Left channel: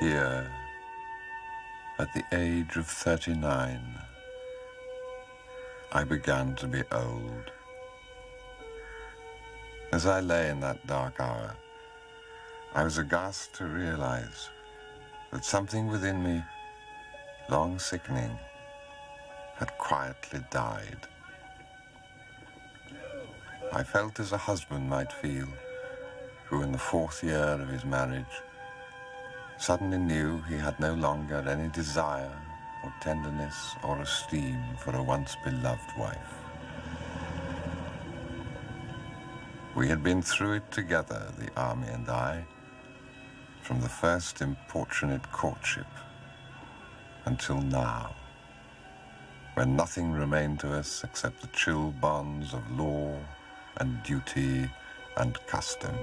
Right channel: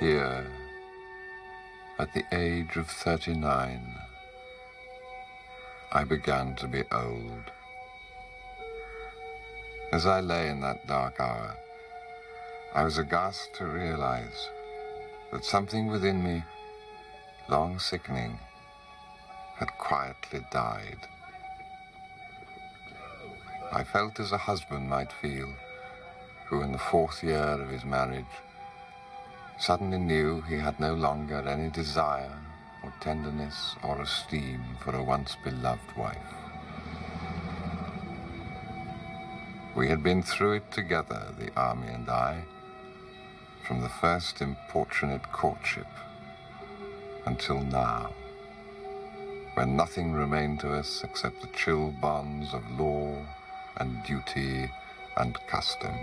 Here, at the age of 39, I began to be old. As I lay in that dark hour, I was aghast to realize that something within me, long sickening, had quietly died. I felt as a husband might feel, who in the 4th year of his marriage suddenly knew he had no longer any desire or tenderness or esteem for a once beloved wife. We had been through it together, the army and I, from the first importunate courtship until now, when nothing remained to us except the chill bonds of law and duty and custom.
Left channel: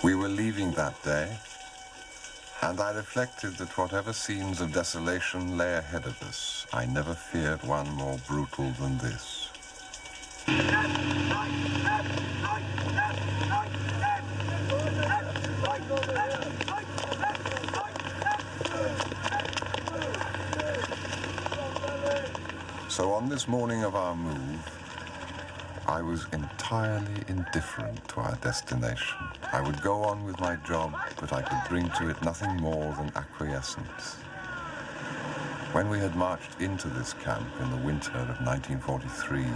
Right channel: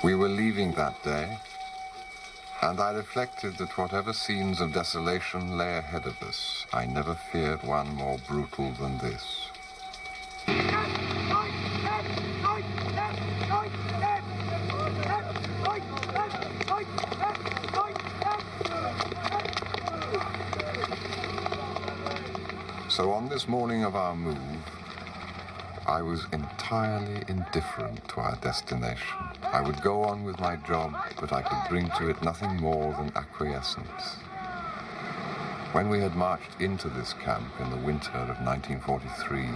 We were leaving that day, and I reflected that whatever scenes of desolation lay ahead of us, I never feared one more brutal than this. So on this morning of our move, I was entirely indifferent to our destination. I would go on with my job, but I could bring to it nothing more than acquiescence. When we had marched into this camp in the winter of 1943,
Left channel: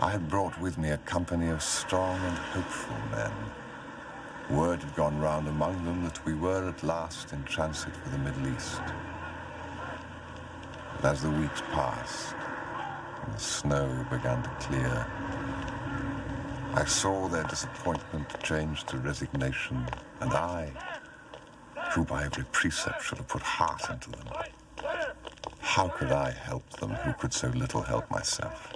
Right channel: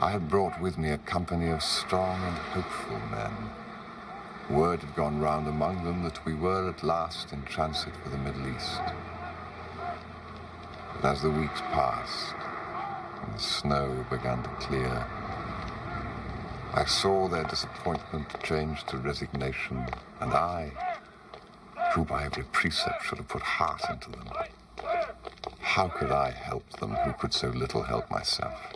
I had brought with me a company of strong and hopeful men. Word had gone round among them that we were at last in transit for the Middle East. But as the weeks passed and the snow began to clear, I saw their disappointment change to resignation, and I, who by every precept should have put heart into them, how could I help them who could so little help myself?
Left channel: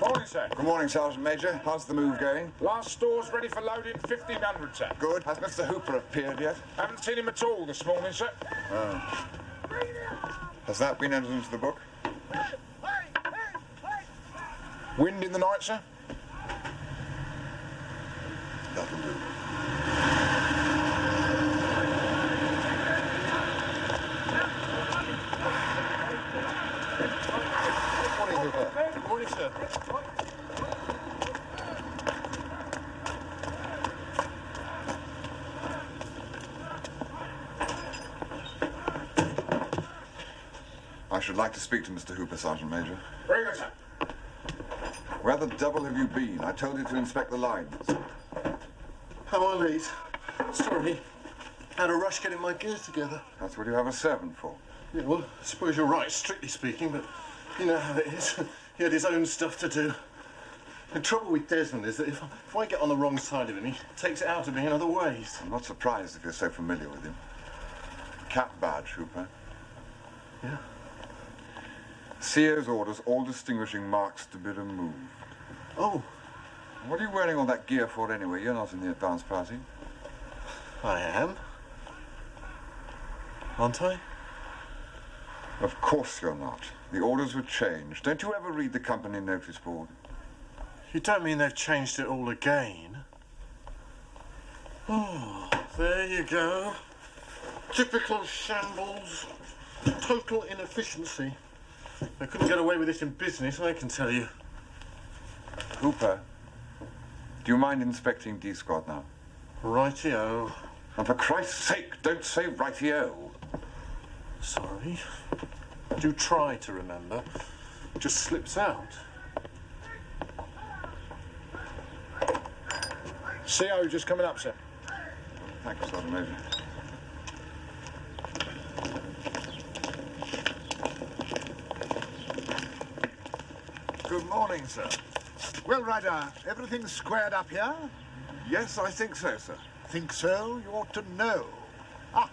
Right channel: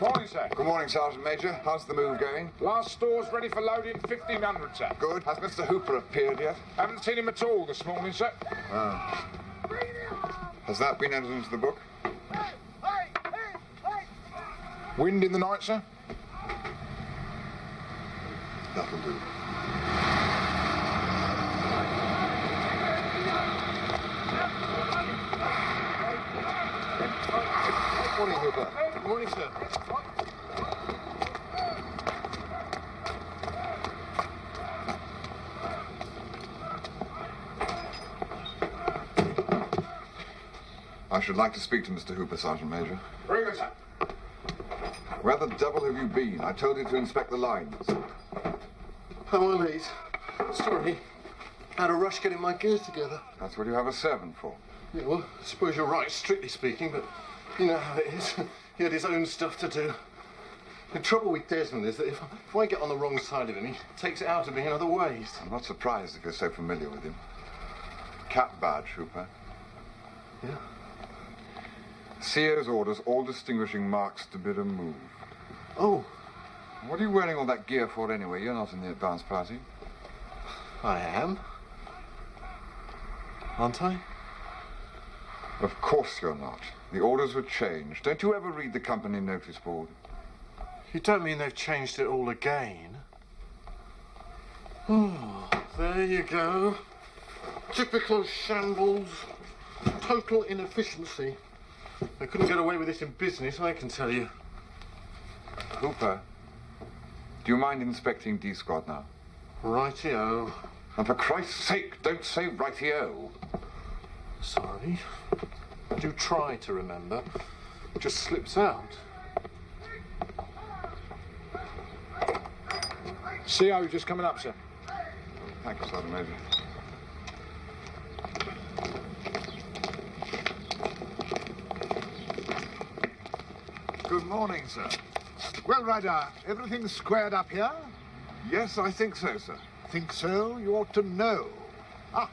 Morning, sir. Good morning, Sergeant Major. How's the move going? Last store's ready for loading, 1500, sir. Good. Has Mr. Hooper appeared yet? Haven't seen him at all this morning, sir. Oh. Has that been entered into the book? Wind in the night, sir? That'll do. Morning, Hooper. Good morning, sir. I should like to speak to Mr. Hooper, Sergeant Major. Very good, sir. Where the devil have you been? I told you to inspect the lines. How are late? Sorry. Had a rush getting my gears together. That's what you have a servant for. Yeah, well, I suppose you're right, strictly speaking, but you know how it is. He had his own stuff to do. The trouble with Desmond is that if I get on the wrong side of him, he takes it out of me in other ways. I'm not surprised if you're so familiar with him. Cap badge, Hooper. Yeah? CO's orders all distinguishing marks to be removed. Oh. What are you wearing all that gear for anyway? You're not in the advance party. I am. Aren't I? Of course you're not. The orders were changed. Don't you ever read the company notice board? You don't mean they've changed it all again? There you go. Typical shambles. Total inefficiency. They couldn't get away with this in business, I can tell you. Hooper, do you mind inspecting D Squad now? Righty-o. And for Christ's sake, don't say righty-o. Sorry. Do try to remember. Just slips out. CO just coming up, sir. Thank you, Sergeant Major. Good morning, sir. Well, Ryder, everything squared up here? Yes, I think so, sir. Think so? You ought to know. Ah,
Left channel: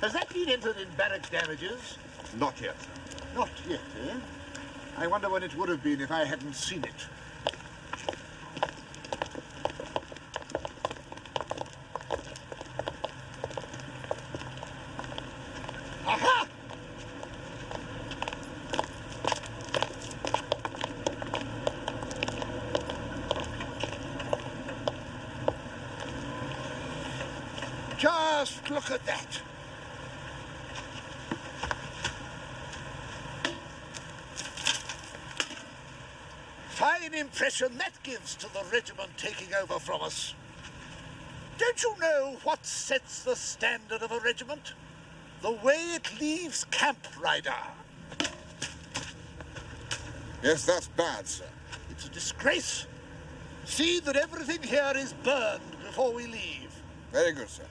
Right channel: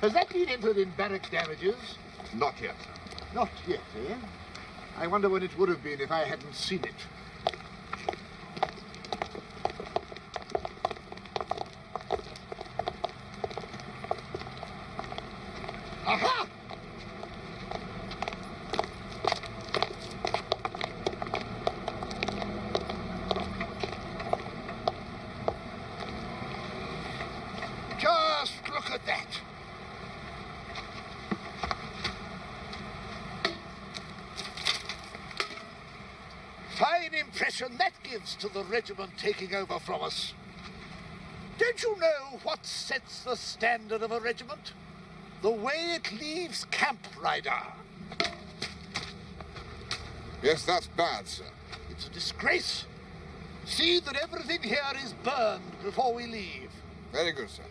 has that been entered in barrack damages? Not yet, sir. Not yet, eh? I wonder when it would have been if I hadn't seen it. Aha! Just look at that. Fine impression that gives to the regiment taking over from us. Don't you know what sets the standard of a regiment? The way it leaves camp, Ryder. Yes, that's bad, sir. It's a disgrace. See that everything here is burned before we leave. Very good, sir.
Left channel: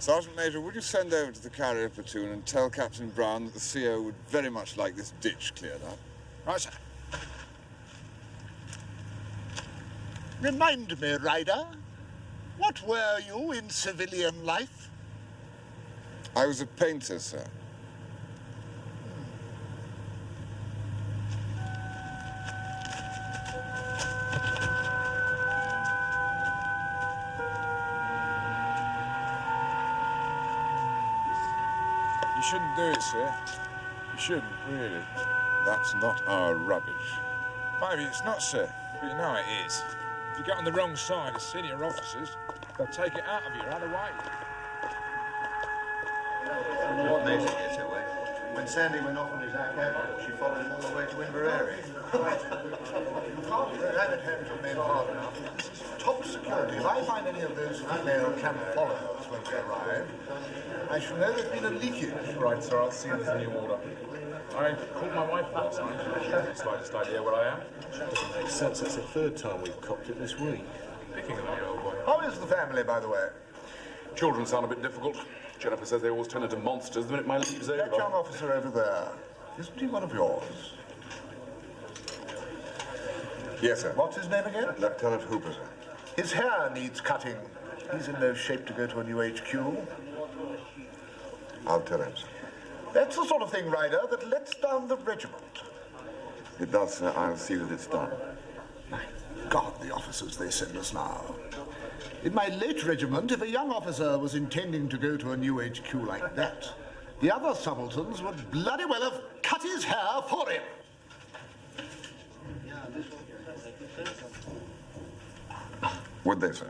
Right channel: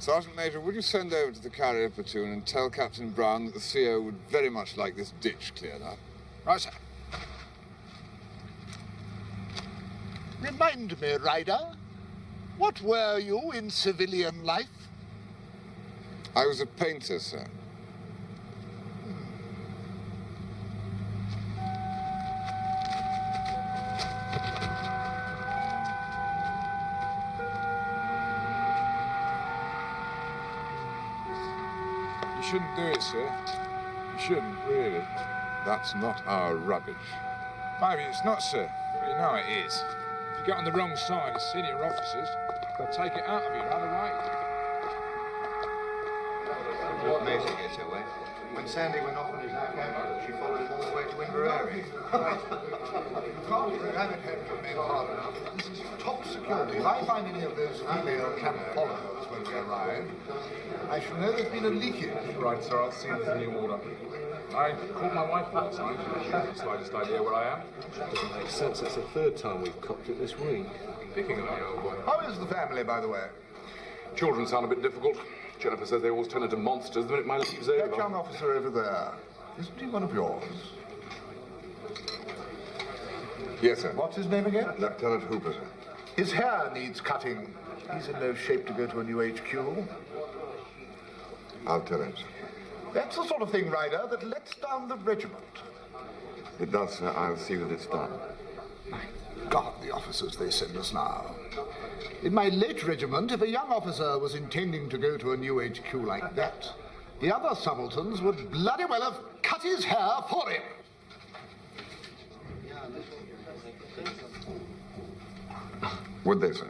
Sergeant Major, would you send over to the carrier platoon and tell Captain Brown that the CO would very much like this ditch cleared up? Right, sir. Remind me, Ryder, what were you in civilian life? I was a painter, sir. You shouldn't do it, sir. You shouldn't, really. That's not our rubbish. Maybe it's not, sir, but you know it is. If you get on the wrong side of senior officers, they'll take it out of you right away. What made her get away? When Sandy went off on his academy, she followed him all the way to Inverary. You can't ram it home to men hard enough. This is top security. If I find any of those female camp followers when we arrive, I shall know there's been a leakage. Right, sir, I'll see if there's a new order. I called my wife last night. She hasn't the slightest idea where I am. Doesn't make sense. That's the third time we've copped it this week. Picking on you, old boy. How is the family, by the way? Children sound a bit difficult. Jennifer says they always turn into monsters the minute my leave's over. That young officer over there, isn't he one of yours? Yes, sir. What's his name again? Lieutenant Hooper, sir. His hair needs cutting. He's in no shape to go to a new HQ. I'll tell him, sir. That's the sort of thing, Ryder, that lets down the regiment. It does, sir. I'll see that it's done. God, the officers they send us now. In my late regiment, if a young officer was intending to go to a new HQ like that, the other subalterns would bloody well have cut his hair for him. Would they, sir?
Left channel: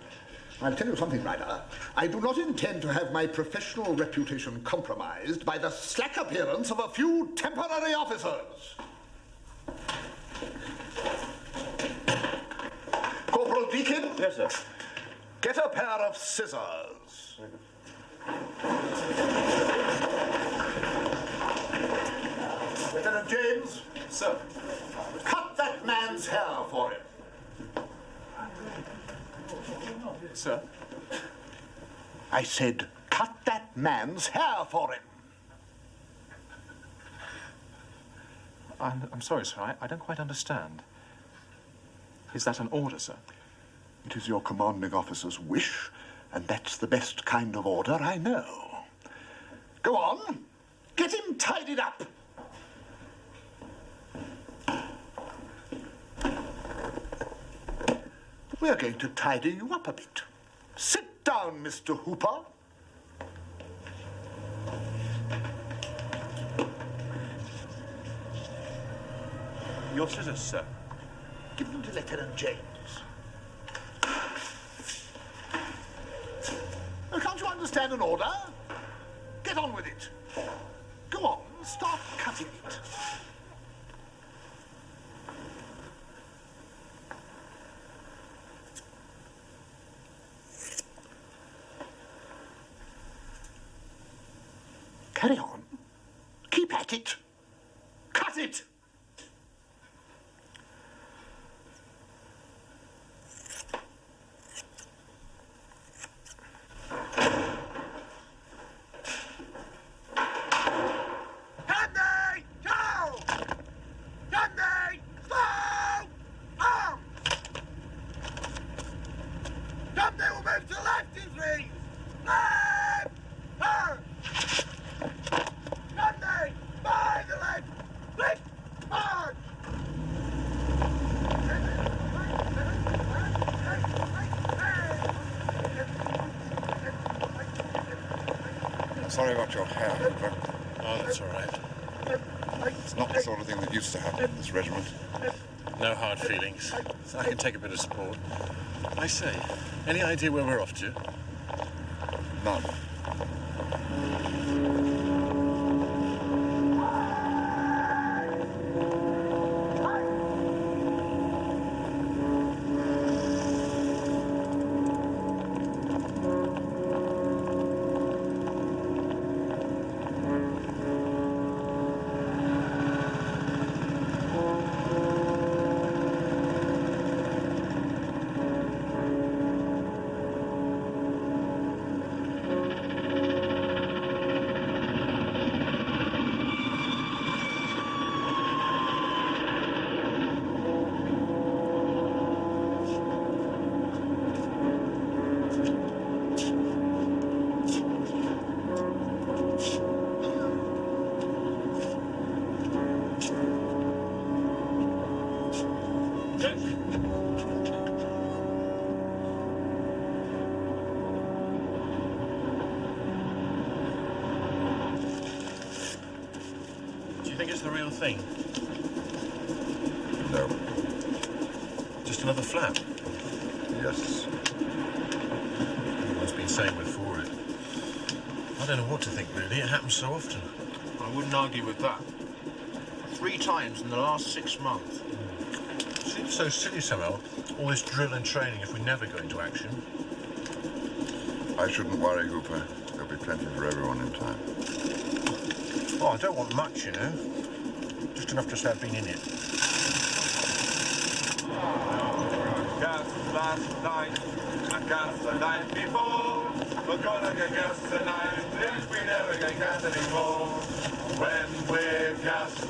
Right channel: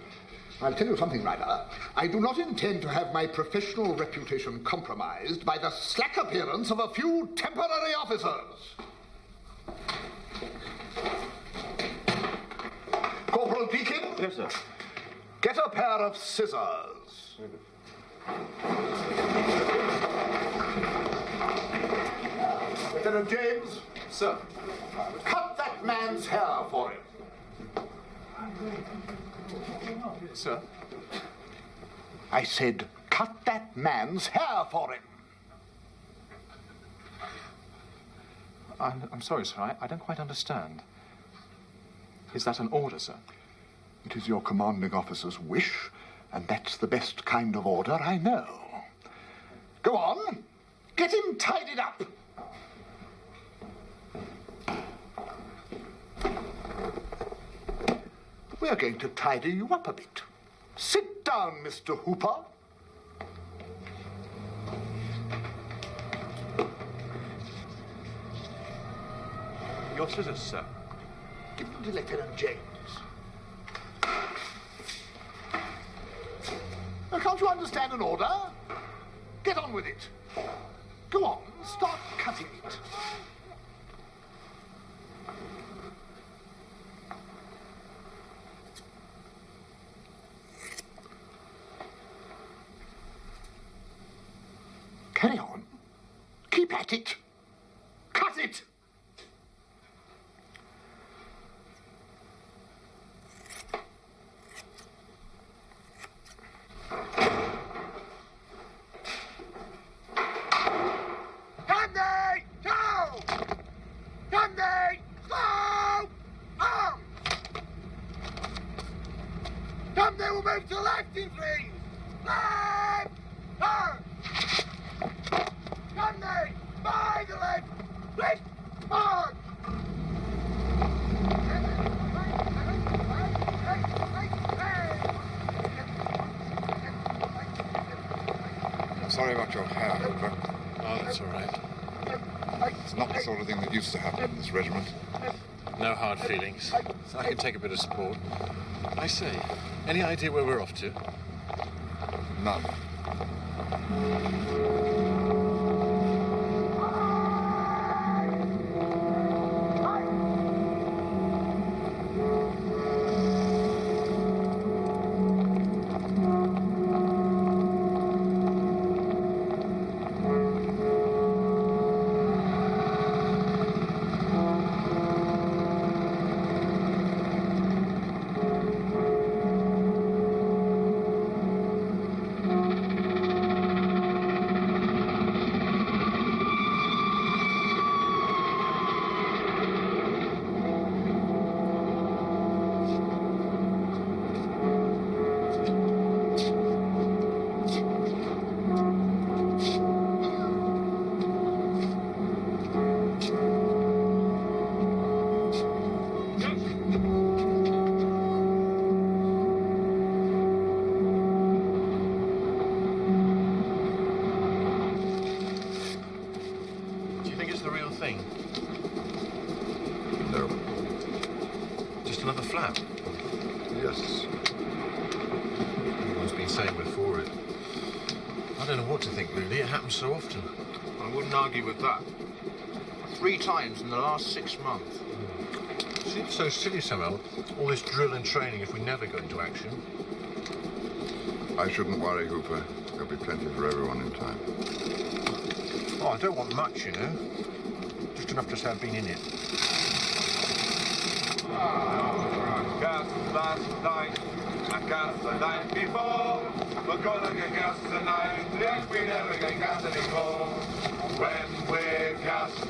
I'll tell you something, Ryder. I do not intend to have my professional reputation compromised by the slack appearance of a few temporary officers. Corporal Deakin? Yes, sir. Get a pair of scissors. Lieutenant James? Sir. Cut that man's hair for him. Sir? I said, cut that man's hair for him. I'm sorry, sir. I don't quite understand. Is that an order, sir? It is your commanding officer's wish, and that's the best kind of order I know. Go on. Get him tidied up. We're going to tidy you up a bit. Sit down, Mr. Hooper. Your scissors, sir. Give them to Lieutenant James. Well, can't you understand an order? Get on with it. Go on, start cutting it. Carry on. Keep at it. Cut it! Sorry about your hair, Hooper. Oh, that's all right. It's not the sort of thing that used to happen in this regiment. No hard feelings. I can take a bit of support. I say, any idea where we're off to? None. Thing? No. Just another flap? Yes. Everyone's been saying we're for it. I don't know what to think, really. It happens so often. I wouldn't argue with that. 3 times in the last 6 months. It seems so silly somehow, all this drill and training if we never go into action. I shouldn't worry, Hooper. There'll be plenty for everyone in time. Oh, I don't want much, you know. Just enough to say I've been in it. Gas last night, and gas the night before. We're gonna get gas tonight, if we never get gas anymore. When we're gassed,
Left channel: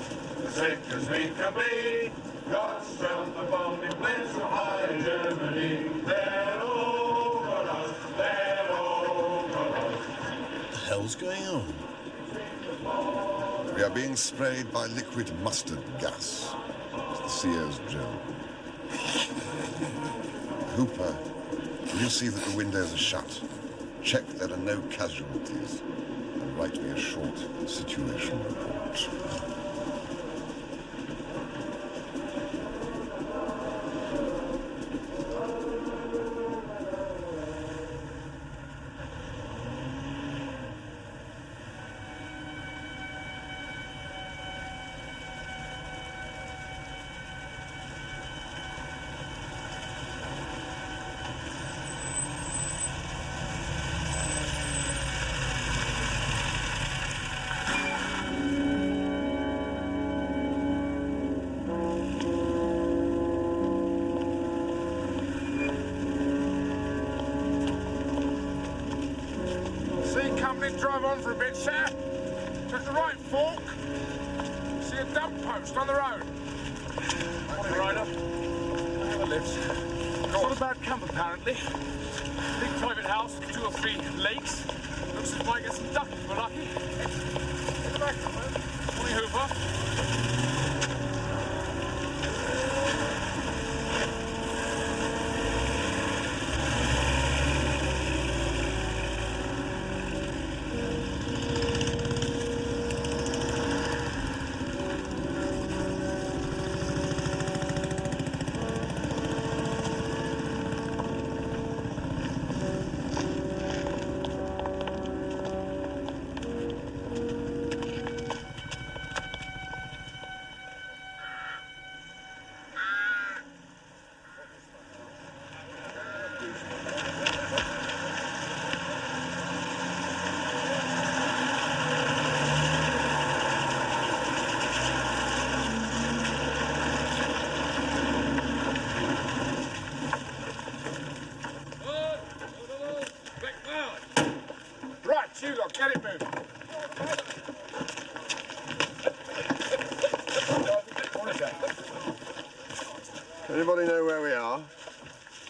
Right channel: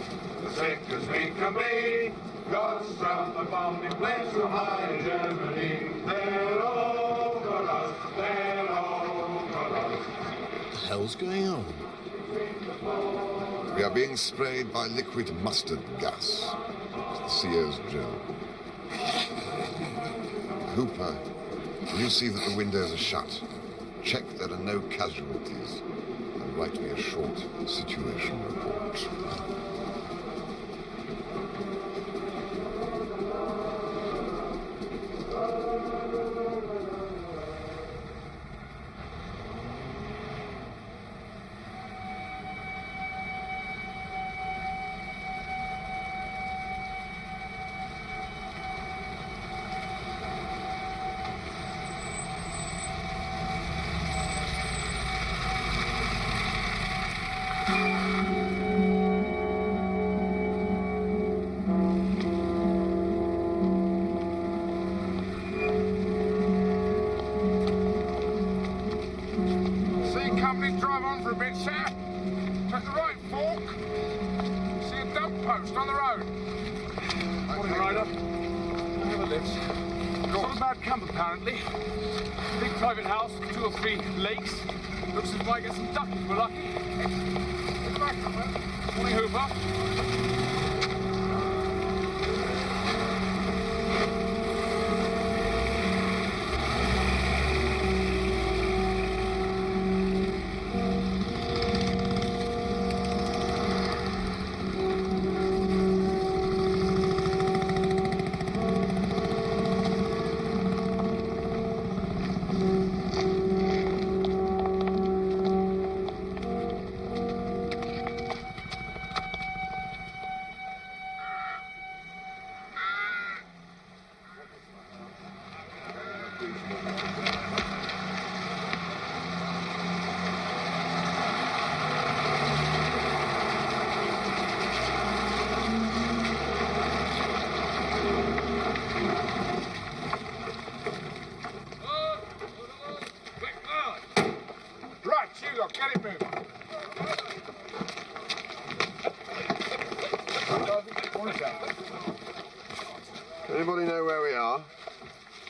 as sick as we can be, God's from the bombing planes from high in Germany. They're over us, they're over us. What the hell's going on? We are being sprayed by liquid mustard gas. It's the CO's drill. Hooper, will you see that the windows are shut? Check there are no casualties. And write me a short situation report. Drive on for a bit, sir. Take the right fork. See a dump post on the road. Morning, Ryder. I have a lift. It's not a bad camp, apparently. Big private house, 2 or 3 lakes. Looks as if we might get some duck if we're lucky. In the back, morning, Hooper. Anybody know where we are?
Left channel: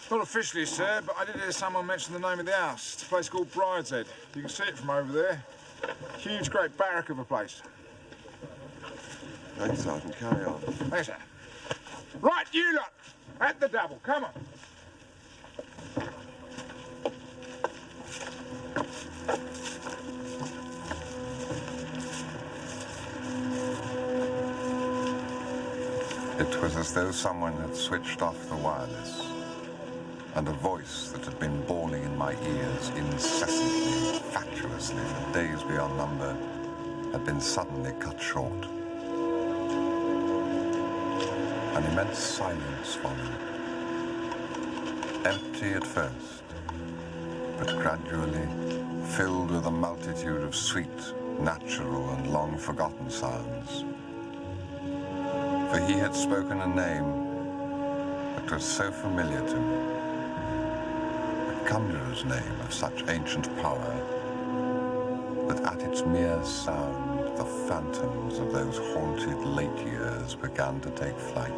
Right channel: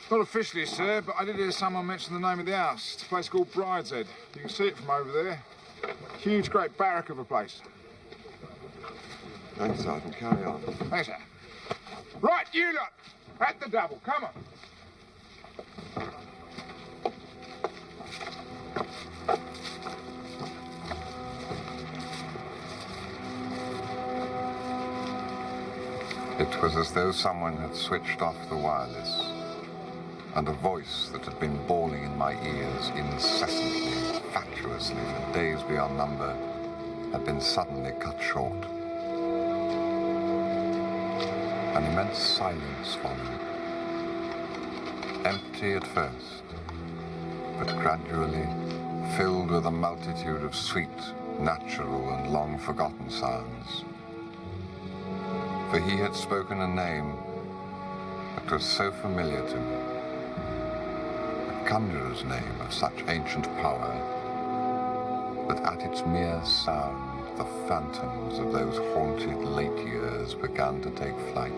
Not officially, sir, but I did hear someone mention the name of the house. It's a place called Brideshead. You can see it from over there. Huge, great barrack of a place. Thanks, Sergeant. Carry on. Thanks, sir. Right, you lot, at the double. Come on. It was as though someone had switched off the wireless, and a voice that had been bawling in my ears incessantly, fatuously, for days beyond number, had been suddenly cut short. An immense silence followed. Empty at first, but gradually filled with a multitude of sweet, natural, and long-forgotten sounds. For he had spoken a name that was so familiar to me, a conjurer's name of such ancient power, that at its mere sound, the phantoms of those haunted late years began to take flight.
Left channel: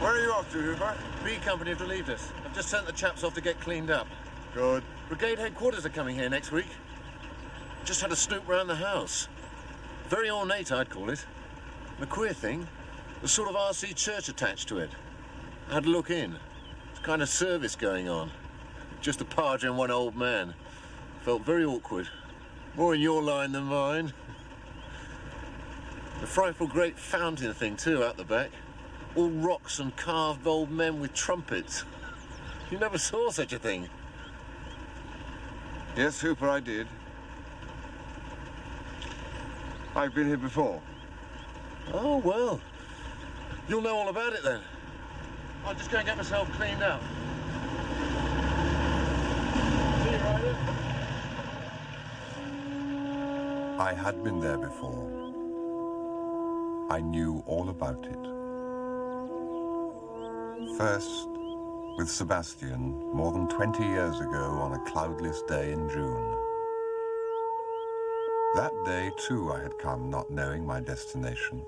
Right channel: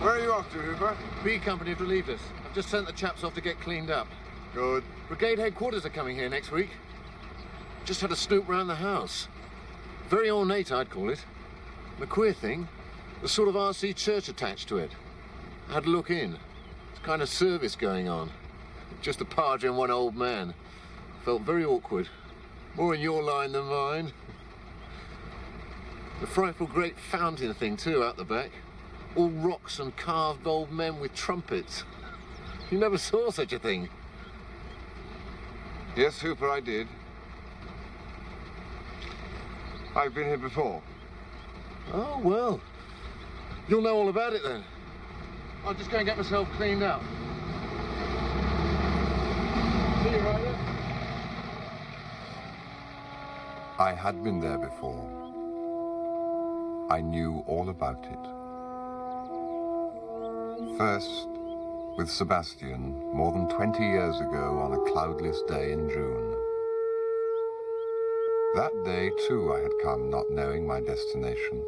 Where are you off to, Hooper? B Company have relieved us. I've just sent the chaps off to get cleaned up. Good. Brigade headquarters are coming here next week. Just had a snoop round the house. Very ornate, I'd call it. The queer thing, there's sort of RC church attached to it. I had a look in. There's kind of service going on. Just a padre and one old man. Felt very awkward. More in your line than mine. The frightful great fountain thing, too, out the back. All rocks and carved old men with trumpets. You never saw such a thing. Yes, Hooper, I did. I've been here before. Oh, well. You'll know all about it, then. I'll just go and get myself cleaned up. See you, Ryder. I had been there before. I knew all about it. First, with Sebastian, more than 20 years ago on a cloudless day in June. That day, too, I had come, not knowing my destination.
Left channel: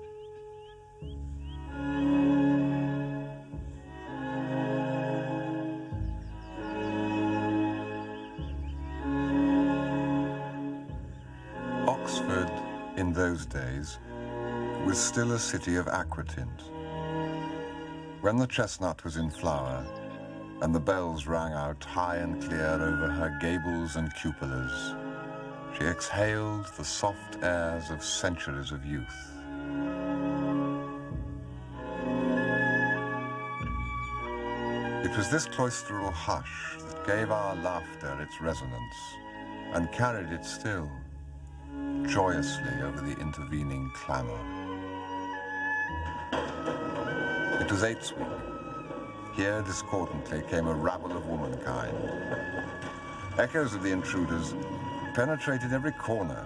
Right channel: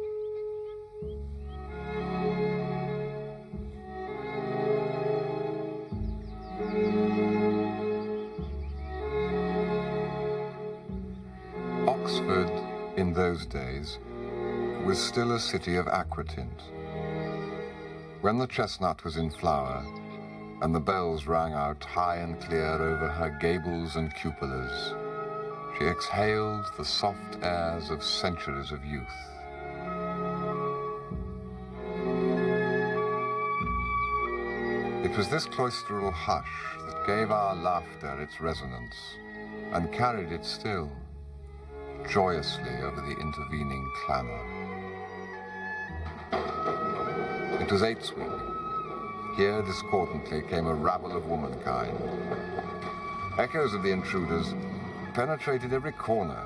Oxford, in those days, was still a city of aquatint. When the chestnut was in flower, and the bells rang out high and clear over her gables and cupolas, she exhaled the soft airs of centuries of youth. It was this cloistral hush that gave our laughter its resonance, and carried it still, joyously over the intervening clamor. It was Eights Week. Here, discordantly, came a rabble of womankind. Echoes of the intruders penetrated every corner,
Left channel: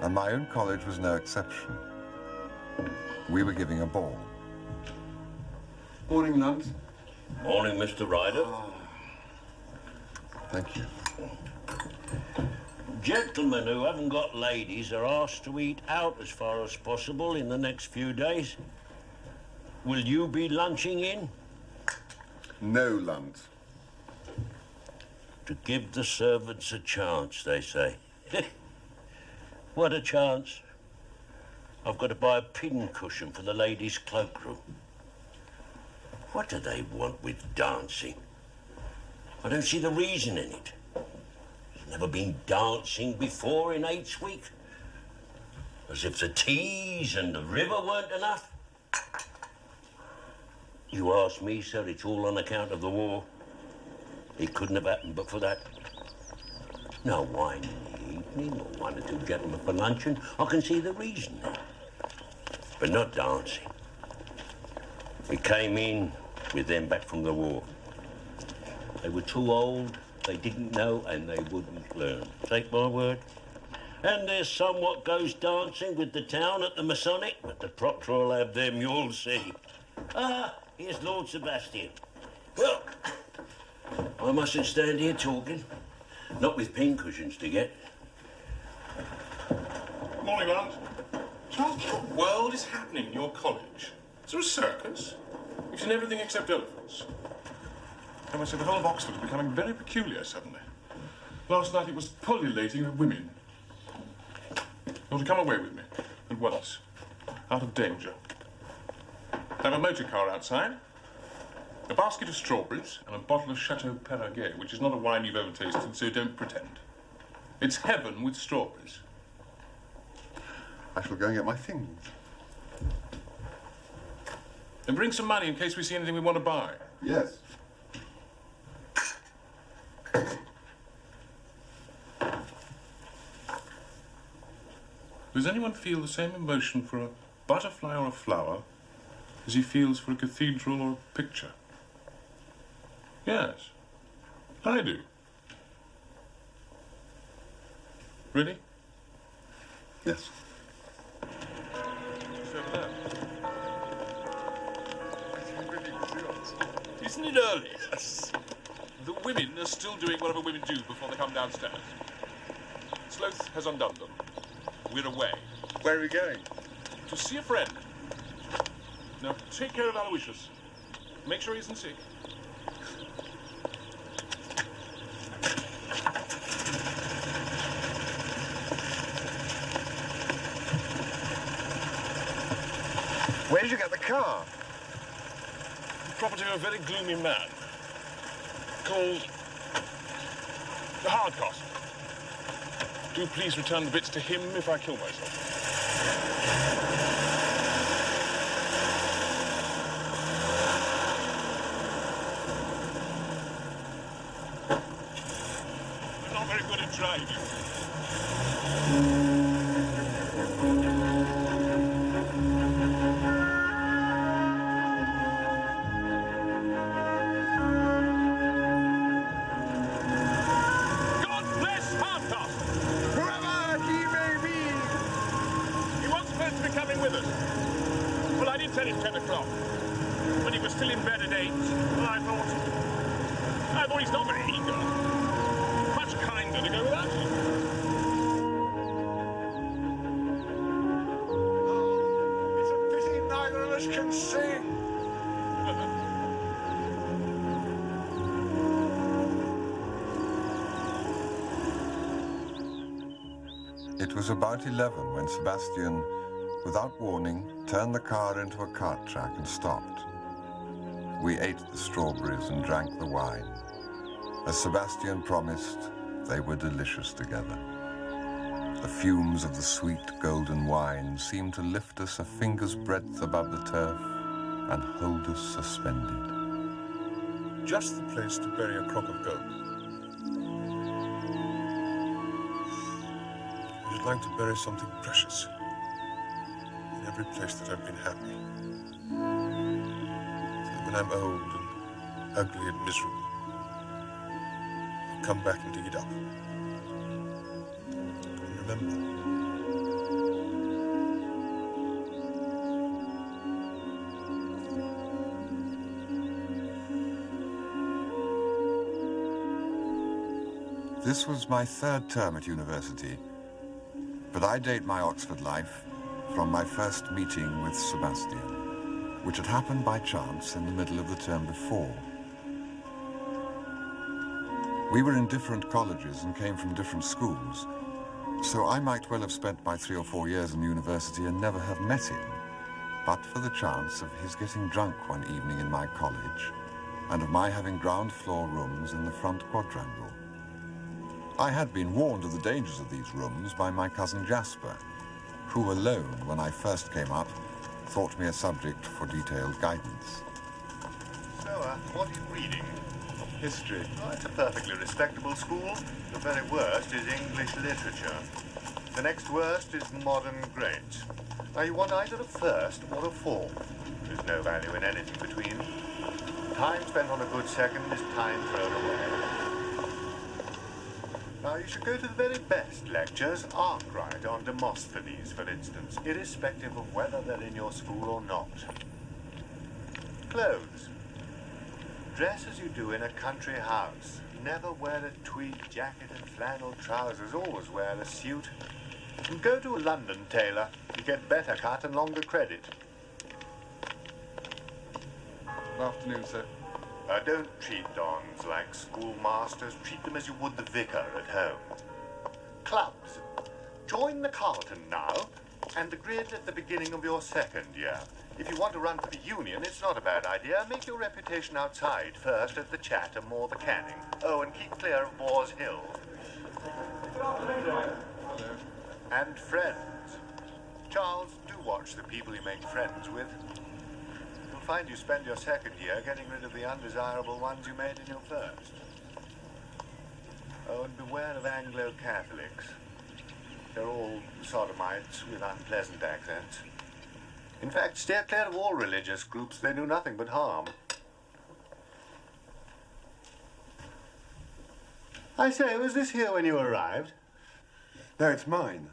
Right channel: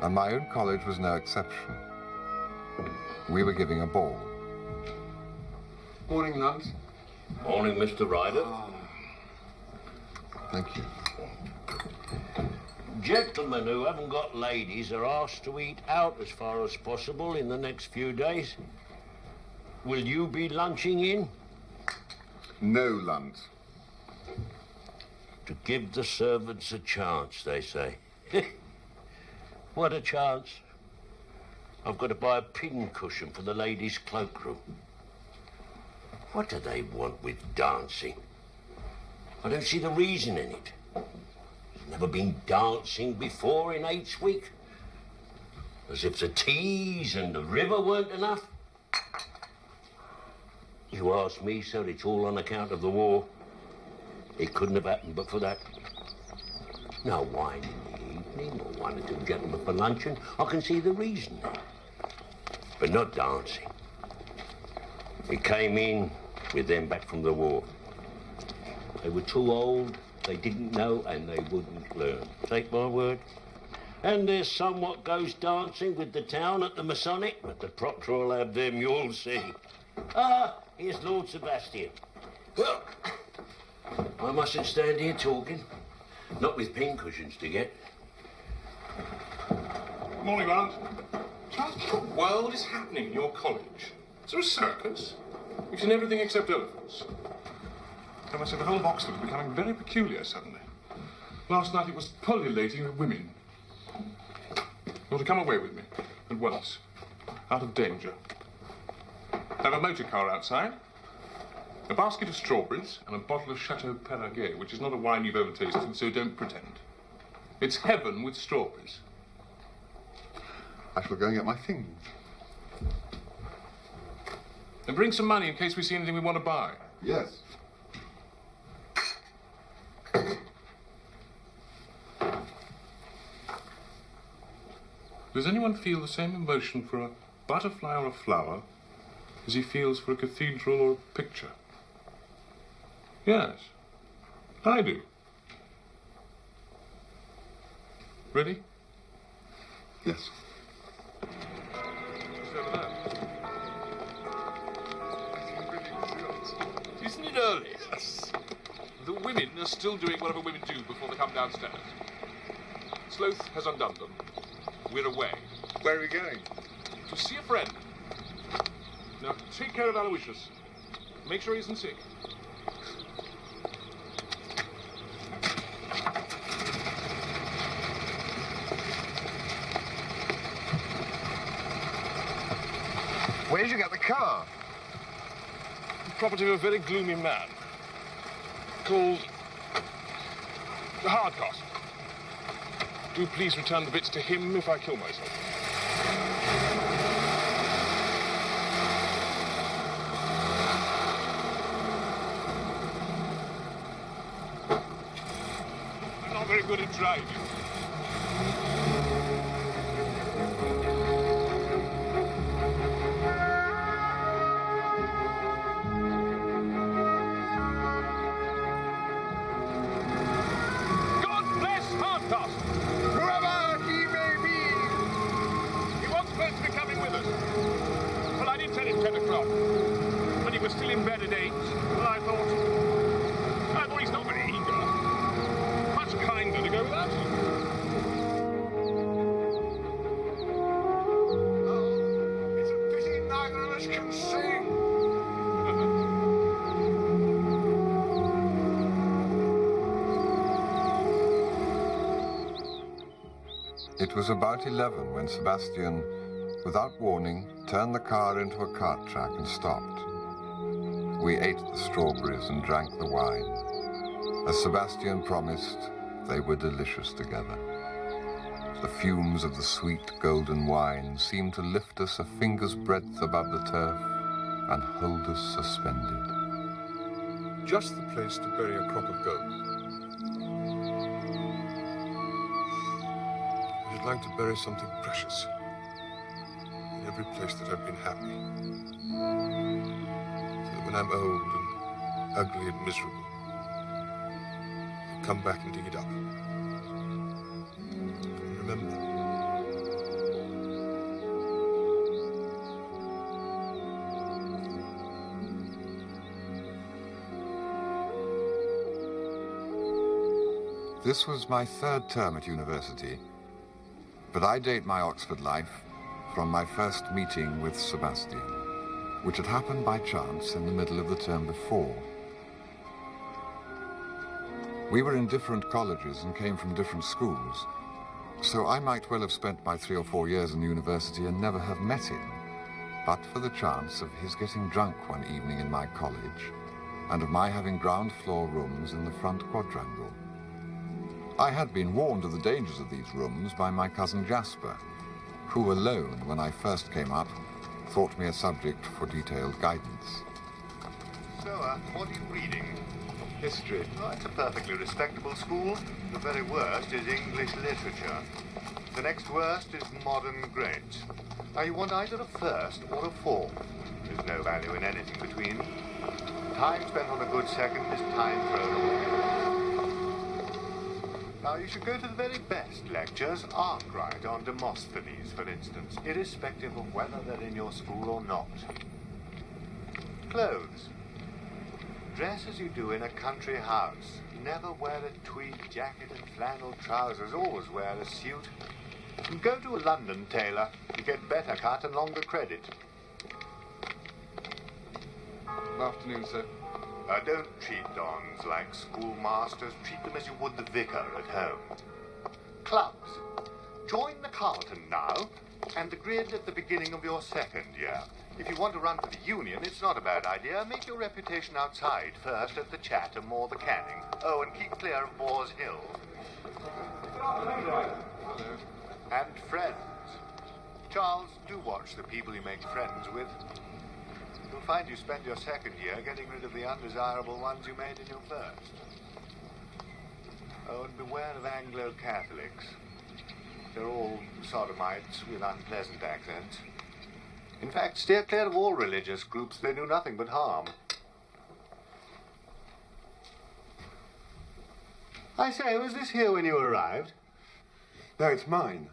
and my own college was no exception. We were giving a ball. Morning, Lunt. Morning, Mr. Ryder. Thank you. Gentlemen who haven't got ladies are asked to eat out as far as possible in the next few days. Will you be lunching in? No, Lunt. To give the servants a chance, they say. What a chance. I've got to buy a pin cushion for the ladies' cloakroom. What do they want with dancing? I don't see the reason in it. There's never been dancing before in Eights Week. As if the teas and the river weren't enough. You ask me, sir, it's all on account of the war. It couldn't have happened but for that. No wine in the evening, or one or two gentlemen for luncheon. I can see the reason there. But not dancing. It came in with them back from the war. They were too old, they didn't know, and they wouldn't learn. Take my word. And there's some what goes dancing with the town at the Masonic, but the proctor will have them, you'll see. Ah, here's Lord Sebastian. Well, I mustn't stand here talking. Not with pincushions to get. Morning, Aunt. What the world is happening in your college? Is there a circus? We've seen everything except elephants. I must say, the whole of Oxford is becoming very peculiar suddenly. Last night it was pullulating with women. You're to come away with me, at once, out of danger. I have a motor car outside, a basket of strawberries, and a bottle of Chateau Perraguet, which is not a wine you've ever tasted, so don't pretend. It's heaven with strawberries. I shall go and get my things. And bring some money in case we see anything we want to buy. Yes. Does anyone feel the same emotion for a butterfly or a flower as he feels for a cathedral or a picture? Yes, I do. Ready? Yes. It's over there. Isn't it early? Yes. The women are still doing whatever women do before they come downstairs. Sloth has undone them. We're away. Where are we going? To see a friend. Now, take care of Aloysius. Make sure he isn't sick. Where did you get the car? The property of a very gloomy man called Hardcastle. Do please return the bits to him if I kill myself. I'm not very good at driving. Tell him 10 o'clock. When he was still in bed at 8, well, I thought he's not very eager. Much kinder to go without him. Oh, it's a pity neither of us can sing. It was about 11 when Sebastian, without warning, turned the car into a cart track and stopped. We ate the strawberries and drank the wine. As Sebastian promised, they were delicious together. The fumes of the sweet golden wine seemed to lift us a finger's breadth above the turf and hold us suspended. Just the place to bury a crock of gold. I should like to bury something precious. Every place that I've been happy. So that when I'm old and ugly and miserable, I'll come back and dig it up. And remember. This was my third term at university, but I date my Oxford life from my first meeting with Sebastian, which had happened by chance in the middle of the term before. We were in different colleges and came from different schools, so I might well have spent my 3 or 4 years in the university and never have met him, but for the chance of his getting drunk one evening in my college, and of my having ground floor rooms in the front quadrangle. I had been warned of the dangers of these rooms by my cousin Jasper, who alone, when I first came up, thought me a subject for detailed guidance. So, what are you reading? History. Oh, it's a perfectly respectable school. The very worst is English literature. The next worst is modern great. Now, you want either a first or a four. There's no value in anything between. Time spent on a good second is time thrown away. Now, you should go to the very best lectures, Arkwright on Demosthenes, for instance, irrespective of whether they're in your school or not. Clothes. Dress as you do in a country house. Never wear a tweed jacket and flannel trousers. Always wear a suit. And go to a London tailor. You get better cut and longer credit. Good afternoon, sir. Don't treat dons like schoolmasters. Treat them as you would the vicar at home. Clubs. Join the Carlton now, and the grid at the beginning of your second year. If you want to run for the Union, it's not a bad idea. Make your reputation outside first at the Chatham or the Canning. Oh, and keep clear of Boars Hill. And friends. Charles, do watch the people you make friends with. You'll find you spend your second year getting rid of the undesirable ones you made in your first. Oh, and beware of Anglo-Catholics. They're all sodomites with unpleasant accents. In fact, steer clear of all religious groups. They do nothing but harm. I say, was this here when you arrived? No, it's mine.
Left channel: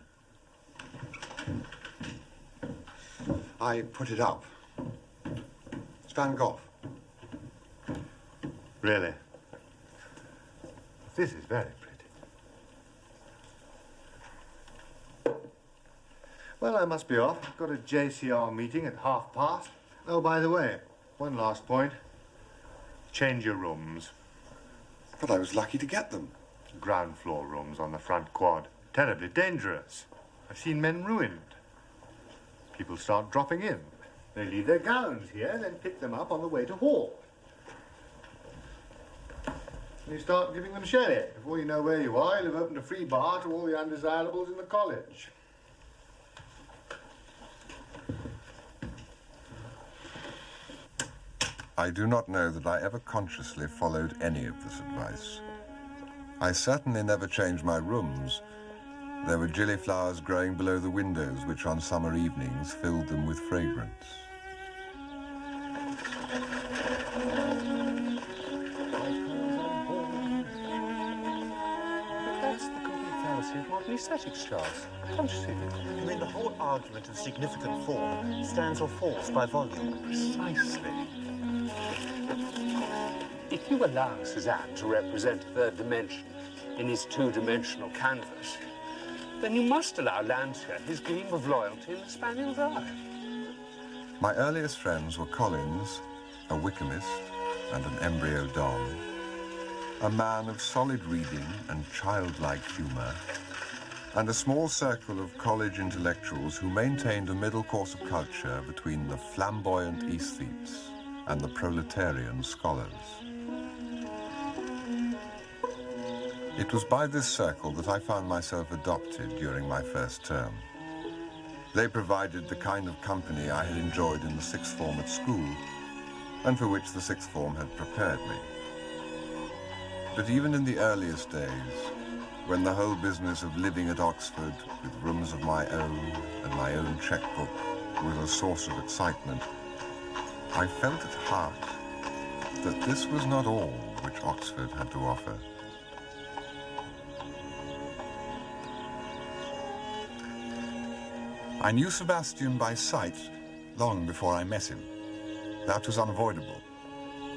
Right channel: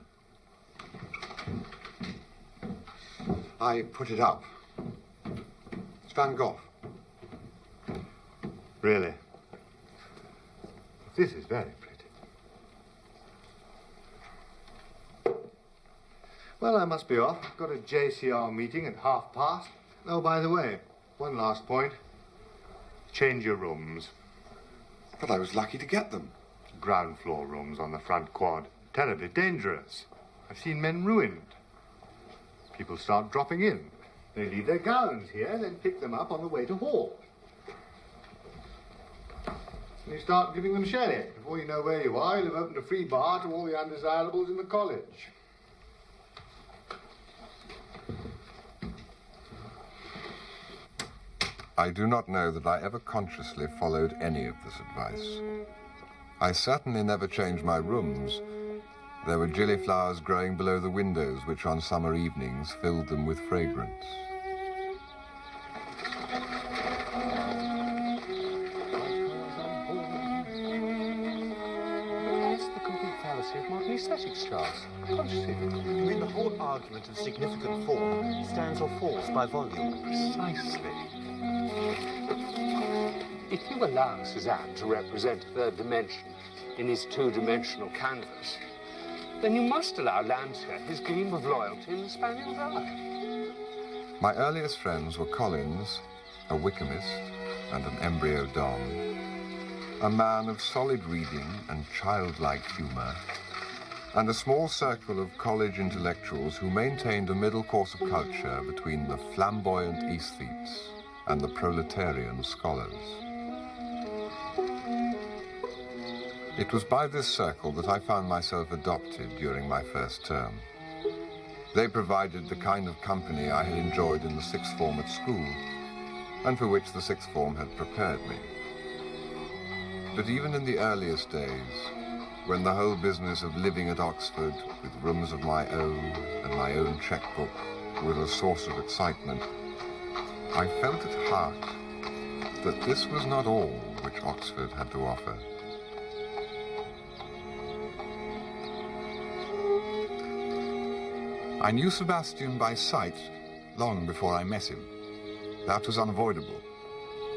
I put it up. It's Van Gogh. Really? This is very pretty. Well, I must be off. I've got a JCR meeting at past. Oh, by the way, one last point. Change your rooms. But I was lucky to get them. Ground floor rooms on the front quad. Terribly dangerous. I've seen men ruined. People start dropping in. They leave their gowns here, then pick them up on the way to hall. And you start giving them sherry. Before you know where you are, you'll have opened a free bar to all the undesirables in the college. I do not know that I ever consciously followed any of this advice. I certainly never changed my rooms. There were gillyflowers growing below the windows, which on summer evenings filled them with fragrance. That's the complete fallacy of modern aesthetics, Charles. Can't you see? You mean the whole argument of significant form stands or falls by volume? Precisely. If you allow Cézanne to represent a third dimension in his two-dimensional canvas, then you must allow Landseer his gleam of loyalty in the Spaniel's eye. My earliest friends were Collins, a Wickhamist and an embryo Don, a man of solid reading and childlike humor, and a small circle of college intellectuals who maintained a middle course of culture between the flamboyant aesthetes and the proletarian scholars. It was by this circle that I found myself adopted during my first term. They provided the kind of company I had enjoyed in the sixth form at school, and for which the sixth form had prepared me. But even in the earliest days, when the whole business of living at Oxford with rooms of my own and my own checkbook was a source of excitement, I felt at heart that this was not all which Oxford had to offer. I knew Sebastian by sight long before I met him. That was unavoidable,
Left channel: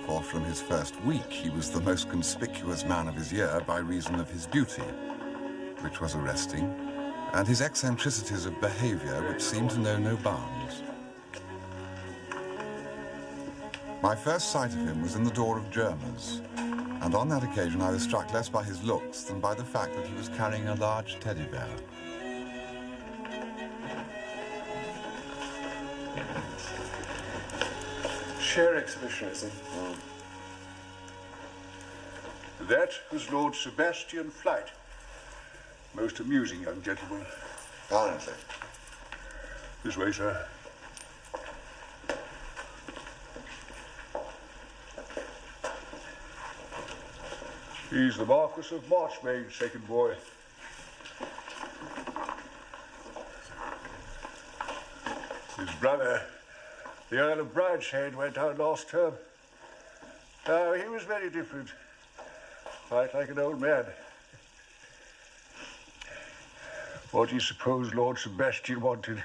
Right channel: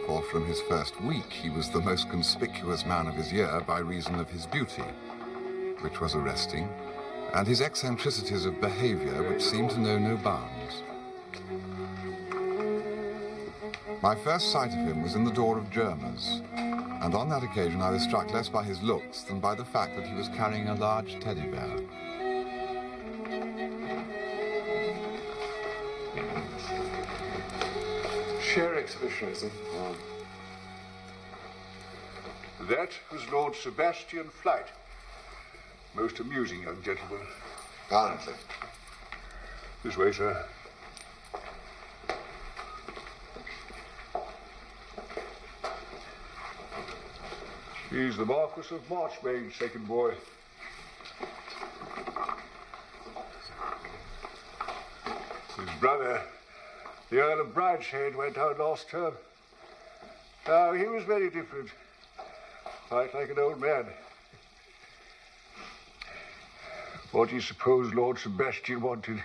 for from his first week he was the most conspicuous man of his year by reason of his beauty, which was arresting, and his eccentricities of behavior which seemed to know no bounds. My first sight of him was in the door of Germa's, and on that occasion I was struck less by his looks than by the fact that he was carrying a large teddy bear. Sheer exhibitionism. That was Lord Sebastian Flight. Most amusing young gentleman. Apparently. This way, sir. He's the Marquis of Marchmain's second boy. His brother, the Earl of Brideshead, went out last term. He was very different. Quite like an old man. What do you suppose Lord Sebastian wanted?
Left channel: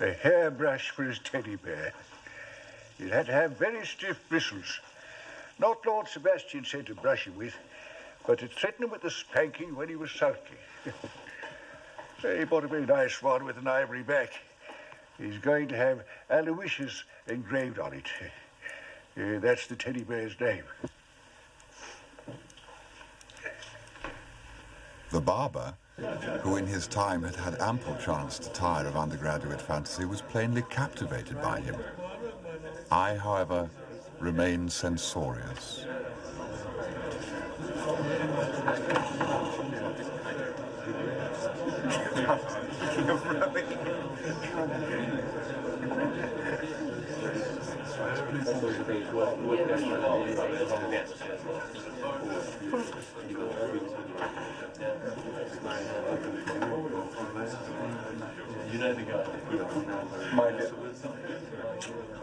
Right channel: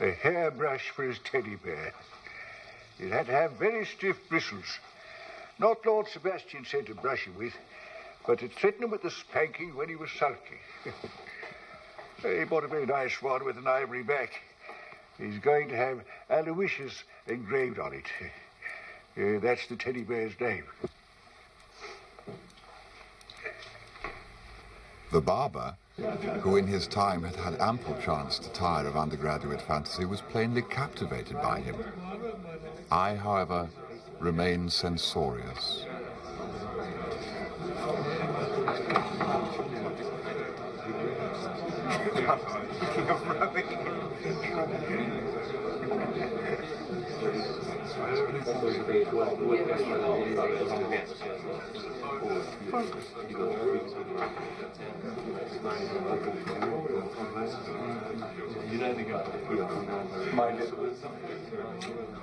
A hairbrush for his teddy bear. It had to have very stiff bristles. Not Lord Sebastian said to brush him with, but to threaten him with a spanking when he was sulky. So he bought a very nice one with an ivory back. He's going to have Aloysius engraved on it. That's the teddy bear's name. The barber, who in his time had had ample chance to tire of undergraduate fantasy, was plainly captivated by him. I, however, remained censorious.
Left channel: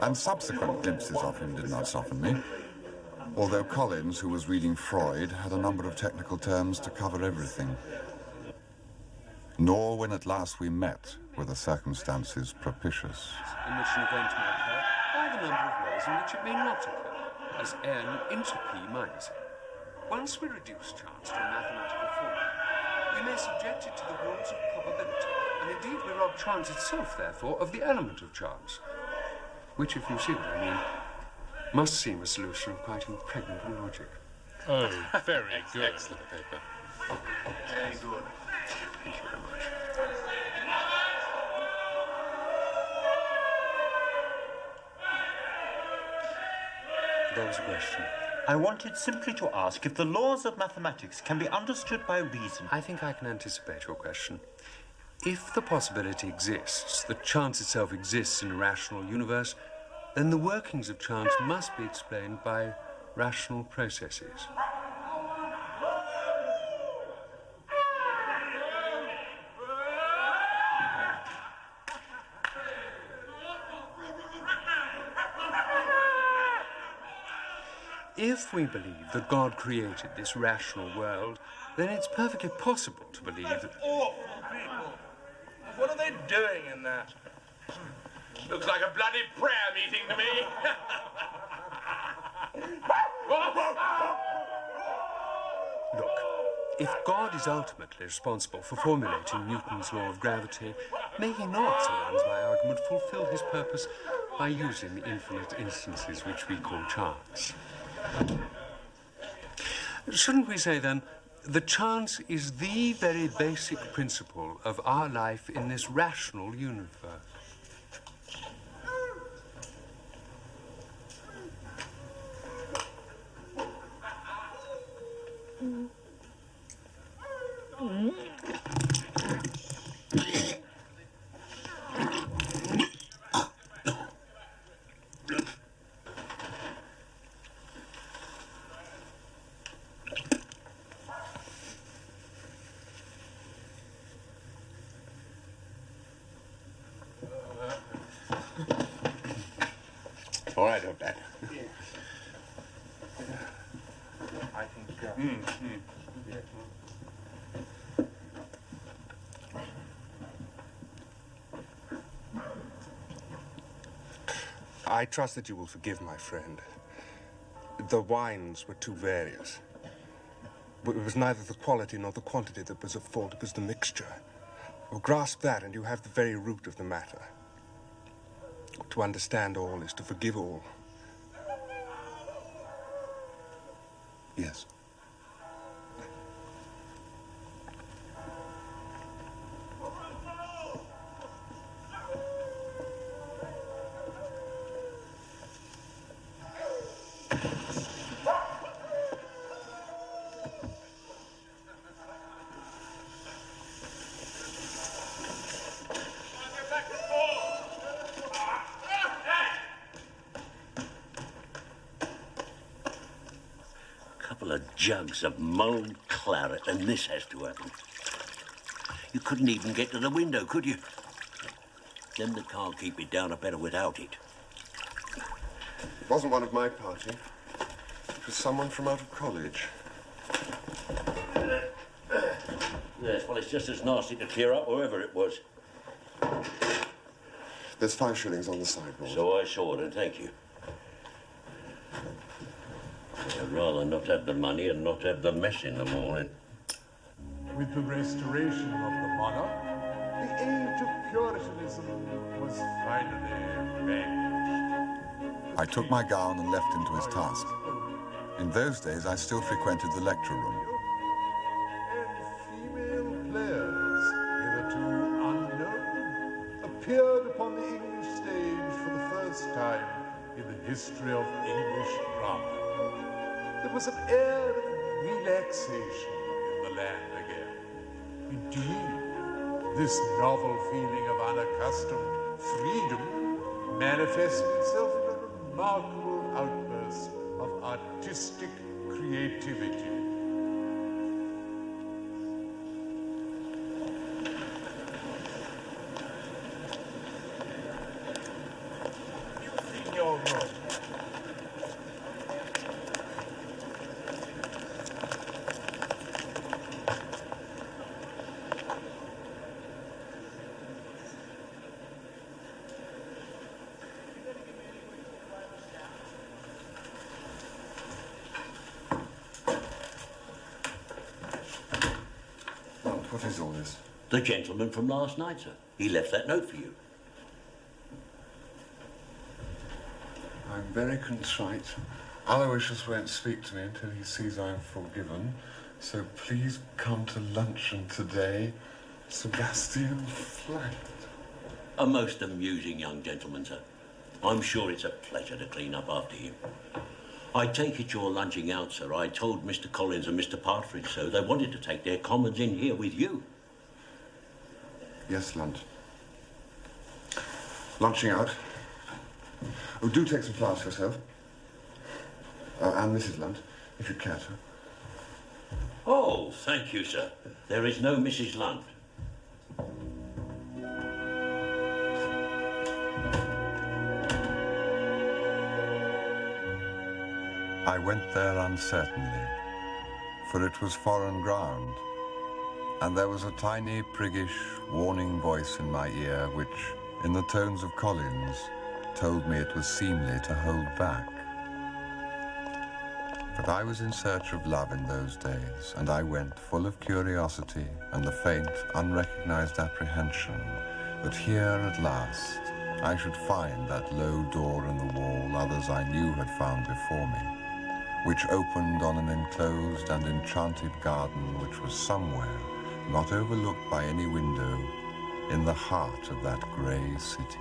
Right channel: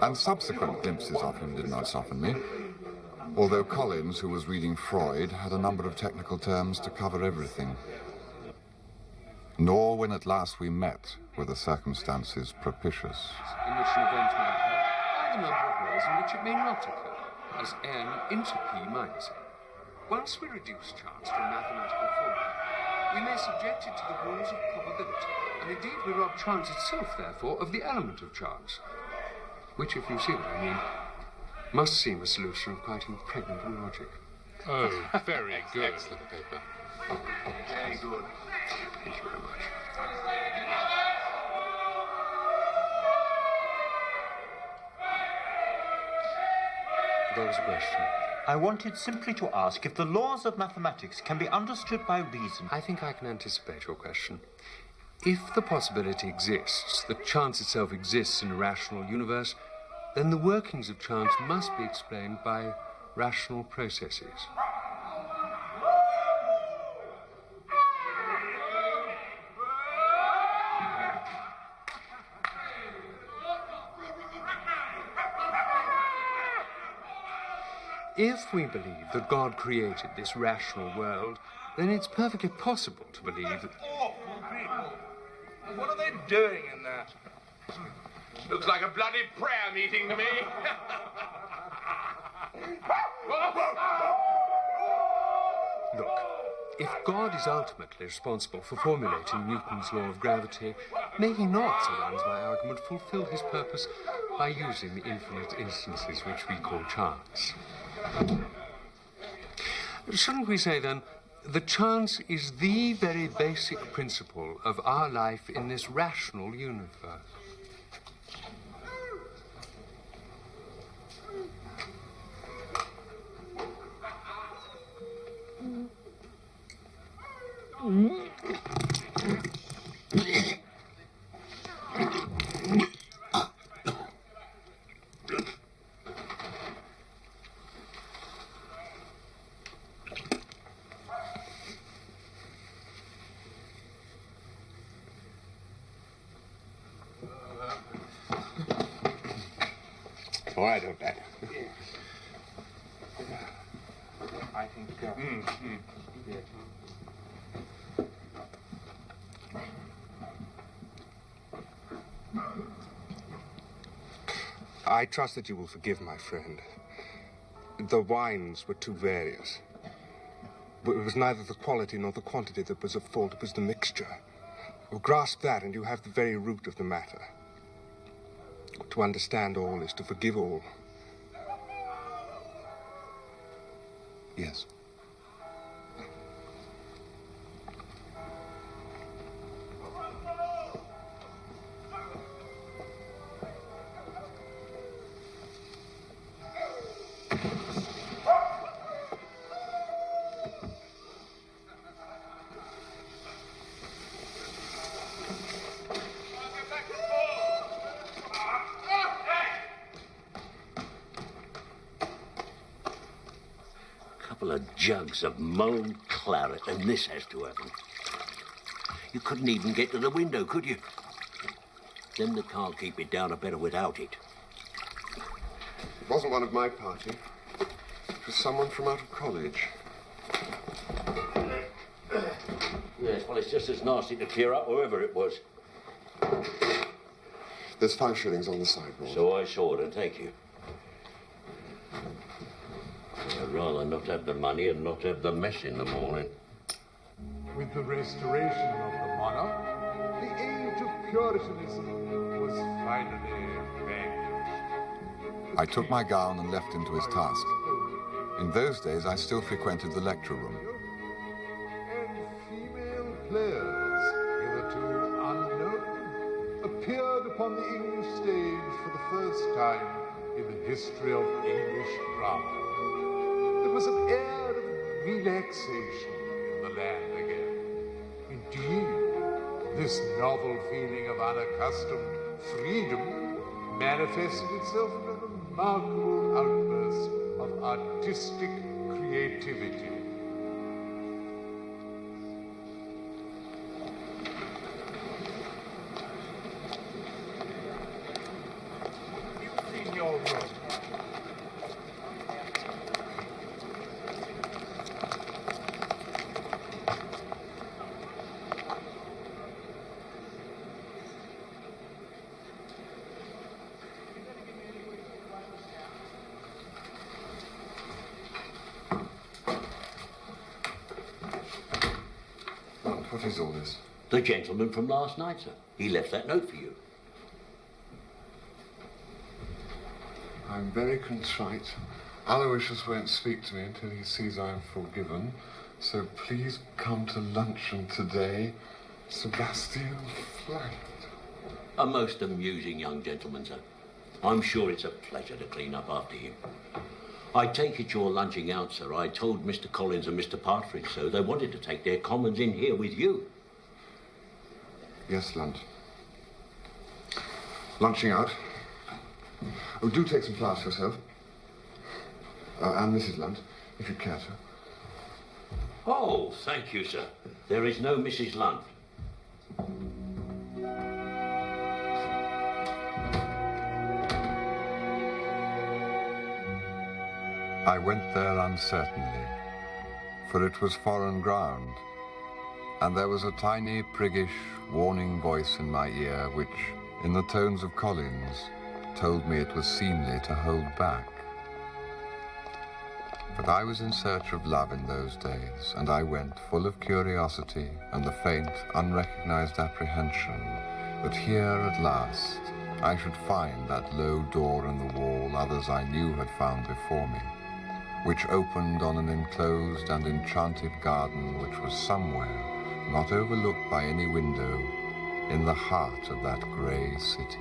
And subsequent glimpses of him did not soften me, although Collins, who was reading Freud, had a number of technical terms to cover everything. Nor when at last we met were the circumstances propitious. In which an event may occur, by the number of ways in which it may not occur, as n into p minus n. Once we reduce chance to a mathematical formula, we may subject it to the rules of probability, and indeed we rob chance itself, therefore, of the element of chance, which, if you see what I mean, must seem a solution of quite impregnable logic. Oh, very good. Excellent paper. Very good. Thank you very much. There was a question. I wanted simply to ask if the laws of mathematics can be understood by reason. I think I can anticipate your question. If the possibility exists that chance itself exists in a rational universe, then the workings of chance must be explained by rational processes. If we believe that God created this rational world, then it's perfectly possible to believe that... Awful people! What are they doing in there? Looks like a bloody prayer meeting to me. Look, if God is ultimately responsible for formulating Newton's law of gravity, may he not, so runs my argument, fulfill his purpose by using the infinite instances which we call chance? Shouldn't we say, then, that chance is the very basic principle of our life in this rational universe? All right, old Dad. I think... Yeah. I trust that you will forgive my friend. The wines were too various. But it was neither the quality nor the quantity that was at fault, it was the mixture. Well, grasp that and you have the very root of the matter. To understand all is to forgive all. Yes. Jugs of mulled claret, and this has to happen. You couldn't even get to the window, could you? Them that can't keep it down are better without it. It wasn't one of my party. It was someone from out of college. Yes, well, it's just as nasty to clear up wherever it was. There's 5 shillings on the sideboard. So I saw it, and thank you. I'd rather not have the money and not have the mess in the morning. With the restoration of the monarch, the age of Puritanism was finally vanquished. I took my gown and left him to his task. In those days, I still frequented the lecture room. Female players, hitherto unknown, appeared upon the English stage for the first time in the history of English drama. There was an air of relaxation in the land again. Indeed, this novel feeling of unaccustomed freedom manifested itself in a remarkable outburst of artistic creativity. In your room. What is all this? The gentleman from last night, sir. He left that note for you. I'm very contrite. Aloysius won't speak to me until he sees I'm forgiven. So please come to luncheon today. Sebastian Flight. A most amusing young gentleman, sir. I'm sure it's a pleasure to clean up after him. I take it you're lunching out, sir. I told Mr. Collins and Mr. Partridge so. They wanted to take their commons in here with you. Yes, lunch. Lunching out. Oh, do take some flowers for yourself. And Mrs. Lunt, if you care to. Oh, thank you, sir. There is no Mrs. Lunt. I went there uncertainly, for it was foreign ground, and there was a tiny, priggish, warning voice in my ear which, in the tones of Collins, told me it was seemly to hold back. But I was in search of love in those days, and I went full of curiosity and the faint, unrecognized apprehension that here at last I should find that low door in the wall others I knew had found before me, which opened on an enclosed and enchanted garden which was somewhere, not overlooked by any window, in the heart of that grey city.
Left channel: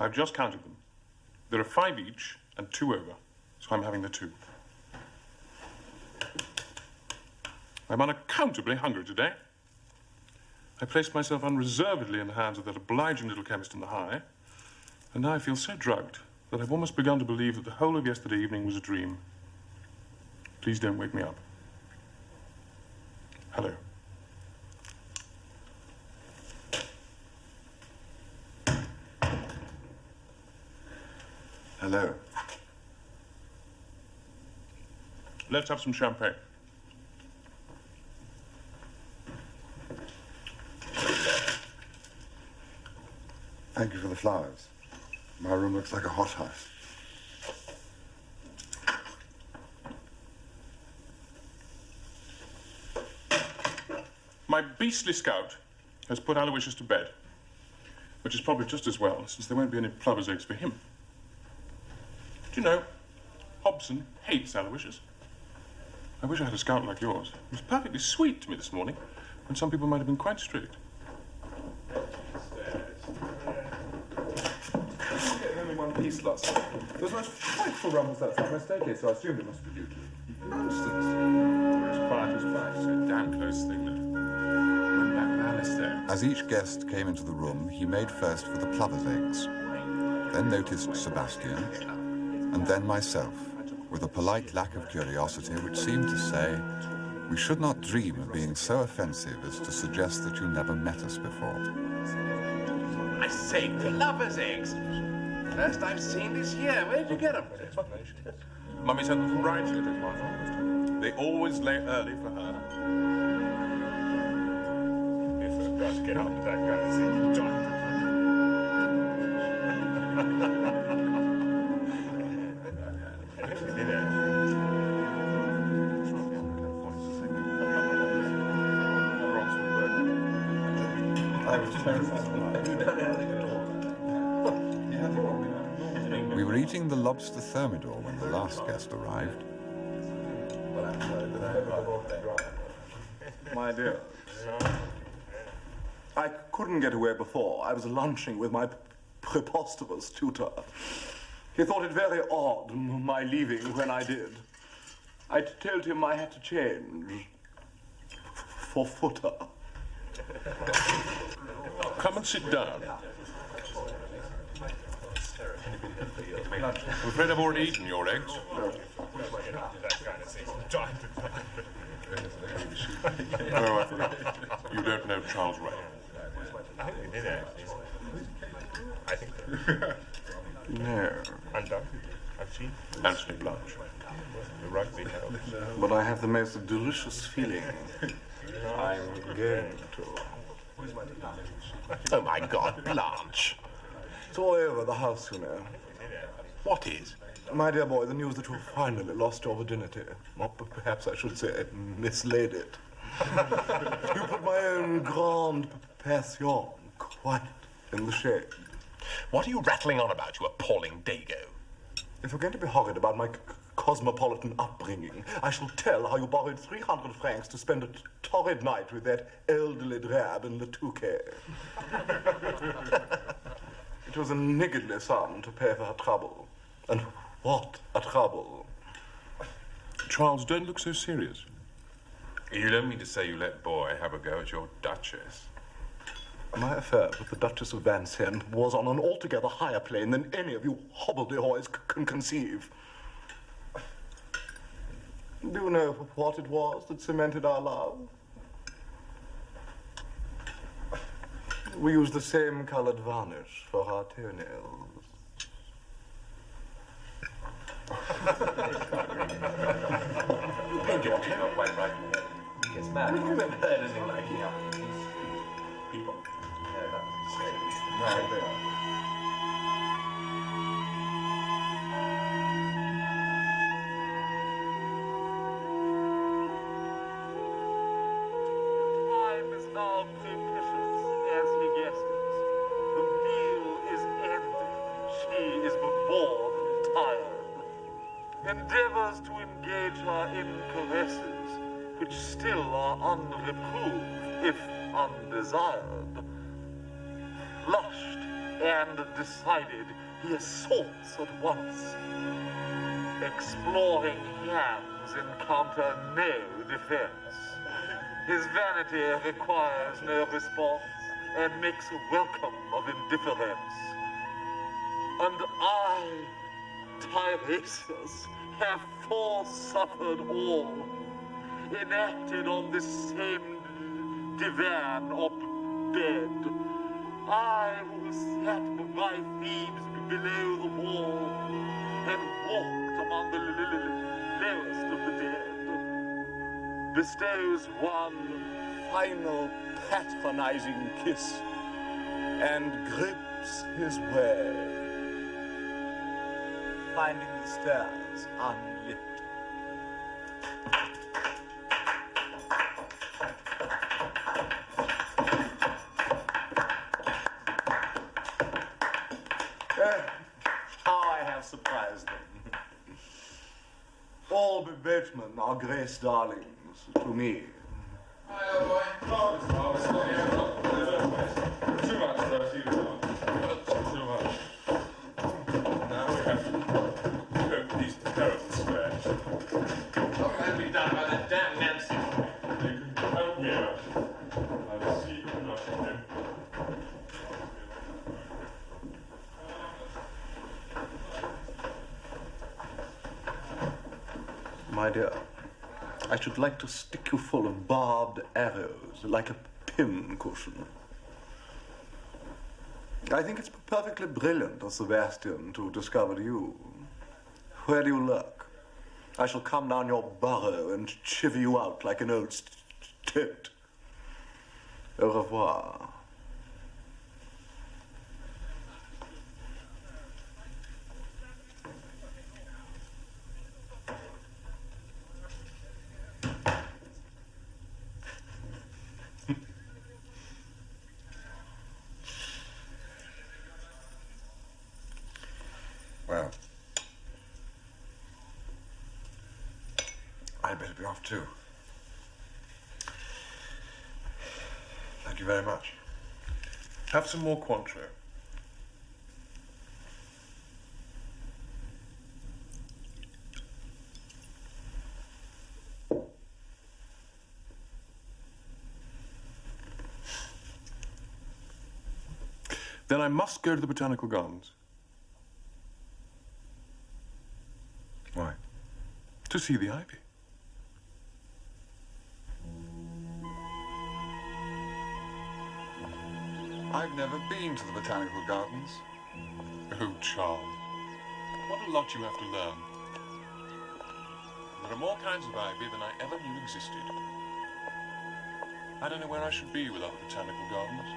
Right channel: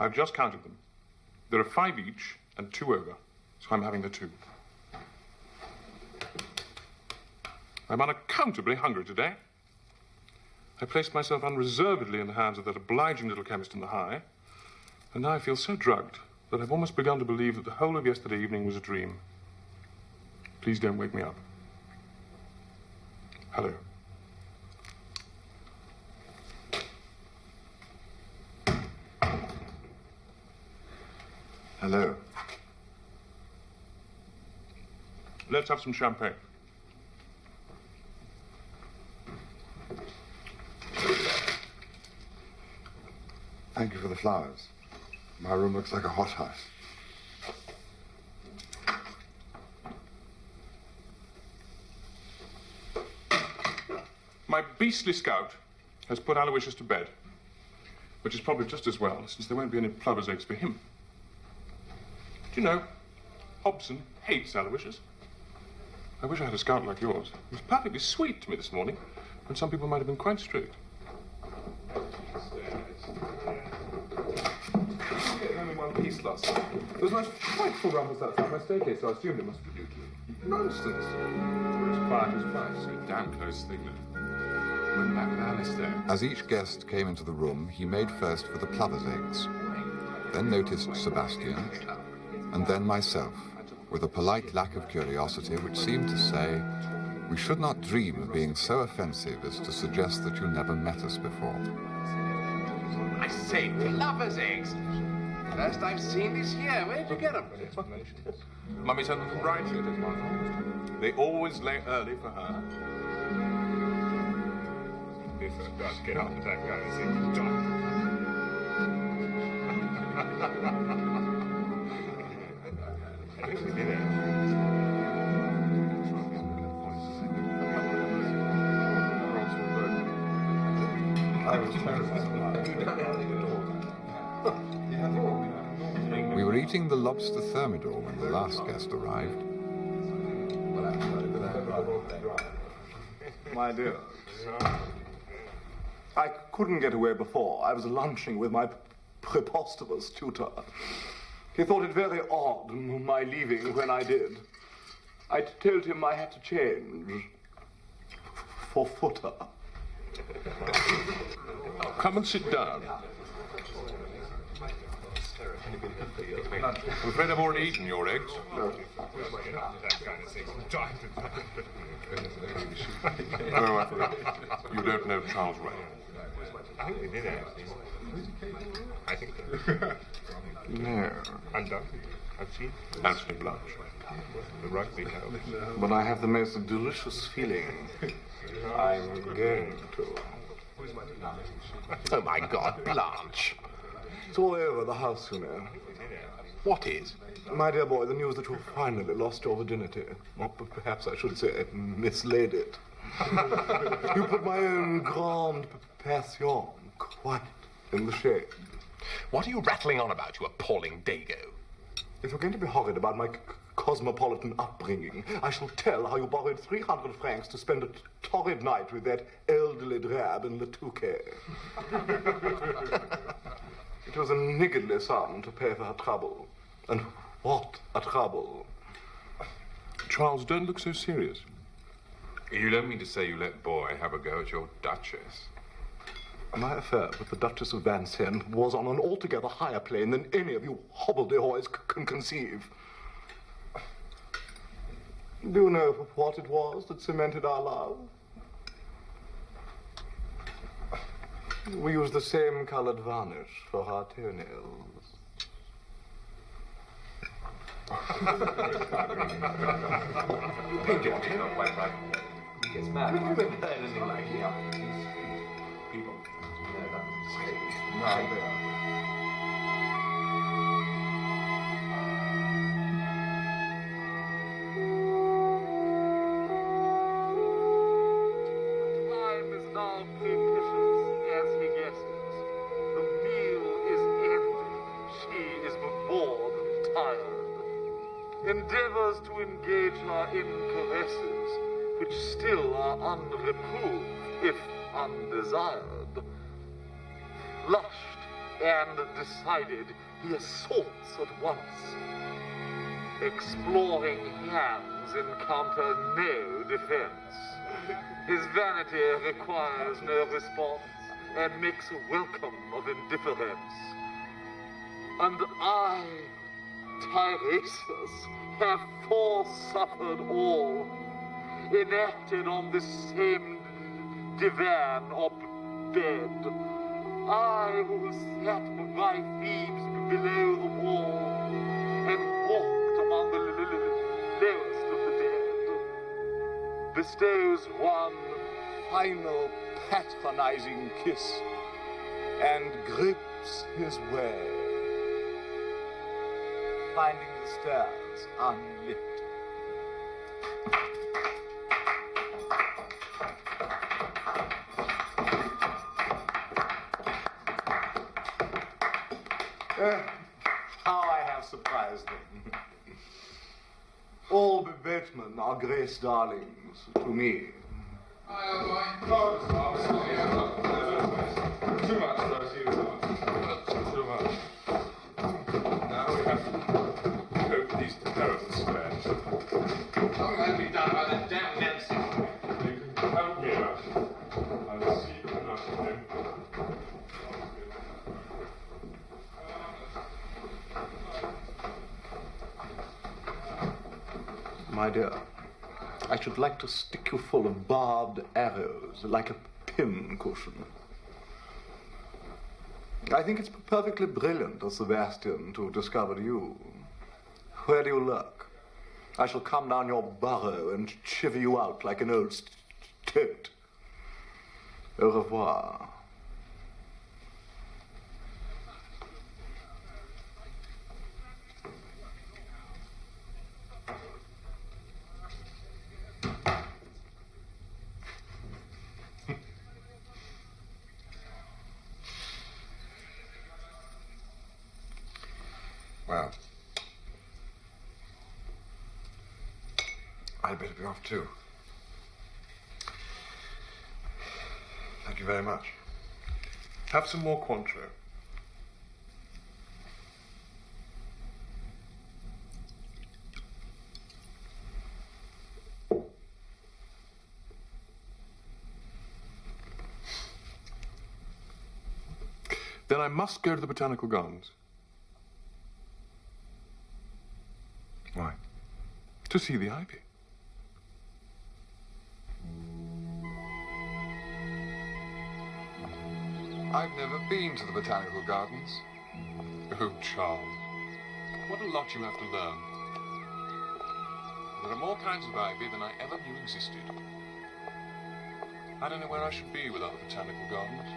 I've just counted them. There are 5 each and 2 over, so I'm having the 2. I'm unaccountably hungry today. I placed myself unreservedly in the hands of that obliging little chemist in the High, and now I feel so drugged that I've almost begun to believe that the whole of yesterday evening was a dream. Please don't wake me up. Hello. Hello. Let's have some champagne. Thank you for the flowers. My room looks like a hothouse. My beastly scout has put Aloysius to bed, which is probably just as well, since there won't be any plover's eggs for him. Do you know, Hobson hates Aloysius. I wish I had a scout like yours. He was perfectly sweet to me this morning, when some people might have been quite strict. Only one piece last night. There was a frightful rumpus outside my staircase, so I assumed it must be you two. Nonsense. We're as quiet as mice. A damn close thing, that. Went back with Alistair. As each guest came into the room, he made first for the plover's eggs, then noticed Sebastian, and then myself, with a polite lack of curiosity which seemed to say, we should not dream of being so offensive as to suggest that you never met us before. I say, plover's eggs. First I've seen this year. Where'd you get them? Mummy sent them from Brighton, it is one. They always lay early for her. If it does get up with that kind of thing, I was terrified. We were eating the lobster thermidor when the last guest arrived. My dear, I couldn't get away before. I was lunching with my preposterous tutor. He thought it very odd, my leaving when I did. I told him I had to change for footer. Come and sit down. I'm afraid I've already eaten your eggs. Oh, I forgot. You don't know Charles Ray. I think we did actually. I think so. No. Undoubtedly. I've seen. Anthony Blanche. The rugby helps. But I have the most delicious feeling. I'm going to. Oh, my God, Blanche. It's all over the house, you know. What is? My dear boy, the news that you finally lost your virginity. Or perhaps I should say, mislaid it. You put my own grande passion quite in the shade. What are you rattling on about, you appalling dago? If you're going to be horrid about my cosmopolitan upbringing, I shall tell how you borrowed 300 francs to spend a torrid night with that elderly drab in Le Touquet. It was a niggardly sum to pay for her trouble. And what a trouble. Charles, don't look so serious. You don't mean to say you let Boy have a go at your Duchess? My affair with the Duchess of Vincennes was on an altogether higher plane than any of you hobbledehoys can conceive. Do you know what it was that cemented our love? We used the same colored varnish for our toenails. Paint your toe quite right. He gets mad. Have you ever heard anything like it? People. No, they are. Time is now propitious, as he guesses. The meal is ended. She is more than tired. Endeavors to engage her in caresses, which still are unreproved, if undesired. Flushed and decided, he assaults at once. Exploring hands encounter no defense. His vanity requires no response and makes welcome of indifference. And I, Tiresias, have foresuffered all, enacted on this same divan or bed. I who sat by Thebes below the wall and walked among the lowest of the dead, bestows one final patronizing kiss and gropes his way, finding the stairs unlit. How I have surprised them. All boatmen are Grace darlings to me. Hi, old boy. Too much, Rosie. Too much. Now we have to cope with these terrible squares. Something had to be done by that damn Nancy. You can help me out. I will see you nothing. My dear, I should like to stick you full of barbed arrows, like a pin cushion. I think it's perfectly brilliant of Sebastian to discover you. Where do you lurk? I shall come down your burrow and chiver you out like an old toad. Au revoir. Well, I'd better be off too. Thank you very much. Have some more Cointreau. Then I must go to the Botanical Gardens. Why? To see the ivy. I've never been to the Botanical Gardens. Oh, Charles. What a lot you have to learn. There are more kinds of ivy than I ever knew existed. I don't know where I should be without the Botanical Gardens.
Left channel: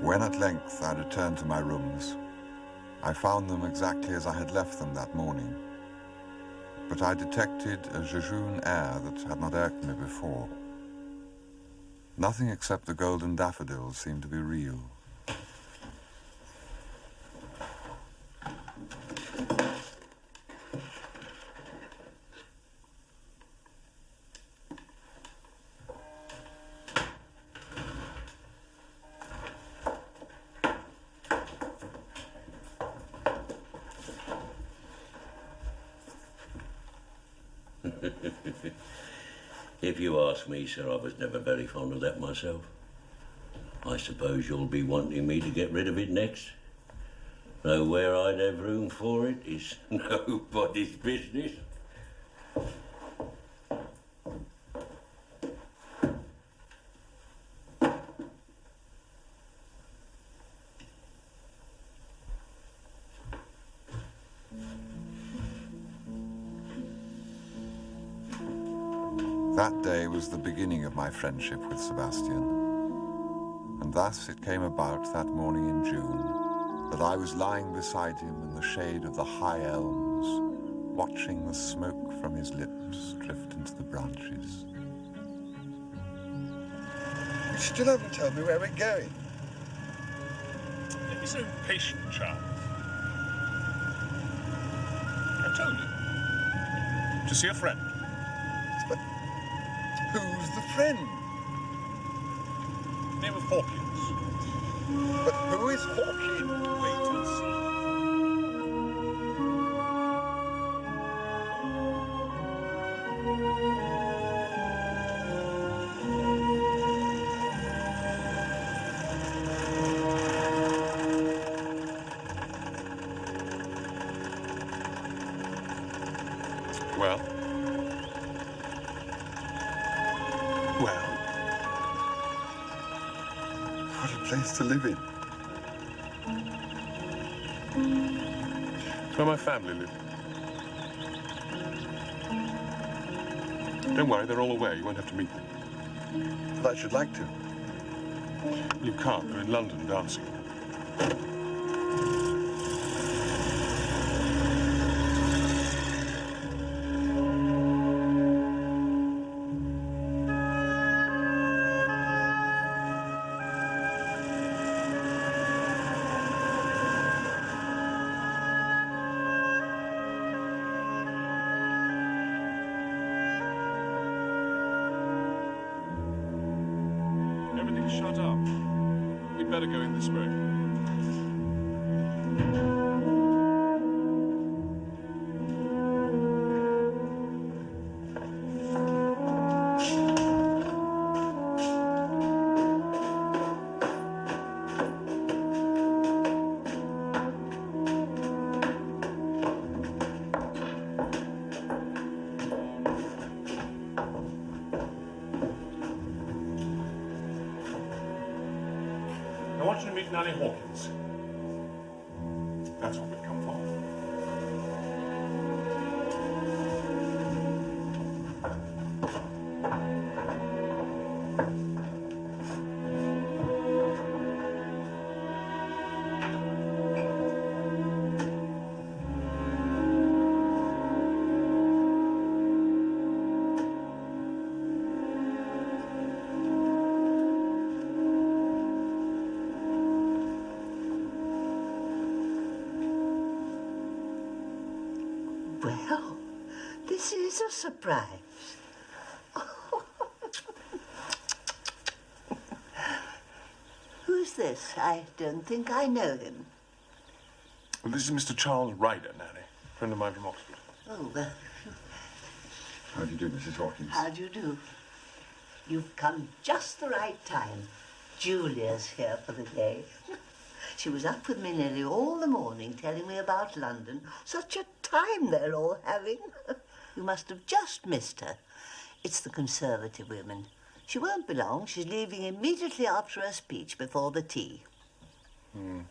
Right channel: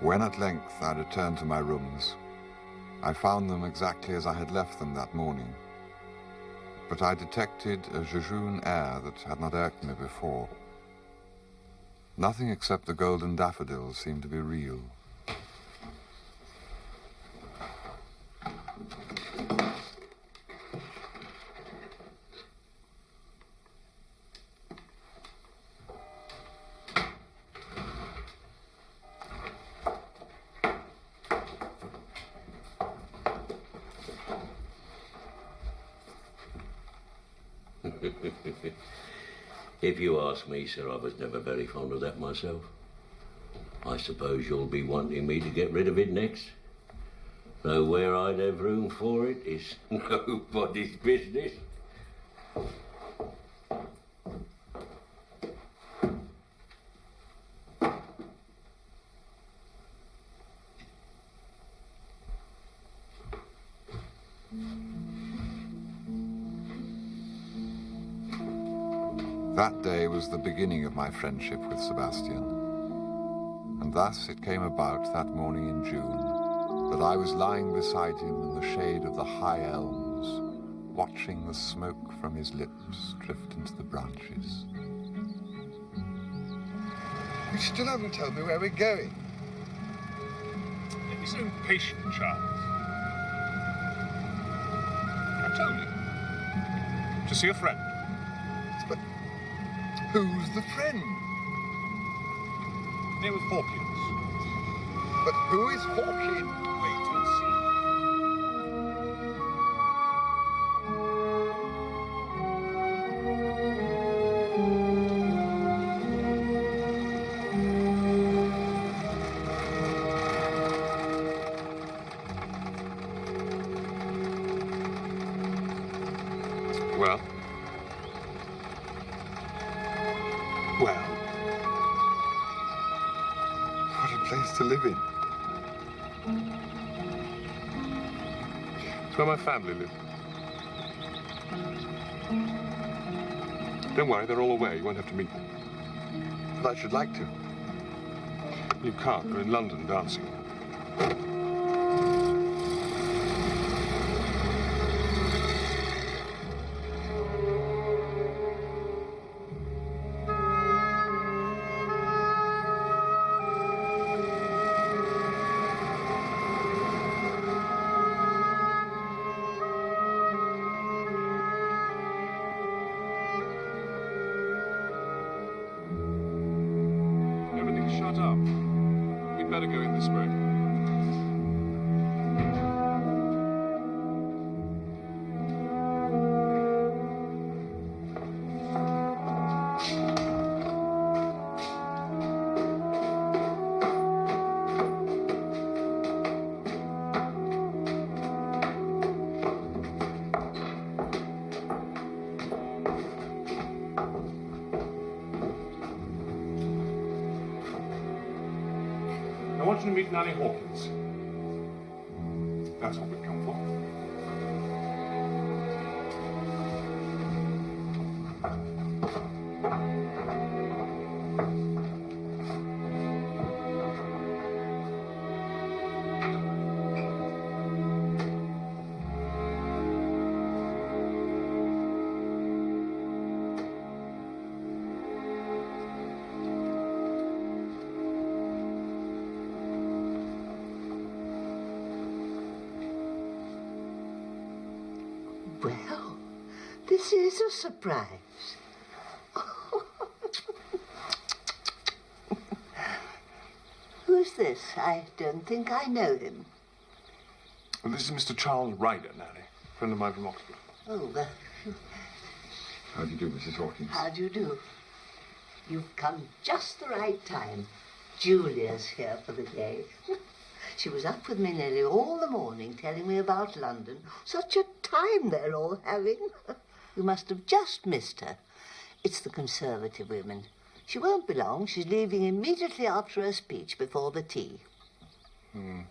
When at length I returned to my rooms, I found them exactly as I had left them that morning. But I detected a jejune air that had not irked me before. Nothing except the golden daffodils seemed to be real. If you ask me, sir, I was never very fond of that myself. I suppose you'll be wanting me to get rid of it next. Though where I'd have room for it is nobody's business. That day was the beginning of my friendship with Sebastian. And thus it came about that morning in June that I was lying beside him in the shade of the high elms, watching the smoke from his lips drift into the branches. You still haven't told me where we're going. Don't be so impatient, Charles. I told you. To see a friend. But who's the friend? Name of Hawkins. But who is Hawkins? Wait and see. Well? Well? What a place to live in. It's where my family live. Don't worry, they're all aware. You won't have to meet them. But I should like to. You can't. They're in London dancing. Everything's shut up. We'd better go in this way. I want you to meet Nanny Hawkins. That's what we've come for. Well, this is a surprise. Who's this? I don't think I know him. Well, this is Mr. Charles Ryder, Nanny. Friend of mine from Oxford. Oh, How do you do, Mrs. Hawkins? how do you do? You've come just the right time. Julia's here for the day. She was up with me nearly all the morning telling me about London. Such a time they're all having. You must have just missed her. It's the Conservative women. She won't be long. She's leaving immediately after her speech before the tea. I'm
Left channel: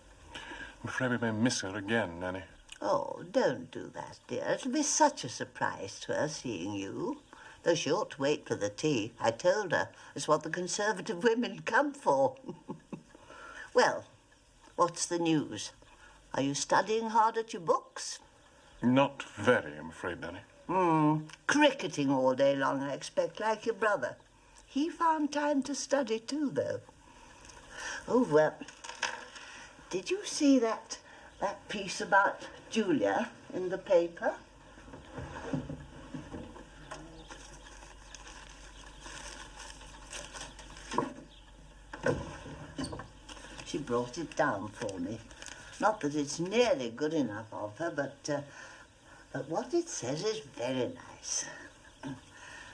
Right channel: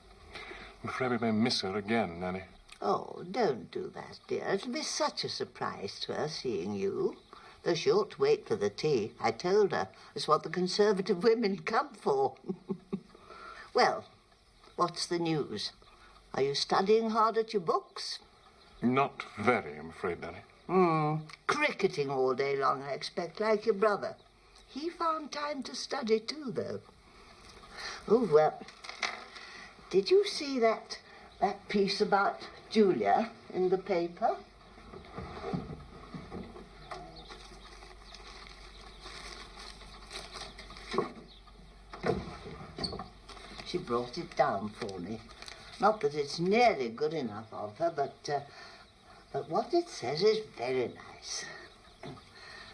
afraid we may miss her again, Nanny. Oh, don't do that, dear. It'll be such a surprise to her seeing you. Though she ought to wait for the tea. I told her. It's what the Conservative women come for. Well, what's the news? Are you studying hard at your books? Not very, I'm afraid, Nanny. Cricketing all day long, I expect, like your brother. He found time to study too, though. Oh, well, did you see that piece about Julia in the paper? She brought it down for me. Not that it's nearly good enough of her, but what it says is very nice.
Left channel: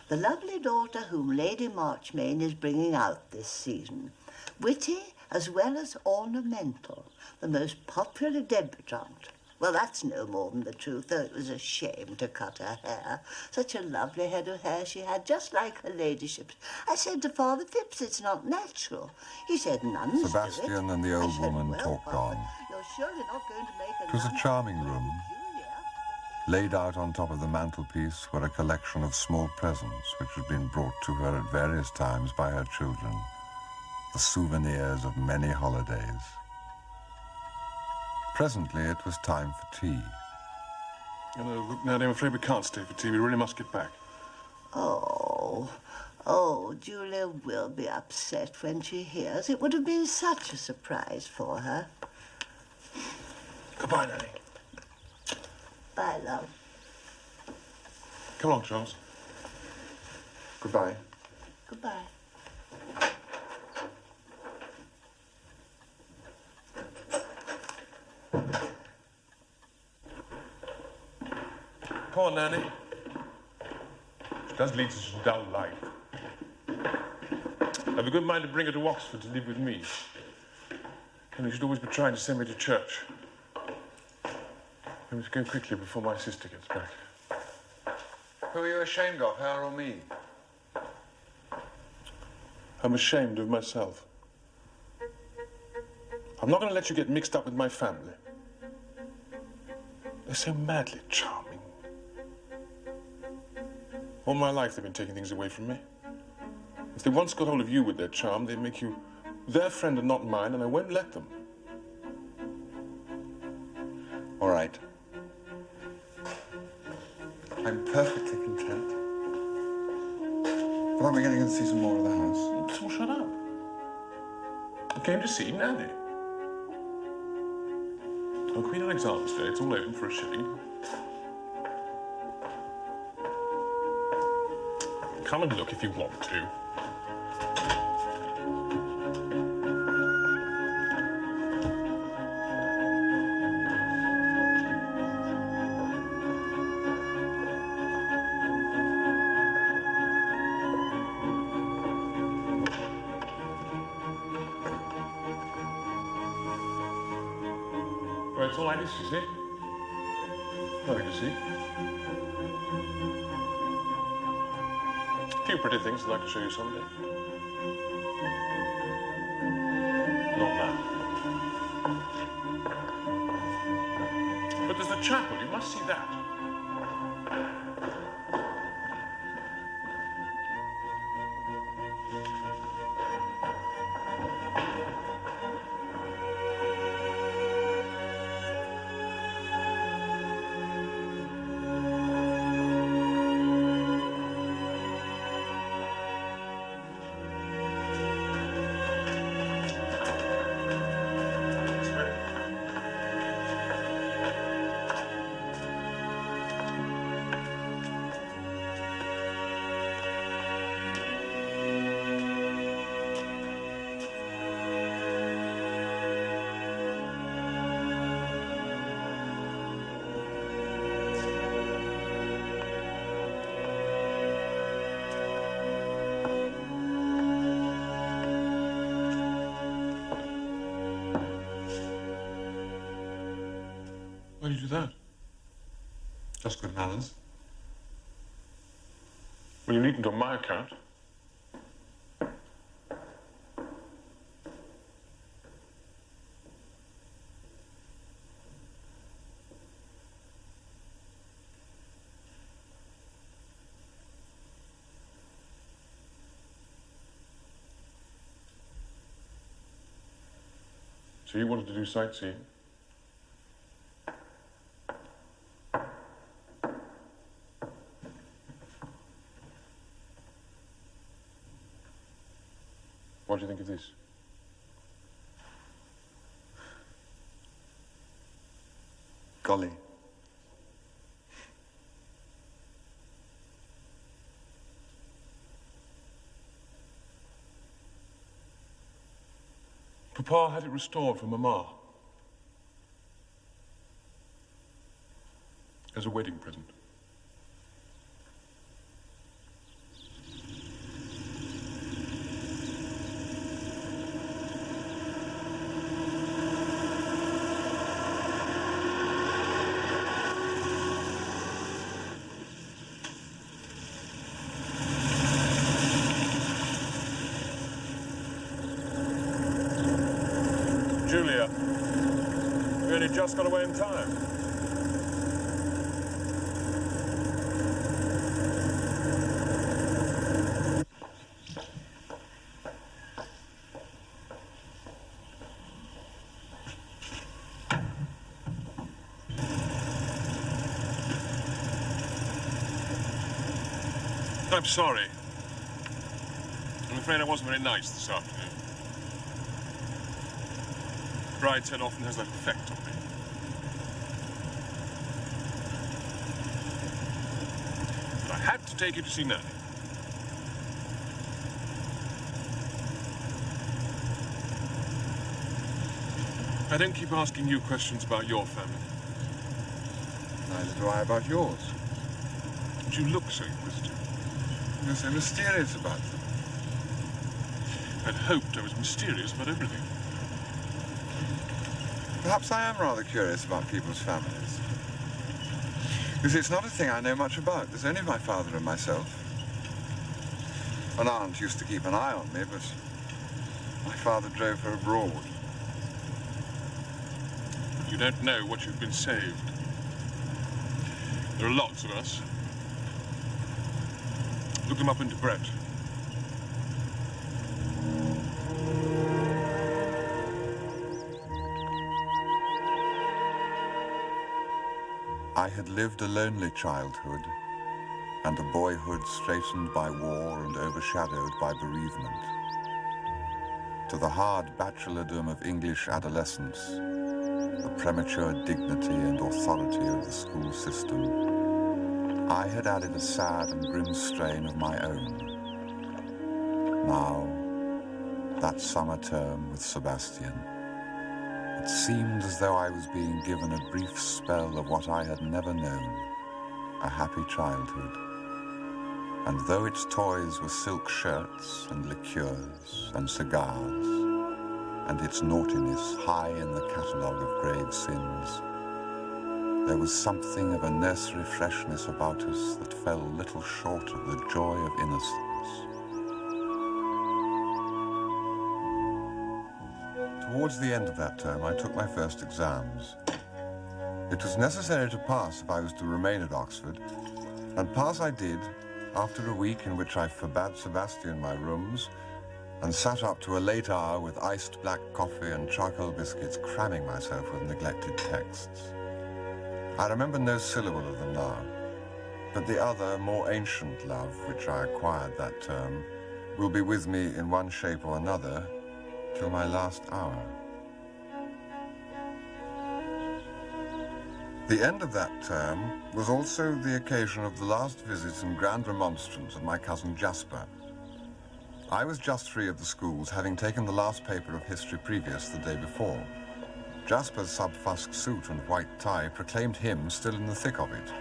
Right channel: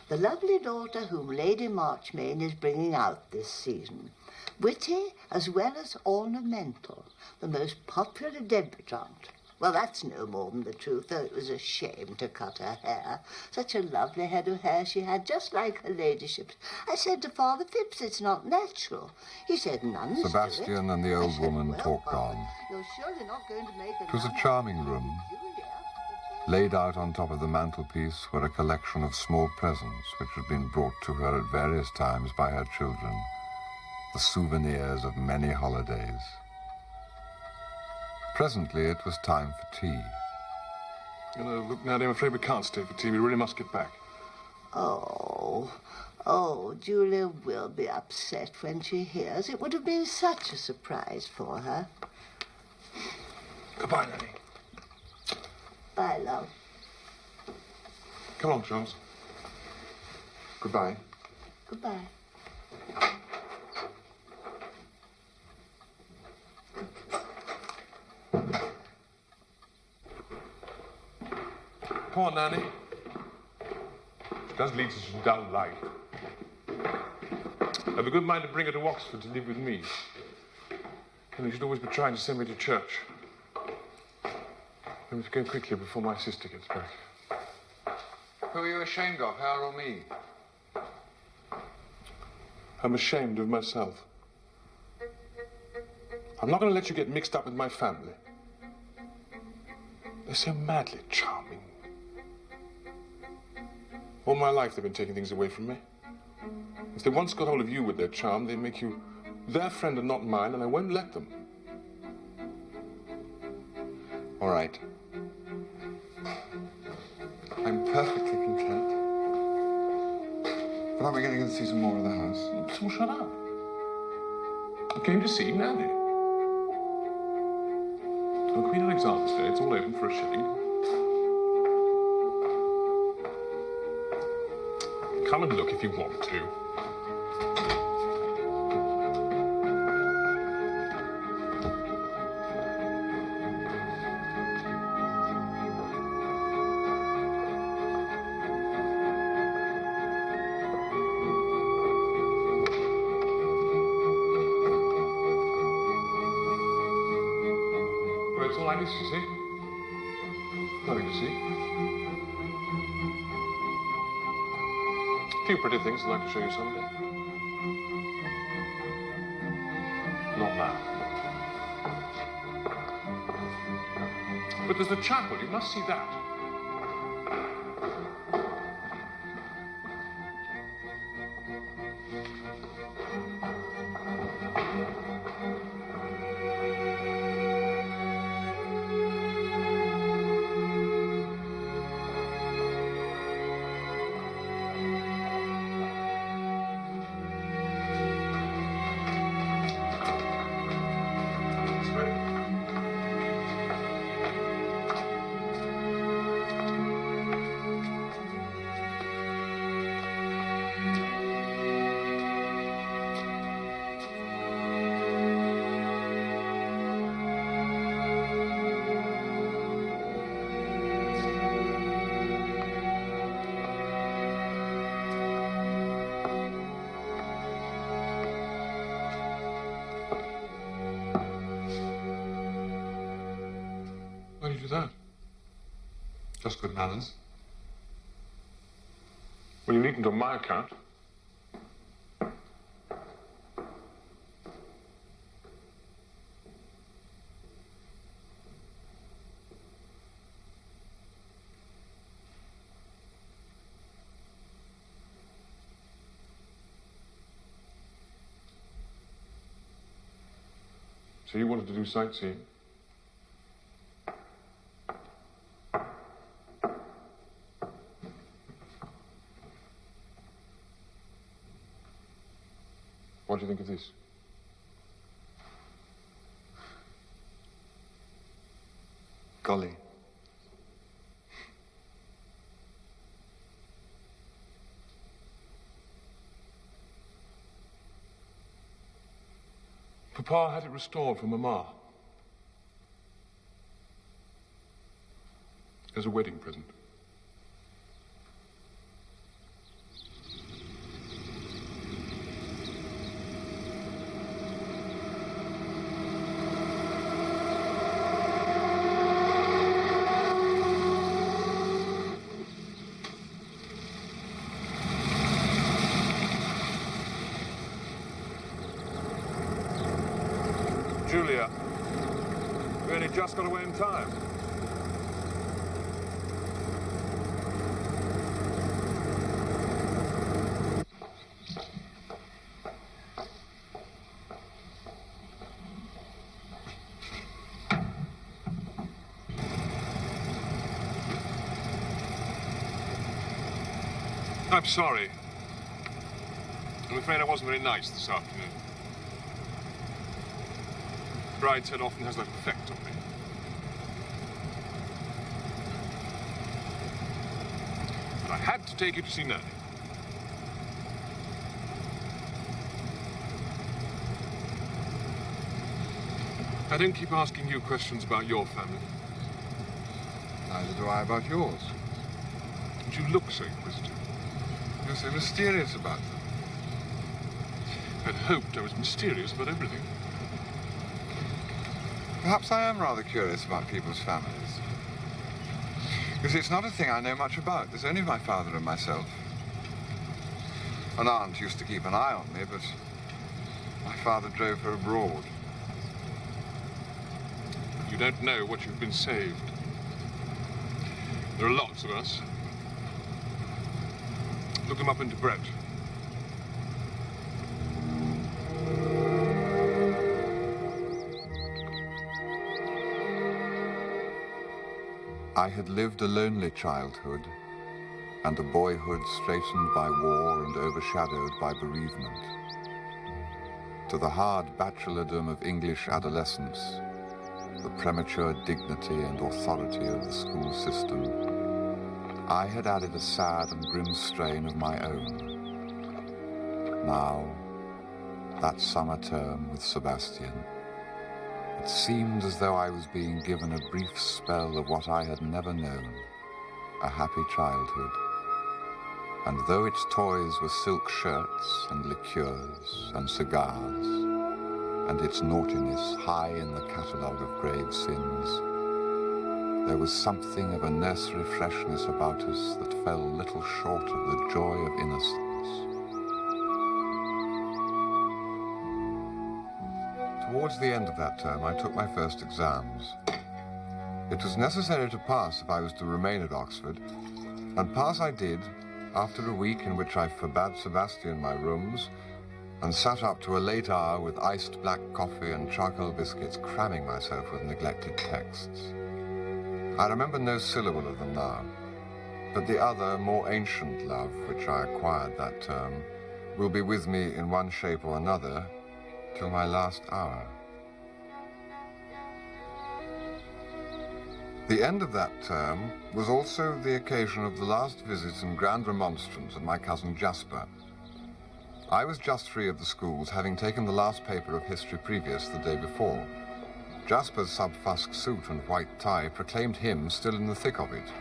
The lovely daughter whom Lady Marchmain is bringing out this season, witty as well as ornamental, the most popular debutante. Well, that's no more than the truth, though it was a shame to cut her hair. Such a lovely head of hair she had, just like her ladyship's. I said to Father Phipps, it's not natural. He said nuns do it. Sebastian and the old woman well, talked Father, on. you're surely not going to make It was a charming room. Laid out on top of the mantelpiece were a collection of small presents which had been brought to her at various times by her children, the souvenirs of many holidays. Presently, it was time for tea. Look, Nanny, I'm afraid we can't stay for tea. We really must get back. Oh, Julia will be upset when she hears. It would have been such a surprise for her. Goodbye, Nanny. Bye, love. Come along, Charles. Goodbye. Goodbye. Poor Nanny. She does lead such a dull life. I've a good mind to bring her to Oxford to live with me. And you should always be trying to send me to church. I must go quickly before my sister gets back. Who are you ashamed of, her or me? I'm ashamed of myself. I'm not going to let you get mixed up with my family. They're so madly charming. All my life they've been taking things away from me. If they once got hold of you with their charm, they make you their friend and not mine, and I won't let them. All right. I'm perfectly content. But aren't we going to go and see some more of the house? So shut up. I came to see Nanny. On Queen Alexander's Day, it's all open for a shilling. Come and look if you want to. Well, it's all I need to see. Nothing to see. A few pretty things I'd like to show you someday. Not now. But there's the chapel. You must see that. Why do you do that? Just good manners. Well, you needn't on my account. So you wanted to do sightseeing? What do you think of this? Golly. Papa had it restored for Mama. As a wedding present. Julia, we only just got away in time. I'm sorry. I'm afraid I wasn't very nice this afternoon. Bride's head often has that effect on me. But I had to take you to see Nanny. I don't keep asking you questions about your family. Neither do I about yours. But you look so inquisitive. You're so mysterious about them. I'd hoped I was mysterious about everything. Perhaps I am rather curious about people's families. Because it's not a thing I know much about. There's only my father and myself. An aunt used to keep an eye on me, but my father drove her abroad. You don't know what you've been saved. There are lots of us. Look them up into Brett. I had lived a lonely childhood and a boyhood straitened by war and overshadowed by bereavement. To the hard bachelordom of English adolescence, the premature dignity and authority of the school system, I had added a sad and grim strain of my own. Now, that summer term with Sebastian, it seemed as though I was being given a brief spell of what I had never known, a happy childhood. And though its toys were silk shirts and liqueurs and cigars, and its naughtiness high in the catalogue of grave sins, there was something of a nursery freshness about us that fell little short of the joy of innocence. Towards the end of that term, I took my first exams. It was necessary to pass if I was to remain at Oxford, and pass I did, after a week in which I forbade Sebastian my rooms and sat up to a late hour with iced black coffee and charcoal biscuits, cramming myself with neglected texts. I remember no syllable of them now, but the other, more ancient love, which I acquired that term, will be with me in one shape or another till my last hour. The end of that term was also the occasion of the last visit and grand remonstrance of my cousin Jasper. I was just free of the schools, having taken the last paper of history previous the day before. Jasper's sub-fusk suit and white tie proclaimed him still in the thick of it.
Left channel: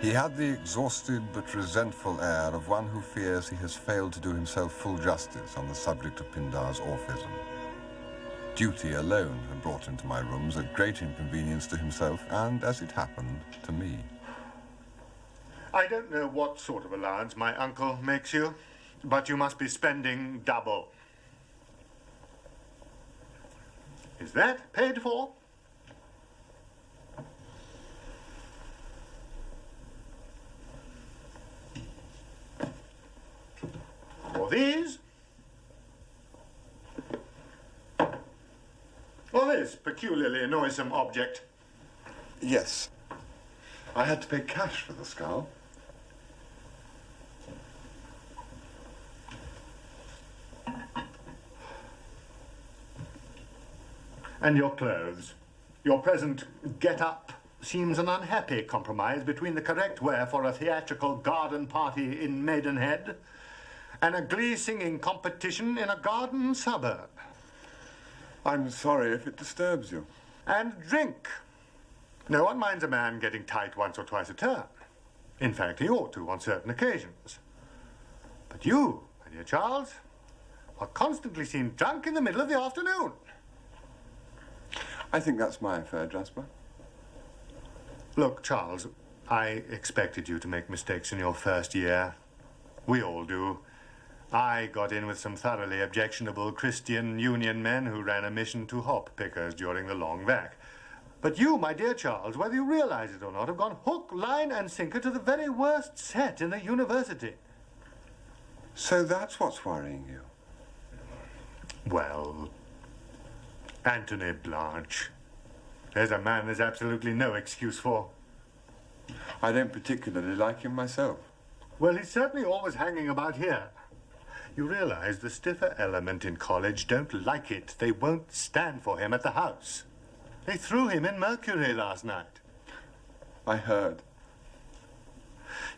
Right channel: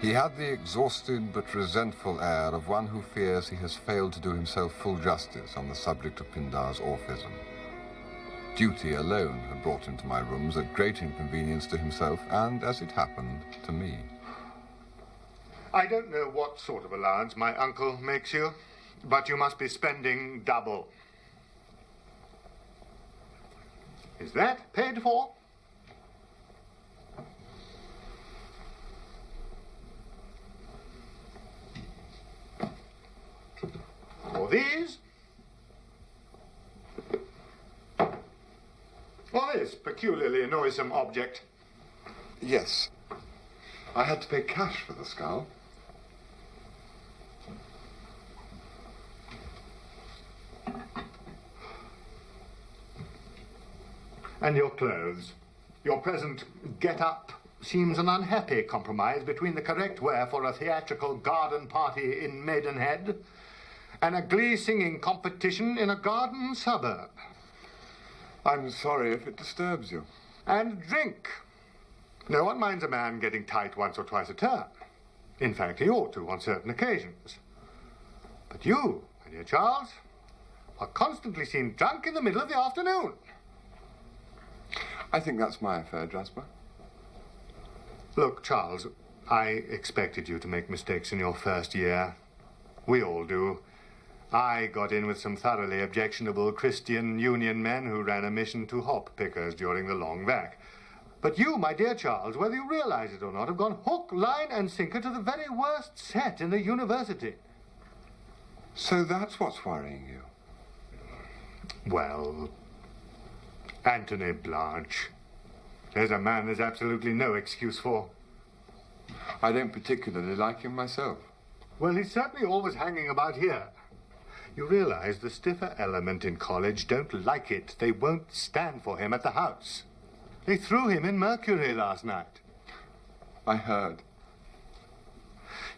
He had the exhausted but resentful air of one who fears he has failed to do himself full justice on the subject of Pindar's orphism. Duty alone had brought him to my rooms at great inconvenience to himself and, as it happened, to me. I don't know what sort of allowance my uncle makes you, but you must be spending double. Is that paid for? For these? Or this peculiarly noisome object? Yes. I had to pay cash for the skull. And your clothes. Your present get-up seems an unhappy compromise between the correct wear for a theatrical garden party in Maidenhead and a glee-singing competition in a garden suburb. I'm sorry if it disturbs you. And drink. No one minds a man getting tight once or twice a term. In fact, he ought to on certain occasions. But you, my dear Charles, are constantly seen drunk in the middle of the afternoon. I think that's my affair, Jasper. Look, Charles, I expected you to make mistakes in your first year. We all do. I got in with some thoroughly objectionable Christian Union men who ran a mission to hop pickers during the long vac. But you, my dear Charles, whether you realize it or not, have gone hook, line, and sinker to the very worst set in the university. So that's what's worrying you? Well, Anthony Blanche. There's a man there's absolutely no excuse for. I don't particularly like him myself. Well, he's certainly always hanging about here. You realize the stiffer element in college don't like it. They won't stand for him at the house. They threw him in Mercury last night. I heard.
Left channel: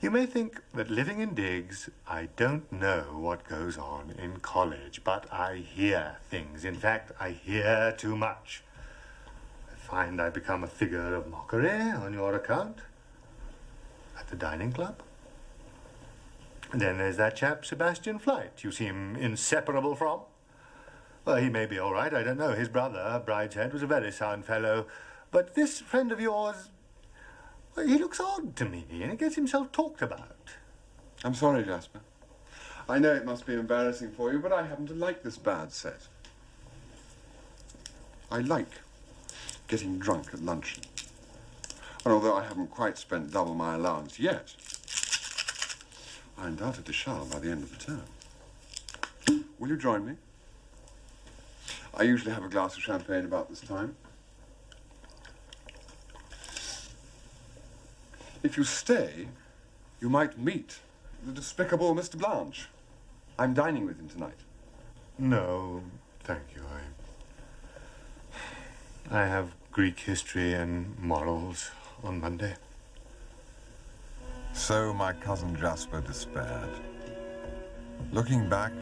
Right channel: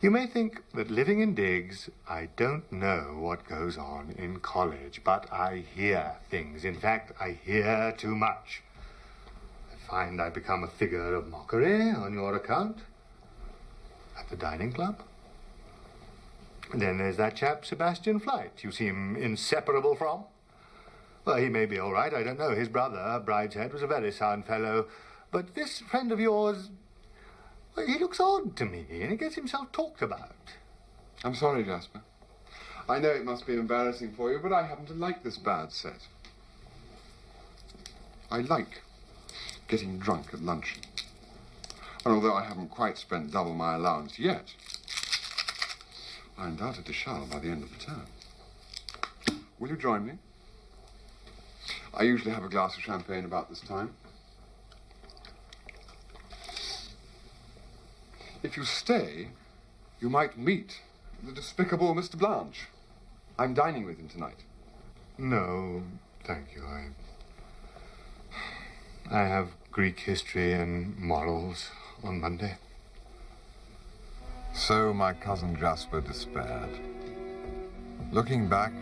You may think that living in digs, I don't know what goes on in college, but I hear things. In fact, I hear too much. I find I become a figure of mockery on your account at the dining club. And then there's that chap, Sebastian Flight, you seem inseparable from. Well, he may be all right, I don't know. His brother, Brideshead, was a very sound fellow. But this friend of yours, Well, he looks odd to me, and he gets himself talked about. I'm sorry, Jasper. I know it must be embarrassing for you, but I happen to like this bad set. I like getting drunk at luncheon. And although I haven't quite spent double my allowance yet, I undoubtedly shall by the end of the term. Will you join me? I usually have a glass of champagne about this time. If you stay, you might meet the despicable Mr. Blanche. I'm dining with him tonight. No, thank you. I have Greek history and morals on Monday. So my cousin Jasper despaired. Looking back,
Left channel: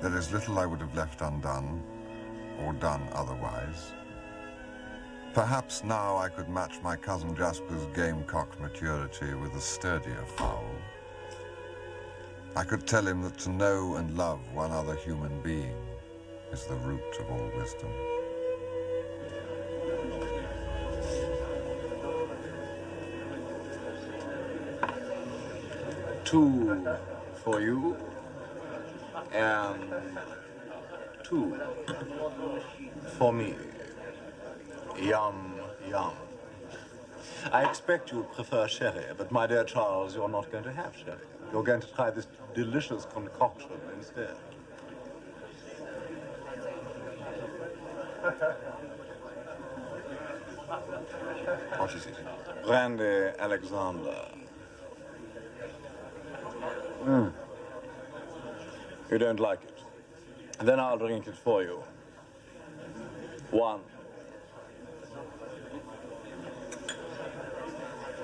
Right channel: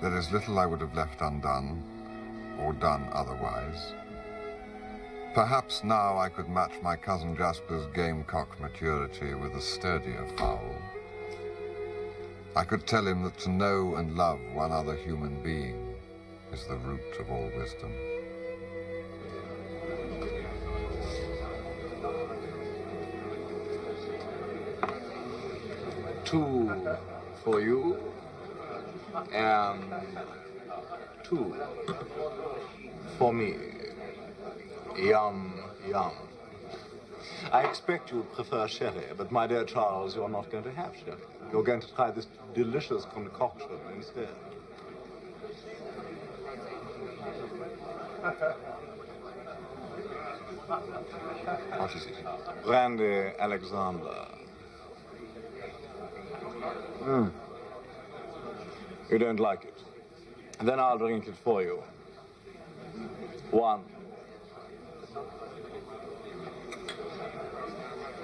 there is little I would have left undone, or done otherwise. Perhaps now I could match my cousin Jasper's gamecock maturity with a sturdier fowl. I could tell him that to know and love one other human being is the root of all wisdom. Two for you, and two for me. Yum, yum. I expect you prefer sherry, but my dear Charles, you're not going to have sherry. You're going to try this delicious concoction instead. What is it? Brandy Alexander. You don't like it? Then I'll drink it for you. 1,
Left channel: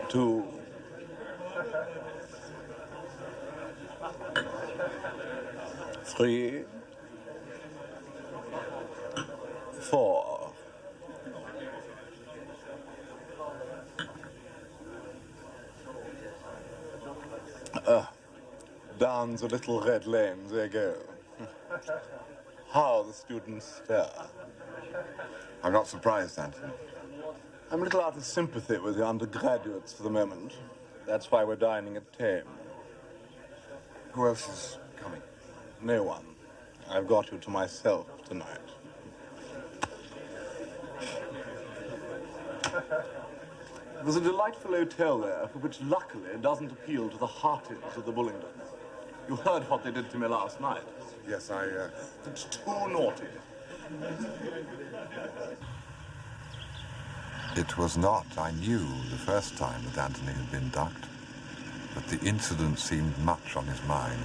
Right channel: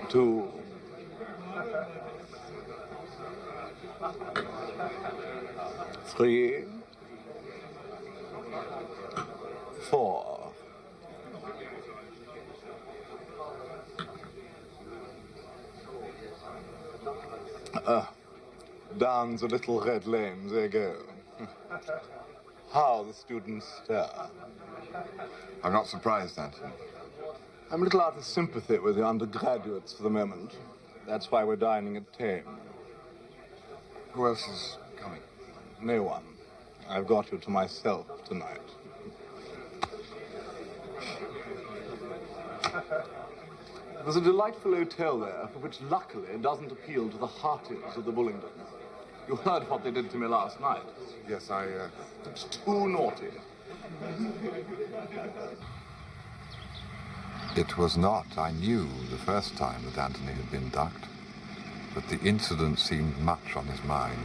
2, 3, 4. Down the little red lane they go. How the students stare. I'm not surprised, Anthony. I'm a little out of sympathy with the undergraduates for the moment. That's why we're dining at 10. Who else is coming? No one. I've got you to myself tonight. There's a delightful hotel there, which luckily doesn't appeal to the hearties of the Bullingdons. You heard what they did to me last night. Yes, It's too naughty. It was not, I knew, the first time that Anthony had been ducked, but the incident seemed much on his mind.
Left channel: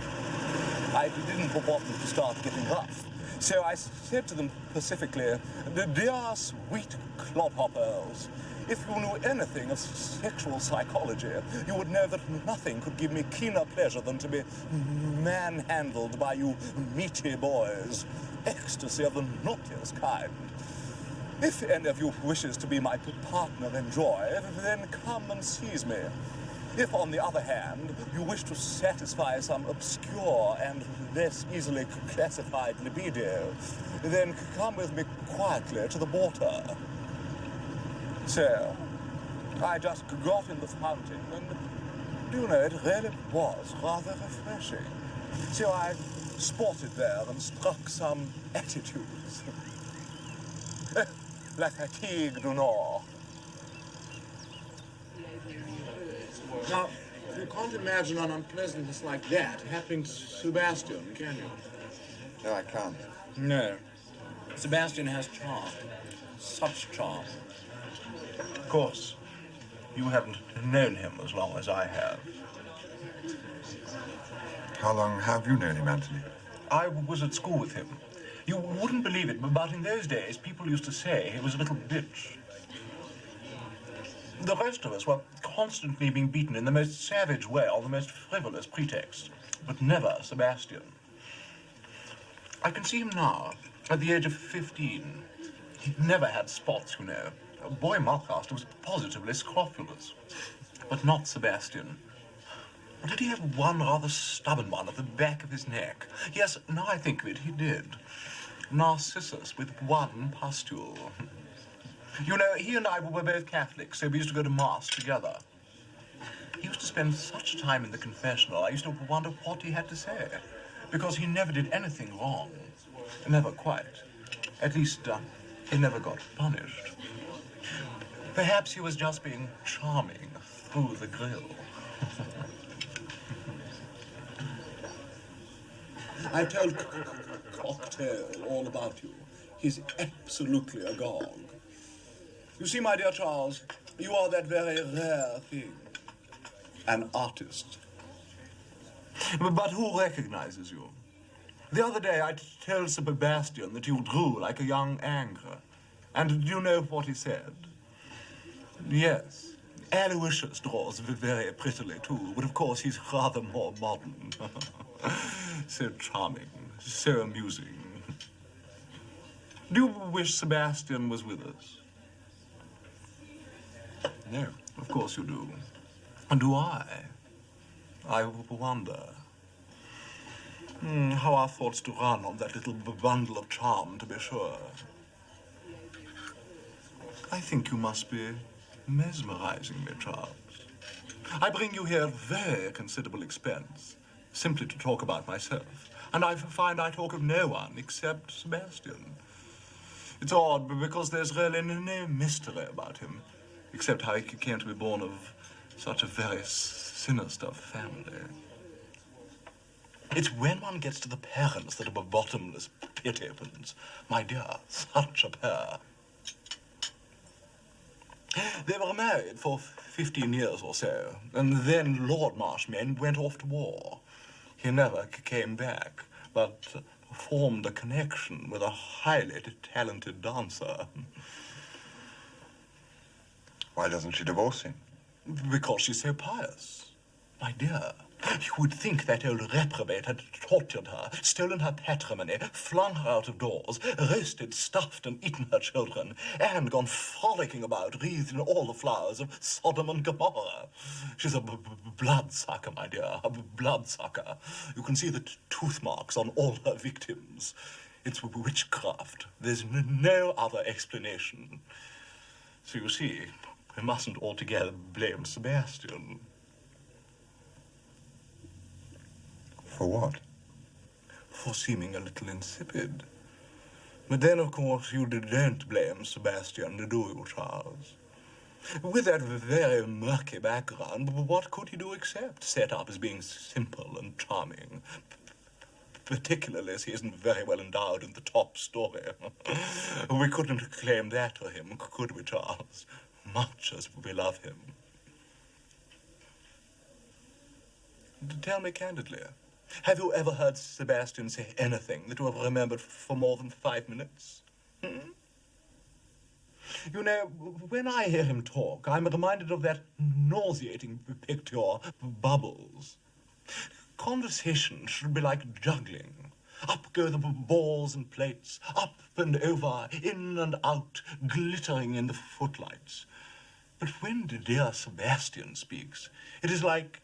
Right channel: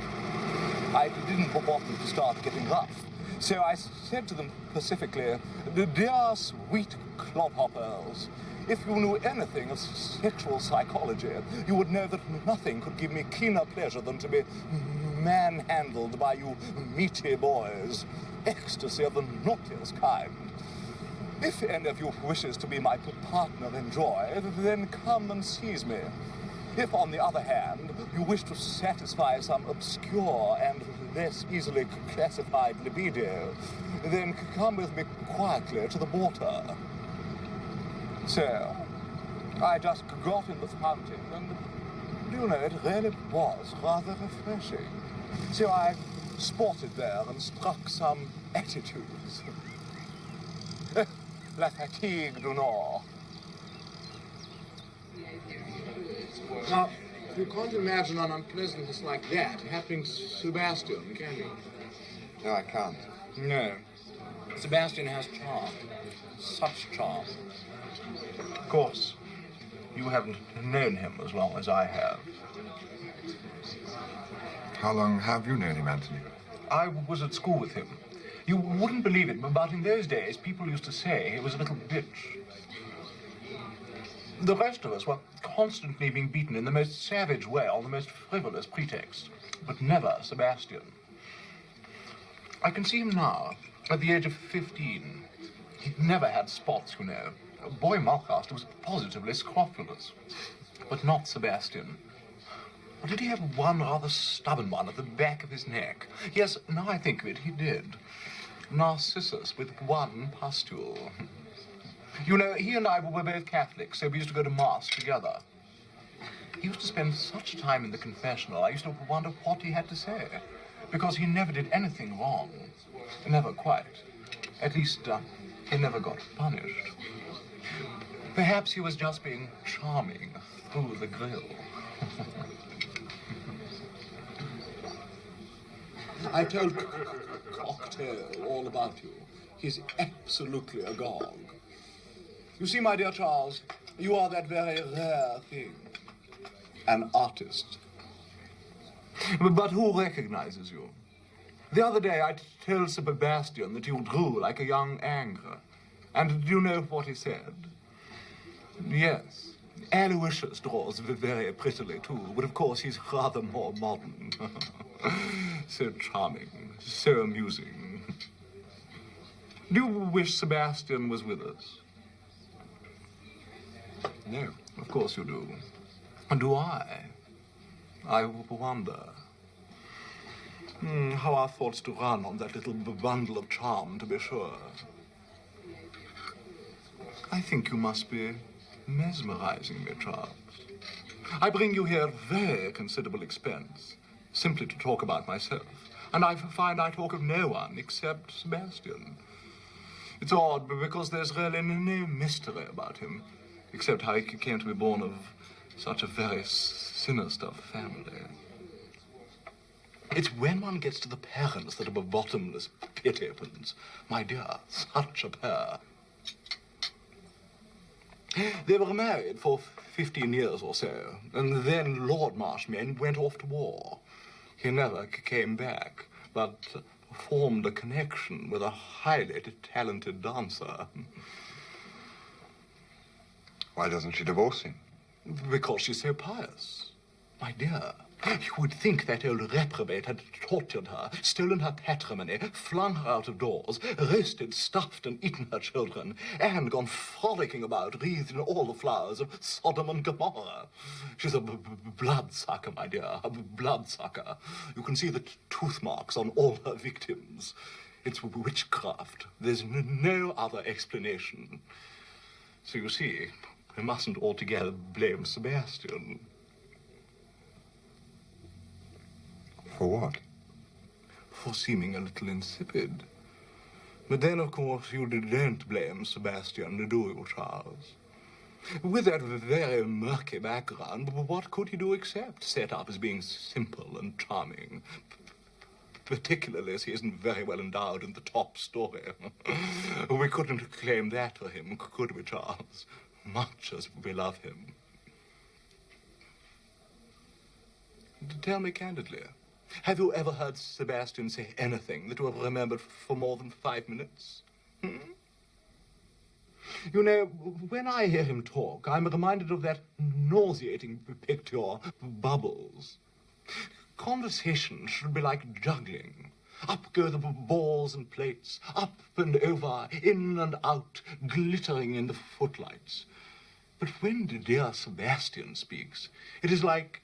I didn't want them to start getting rough, so I said to them pacifically, "Dear sweet clodhoppers, if you knew anything of sexual psychology, you would know that nothing could give me keener pleasure than to be manhandled by you meaty boys. Ecstasy of the naughtiest kind. If any of you wishes to be my partner in joy, then come and seize me. If, on the other hand, you wish to satisfy some obscure and less easily classified libido, then come with me quietly to the water." So, I just got in the fountain, and, do you know, it really was rather refreshing. So I sported there and struck some attitudes. La fatigue du Nord. Now, you can't imagine an unpleasantness like that happening to Sebastian, can you? No, I can't. No. Sebastian has charm. Such charm. Of course, you haven't known him as long as I have. How long have you known him, Anthony? I was at school with him. You wouldn't believe it, but in those days, people used to say he was a little bitch. The rest of us were constantly being beaten in the most savage way on the most frivolous pretext, but never Sebastian. I can see him now, at the age of 15. He'd never had spots, you know. Boy Mulcaster was positively scrofulous, but not Sebastian. Or did he have one rather stubborn one at the back of his neck? Yes, now I think of it, he did. Narcissus with one pustule. You know, he and I were both Catholics, so we used to go to Mass together. He used to spend such time in the confessional, I used to wonder what he had to say. Because he never did anything wrong. Never quite. At least, he never got punished. Perhaps he was just being charming through the grill. I told Cocktail all about you. He's absolutely agog. You see, my dear Charles, you are that very rare thing. An artist. But who recognizes you? The other day, I told Sebastian that you drew like a young Angre. And do you know what he said? Yes. Aloysius draws very prettily, too, but of course he's rather more modern. So charming, so amusing. Do you wish Sebastian was with us? No, of course you do. And do I? I wonder. How our thoughts do run on that little bundle of charm, to be sure. I think you must be mesmerizing me, Charles. I bring you here at very considerable expense, simply to talk about myself. And I find I talk of no one except Sebastian. It's odd, because there's really no mystery about him, except how he came to be born of such a very sinister family. It's when one gets to the parents that a bottomless pit opens. My dear, such a pair. They were married for 15 years or so, and then Lord Marshmain went off to war. He never came back, but formed a connection with a highly talented dancer. Why doesn't she divorce him? Because she's so pious. My dear, you would think that old reprobate had tortured her, stolen her patrimony, flung her out of doors, roasted, stuffed, and eaten her children, and gone frolicking about, wreathed in all the flowers of Sodom and Gomorrah. She's a bloodsucker, my dear, a bloodsucker. You can see the tooth marks on all her victims. It's witchcraft. There's no other explanation. So you see, we mustn't altogether blame Sebastian. For what? For seeming a little insipid. But then, of course, you don't blame Sebastian, do you, Charles? With that very murky background, what could he do except set up as being simple and charming? Particularly as he isn't very well endowed in the top story. We couldn't claim that for him, could we, Charles? Much as we love him. Tell me candidly, have you ever heard Sebastian say anything that you have remembered for more than 5 minutes? You know, when I hear him talk, I'm reminded of that nauseating picture, Bubbles. Conversation should be like juggling. Up go the balls and plates, up and over, in and out, glittering in the footlights. But when dear Sebastian speaks, it is like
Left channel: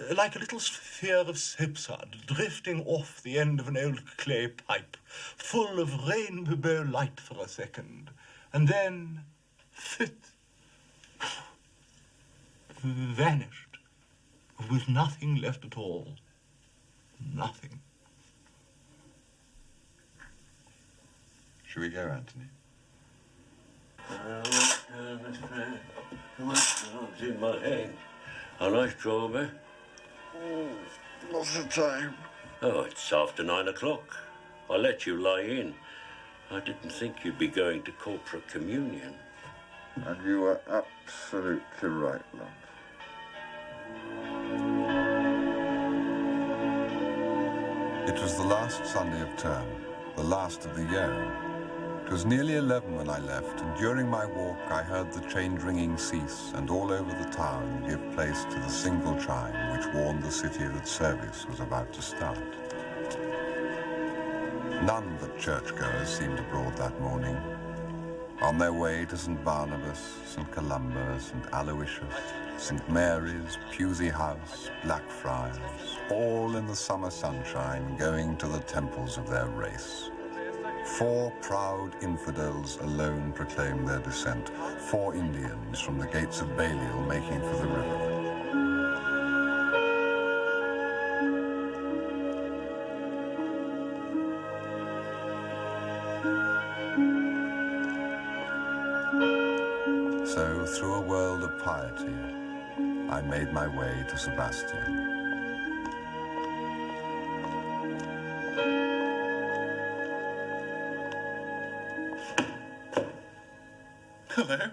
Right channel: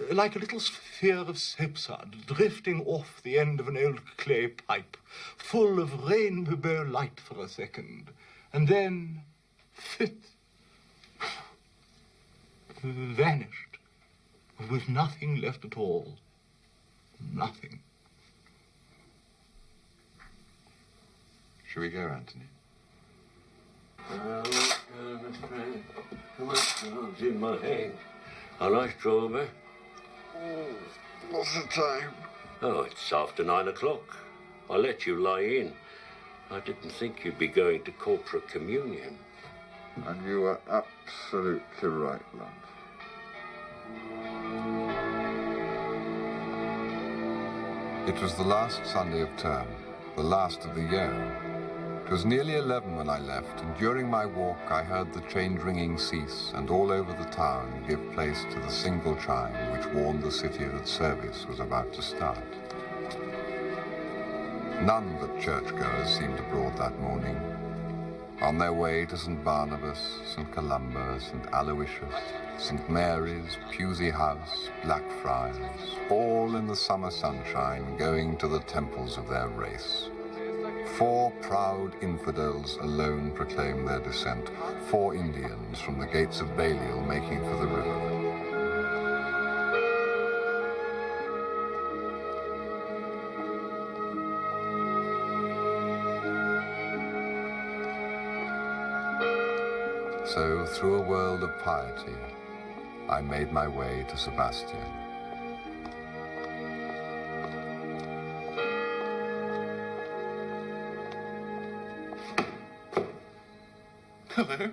a little sphere of soapsuds drifting off the end of an old clay pipe, full of rainbow light for a second, and then, fit, vanished, with nothing left at all. Nothing. Shall we go, Anthony? Too much drugs in my head. A nice strawberry. What's the time? Oh, it's after 9 o'clock. I let you lie in. I didn't think you'd be going to corporate communion. And you were absolutely right, love. It was the last Sunday of term, the last of the year. It was nearly 11 when I left, and during my walk I heard the change ringing cease and all over the town give place to the single chime which warned the city that service was about to start. None but churchgoers seemed abroad that morning, on their way to St. Barnabas, St. Columba, St. Aloysius, St. Mary's, Pusey House, Blackfriars, all in the summer sunshine, going to the temples of their race. 4 proud infidels alone proclaim their descent. 4 Indians from the gates of Balliol making for the river. So, through a world of piety, I made my way to Sebastian. Hello.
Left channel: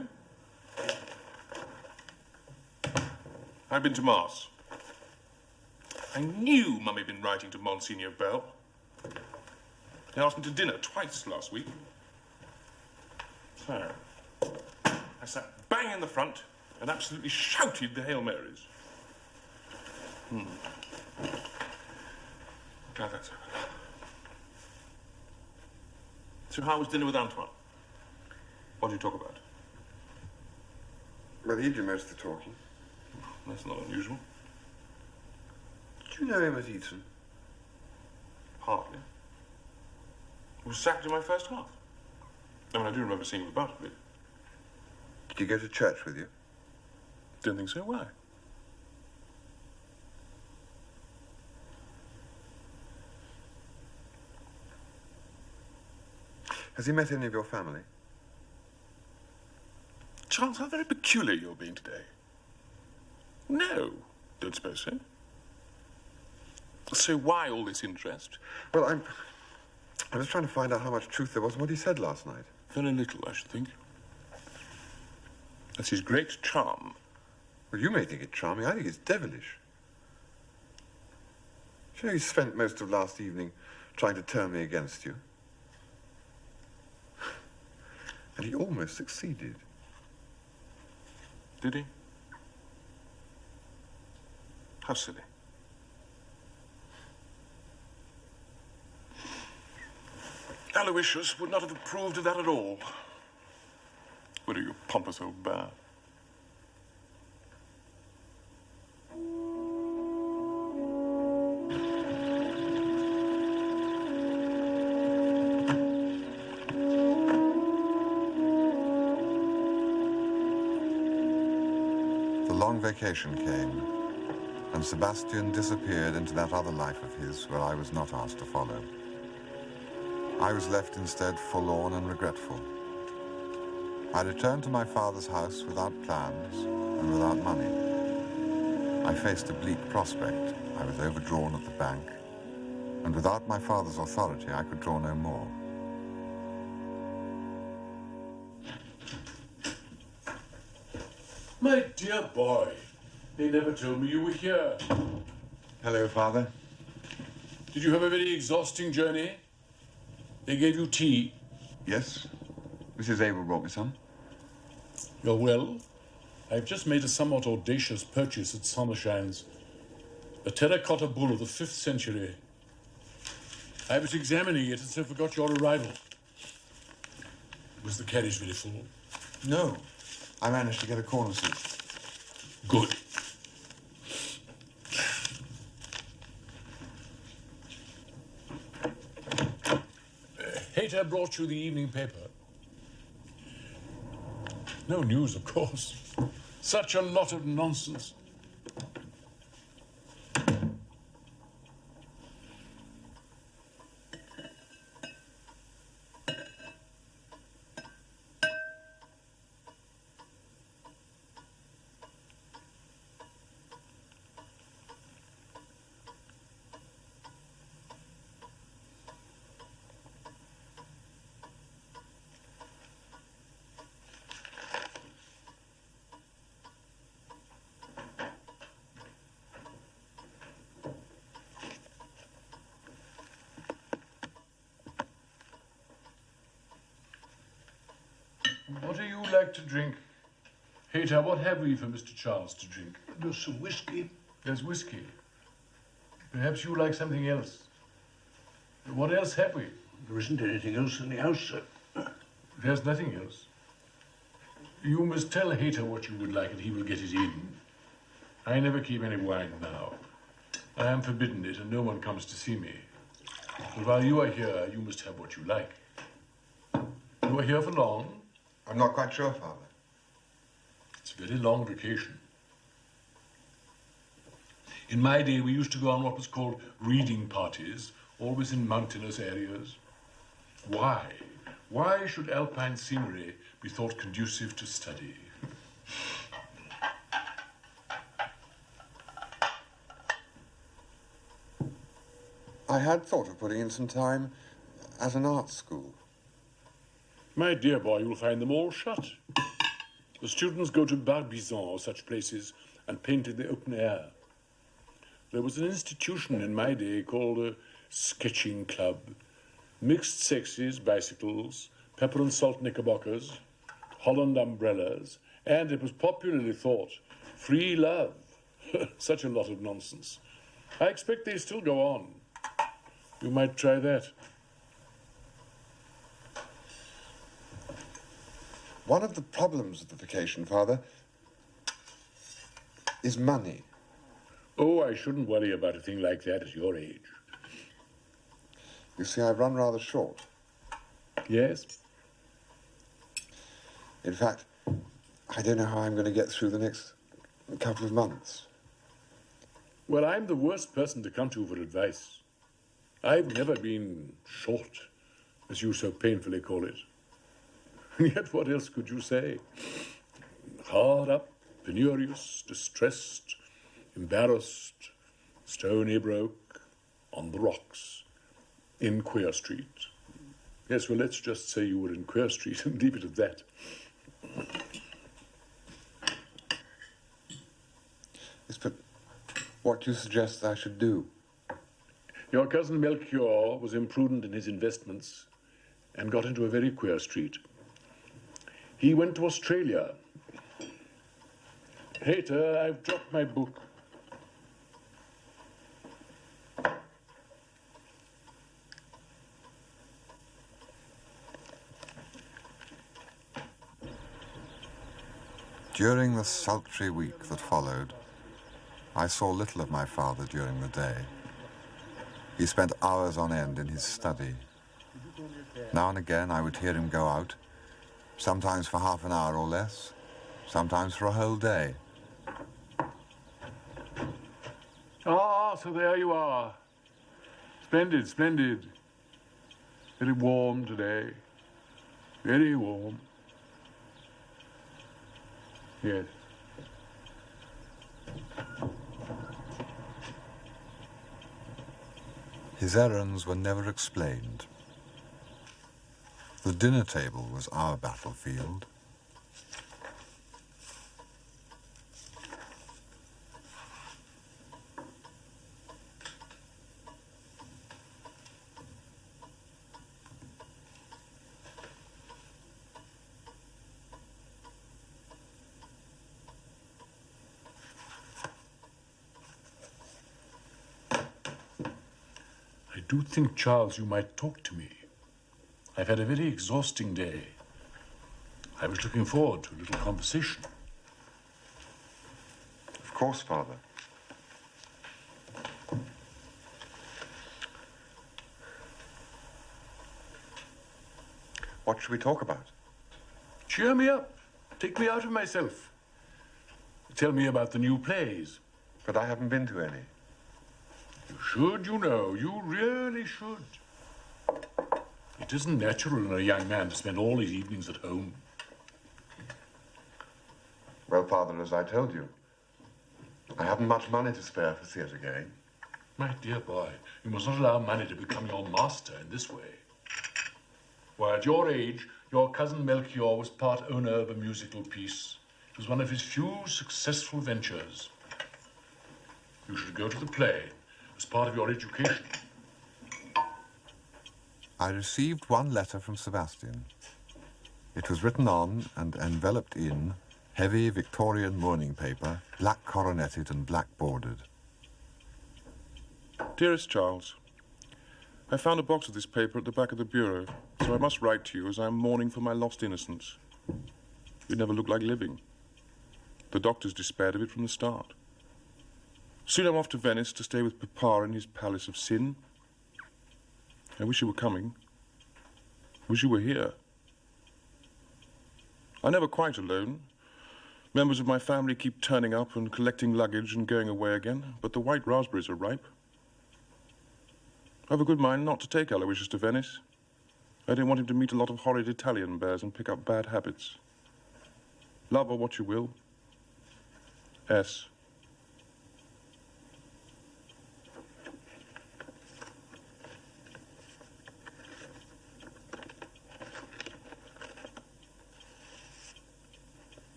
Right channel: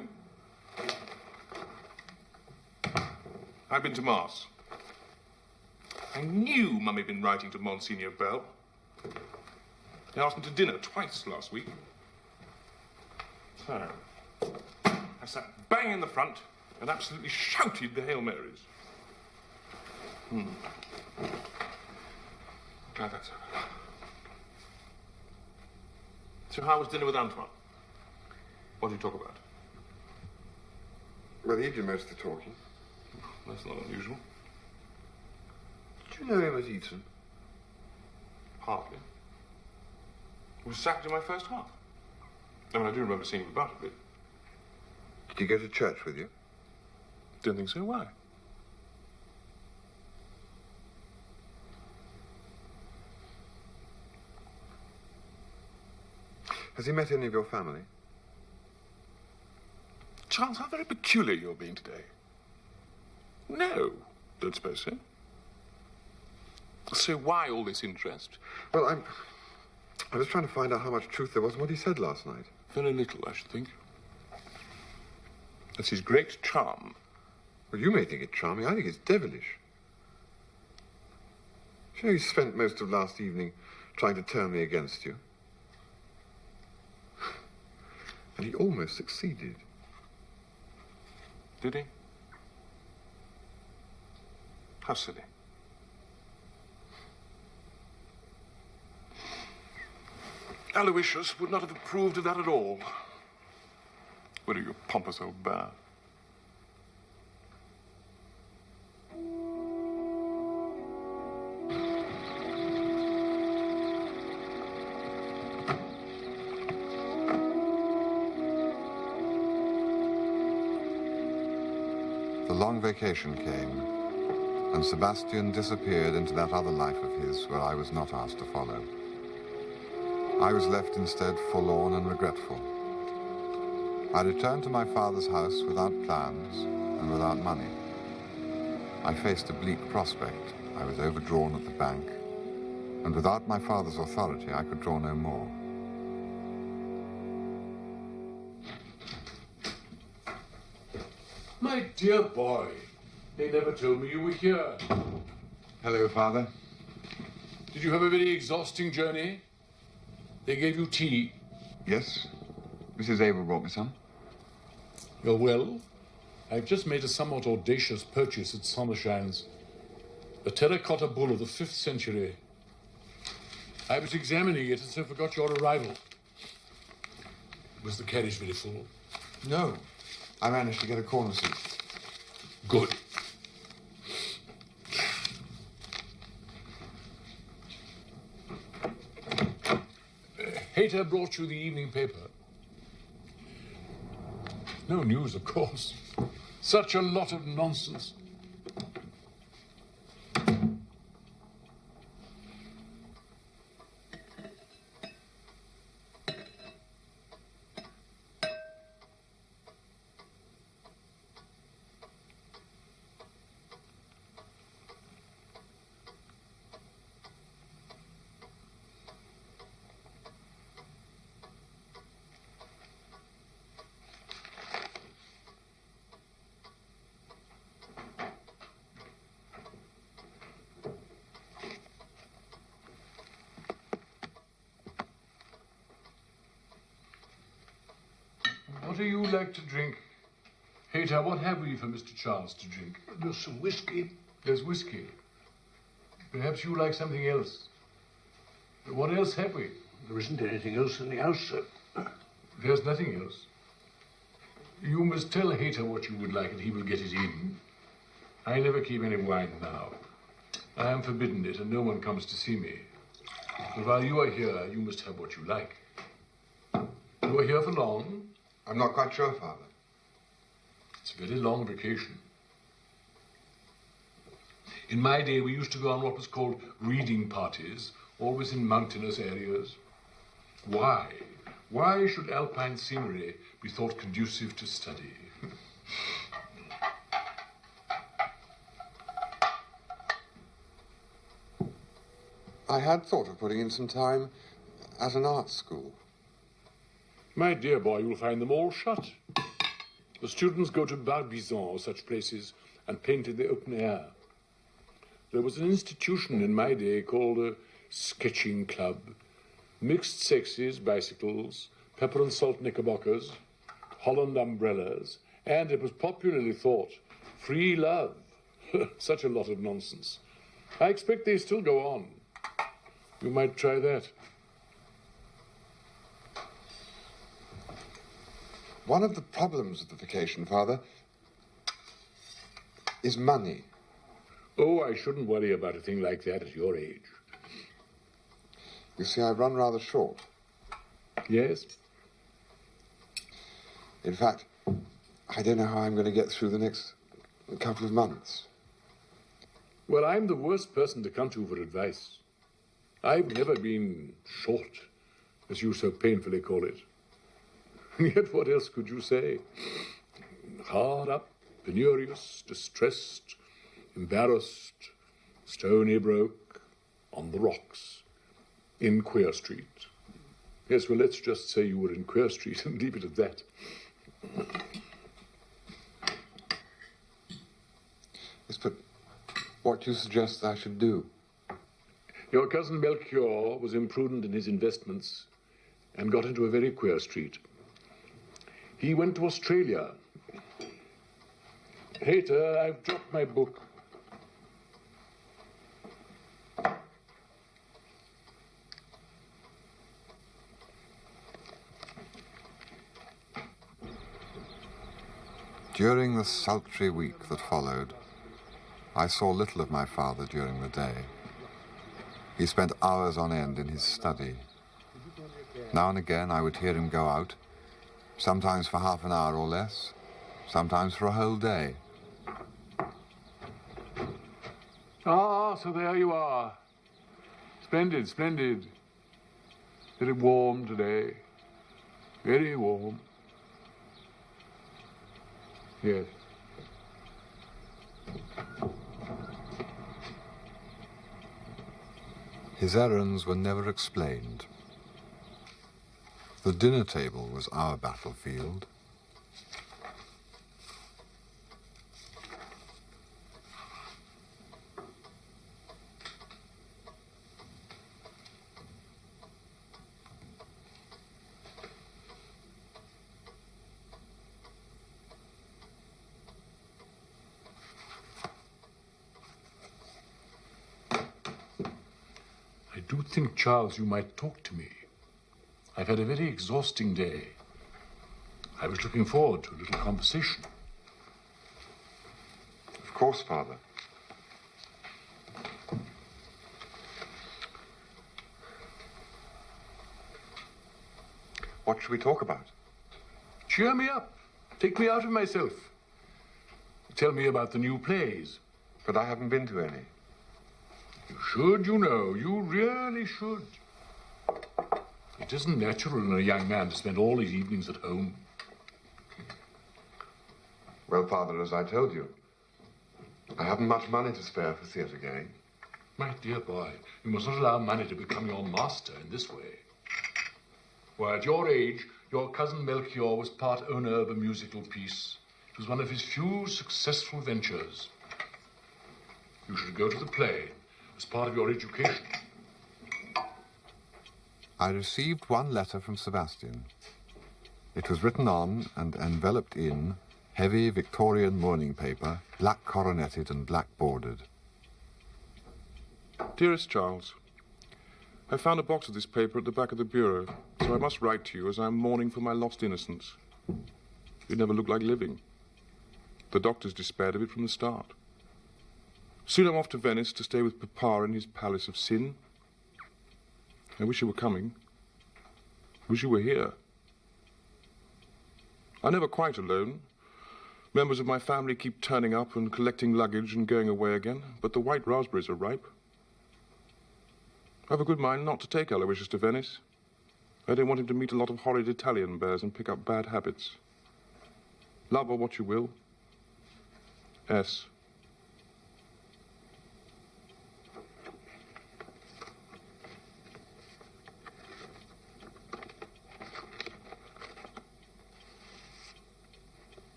I've been to Mass. I knew Mummy had been writing to Monsignor Bell. He asked me to dinner twice last week. So, I sat bang in the front and absolutely shouted the Hail Marys. Glad that's over. So how was dinner with Antoine? What did you talk about? Well, he did most of the talking. That's not unusual. Did you know him at Eton? Hardly. He was sacked in my first half. I mean, I do remember seeing him about a bit. Did he go to church with you? Don't think so. Why? Has he met any of your family? Charles, how very peculiar you're being today. No, don't suppose so. So why all this interest? Well, I was trying to find out how much truth there was in what he said last night. Very little, I should think. That's his great charm. Well, you may think it charming. I think it's devilish. Do you know he spent most of last evening trying to turn me against you? And he almost succeeded. Did he? How silly. Aloysius would not have approved of that at all. What are you, pompous old bear? The long vacation came, and Sebastian disappeared into that other life of his where I was not asked to follow. I was left instead forlorn and regretful. I returned to my father's house without plans and without money. I faced a bleak prospect. I was overdrawn at the bank, and without my father's authority, I could draw no more. My dear boy, they never told me you were here. Hello, Father. Did you have a very exhausting journey? They gave you tea. Yes. Mrs. Abel brought me some. You're well? I've just made a somewhat audacious purchase at Summershine's. A terracotta bull of the 5th century. I was examining it and so forgot your arrival. Was the carriage very full? No. I managed to get a corner seat. Good. Hayter brought you the evening paper. No news, of course. Such a lot of nonsense. What do you like to drink? Hayter, what have we for Mr. Charles to drink? There's some whiskey. There's whiskey. Perhaps you like something else. What else have we? There isn't anything else in the house, sir. There's nothing else. You must tell Hayter what you would like and he will get it in. I never keep any wine now. I am forbidden it and no one comes to see me. But while you are here, you must have what you like. You are here for long? I'm not quite sure, Father. It's a very long vacation. In my day, we used to go on what was called reading parties, always in mountainous areas. Why? Why should alpine scenery be thought conducive to study? I had thought of putting in some time at an art school. My dear boy, you'll find them all shut. The students go to Barbizon or such places and paint in the open air. There was an institution in my day called a sketching club. Mixed sexes, bicycles, pepper and salt knickerbockers, Holland umbrellas, and it was popularly thought, free love. Such a lot of nonsense. I expect they still go on. You might try that. One of the problems of the vacation, Father, is money. Oh, I shouldn't worry about a thing like that at your age. You see, I've run rather short. Yes? In fact, I don't know how I'm going to get through the next couple of months. Well, I'm the worst person to come to for advice. I've never been short, as you so painfully call it. And yet, what else could you say? Hard up, penurious, distressed, embarrassed, stony broke, on the rocks, in Queer Street. Yes, well, let's just say you were in Queer Street and leave it at that. Yes, but what do you suggest I should do? Your cousin Melchior was imprudent in his investments and got into a very queer street. He went to Australia. Hater, I've dropped my book. During the sultry week that followed, I saw little of my father during the day. He spent hours on end in his study. Now and again I would hear him go out, sometimes for half an hour or less, sometimes for a whole day. Ah, so there you are. Splendid, splendid. Very warm today. Very warm. Yes. His errands were never explained. The dinner table was our battlefield. I do think, Charles, you might talk to me. I've had a very exhausting day. I was looking forward to a little conversation. Of course, Father. What should we talk about? Cheer me up. Take me out of myself. Tell me about the new plays. But I haven't been to any. You should, you know. You really should. It isn't natural in a young man to spend all his evenings at home. Well, Father, as I told you, I haven't much money to spare for theatre going. My dear boy, you must not allow money to become your master in this way. Why, at your age, your cousin Melchior was part owner of a musical piece. It was one of his few successful ventures. You should go to the play as part of your education. I received one letter from Sebastian. It was written on and enveloped in heavy Victorian mourning paper, black coroneted and black bordered. Dearest Charles, I found a box of this paper at the back of the bureau, so I must write to you as I am mourning for my lost innocence. You never looked like living. The doctors despaired of it from the start. Soon I'm off to Venice to stay with Papa in his palace of sin. I wish you were coming. Wish you were here. I'm never quite alone. Members of my family keep turning up and collecting luggage and going away again, but the white raspberries are ripe. I have a good mind not to take Aloysius to Venice. I don't want him to meet a lot of horrid Italian bears and pick up bad habits. Love her what you will. S.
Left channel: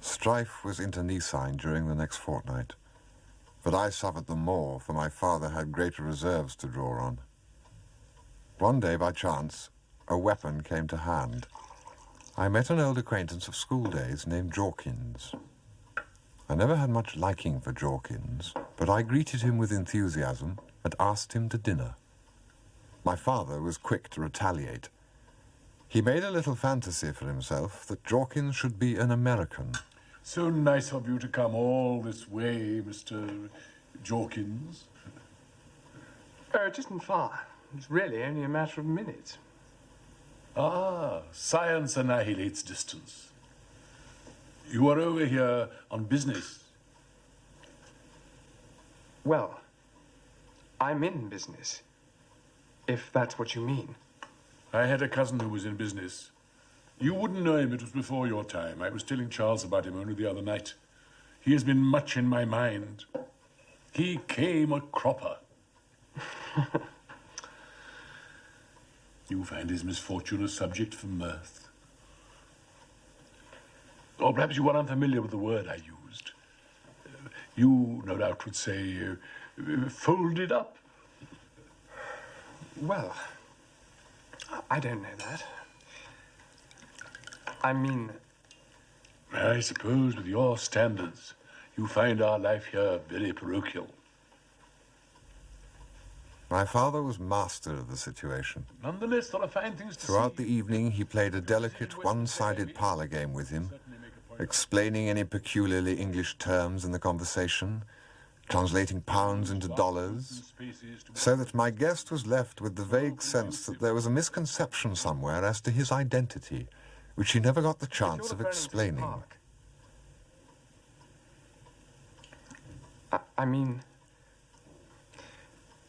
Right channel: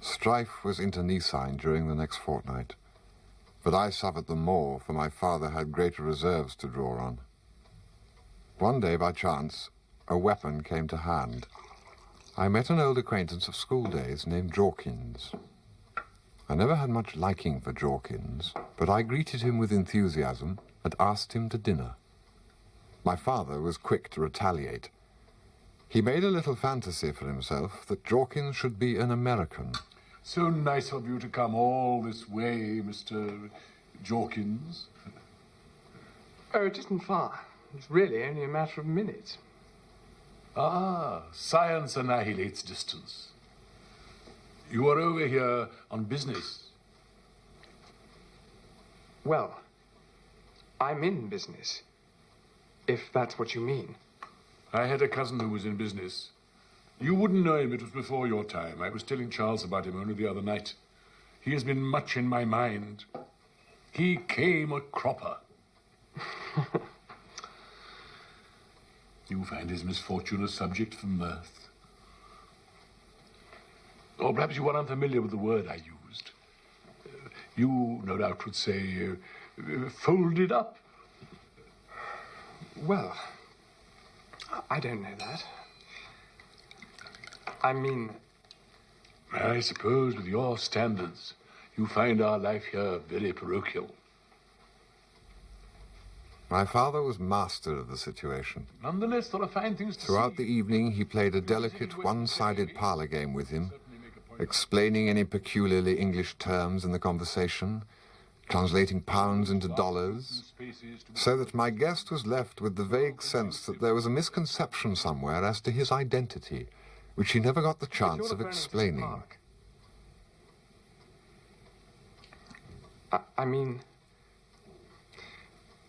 Strife was internecine during the next fortnight, but I suffered the more, for my father had greater reserves to draw on. One day, by chance, a weapon came to hand. I met an old acquaintance of school days named Jorkins. I never had much liking for Jorkins, but I greeted him with enthusiasm and asked him to dinner. My father was quick to retaliate. He made a little fantasy for himself that Jorkins should be an American. So nice of you to come all this way, Mr. Jorkins. Oh, it isn't far. It's really only a matter of minutes. Ah, science annihilates distance. You are over here on business. Well, I'm in business, if that's what you mean. I had a cousin who was in business. You wouldn't know him, it was before your time. I was telling Charles about him only the other night. He has been much in my mind. He came a cropper. You find his misfortune a subject for mirth. Or perhaps you are unfamiliar with the word I used. You, no doubt, would say, folded up. Well, I don't know that. I mean... I suppose with your standards, you find our life here very parochial. My father was master of the situation. Nonetheless, there are fine things to Throughout the evening, he played a delicate, one-sided parlor game with him, explaining any peculiarly English terms in the conversation, translating pounds into dollars, so that my guest was left with the vague sense that there was a misconception somewhere as to his identity, which he never got the chance of explaining. I mean,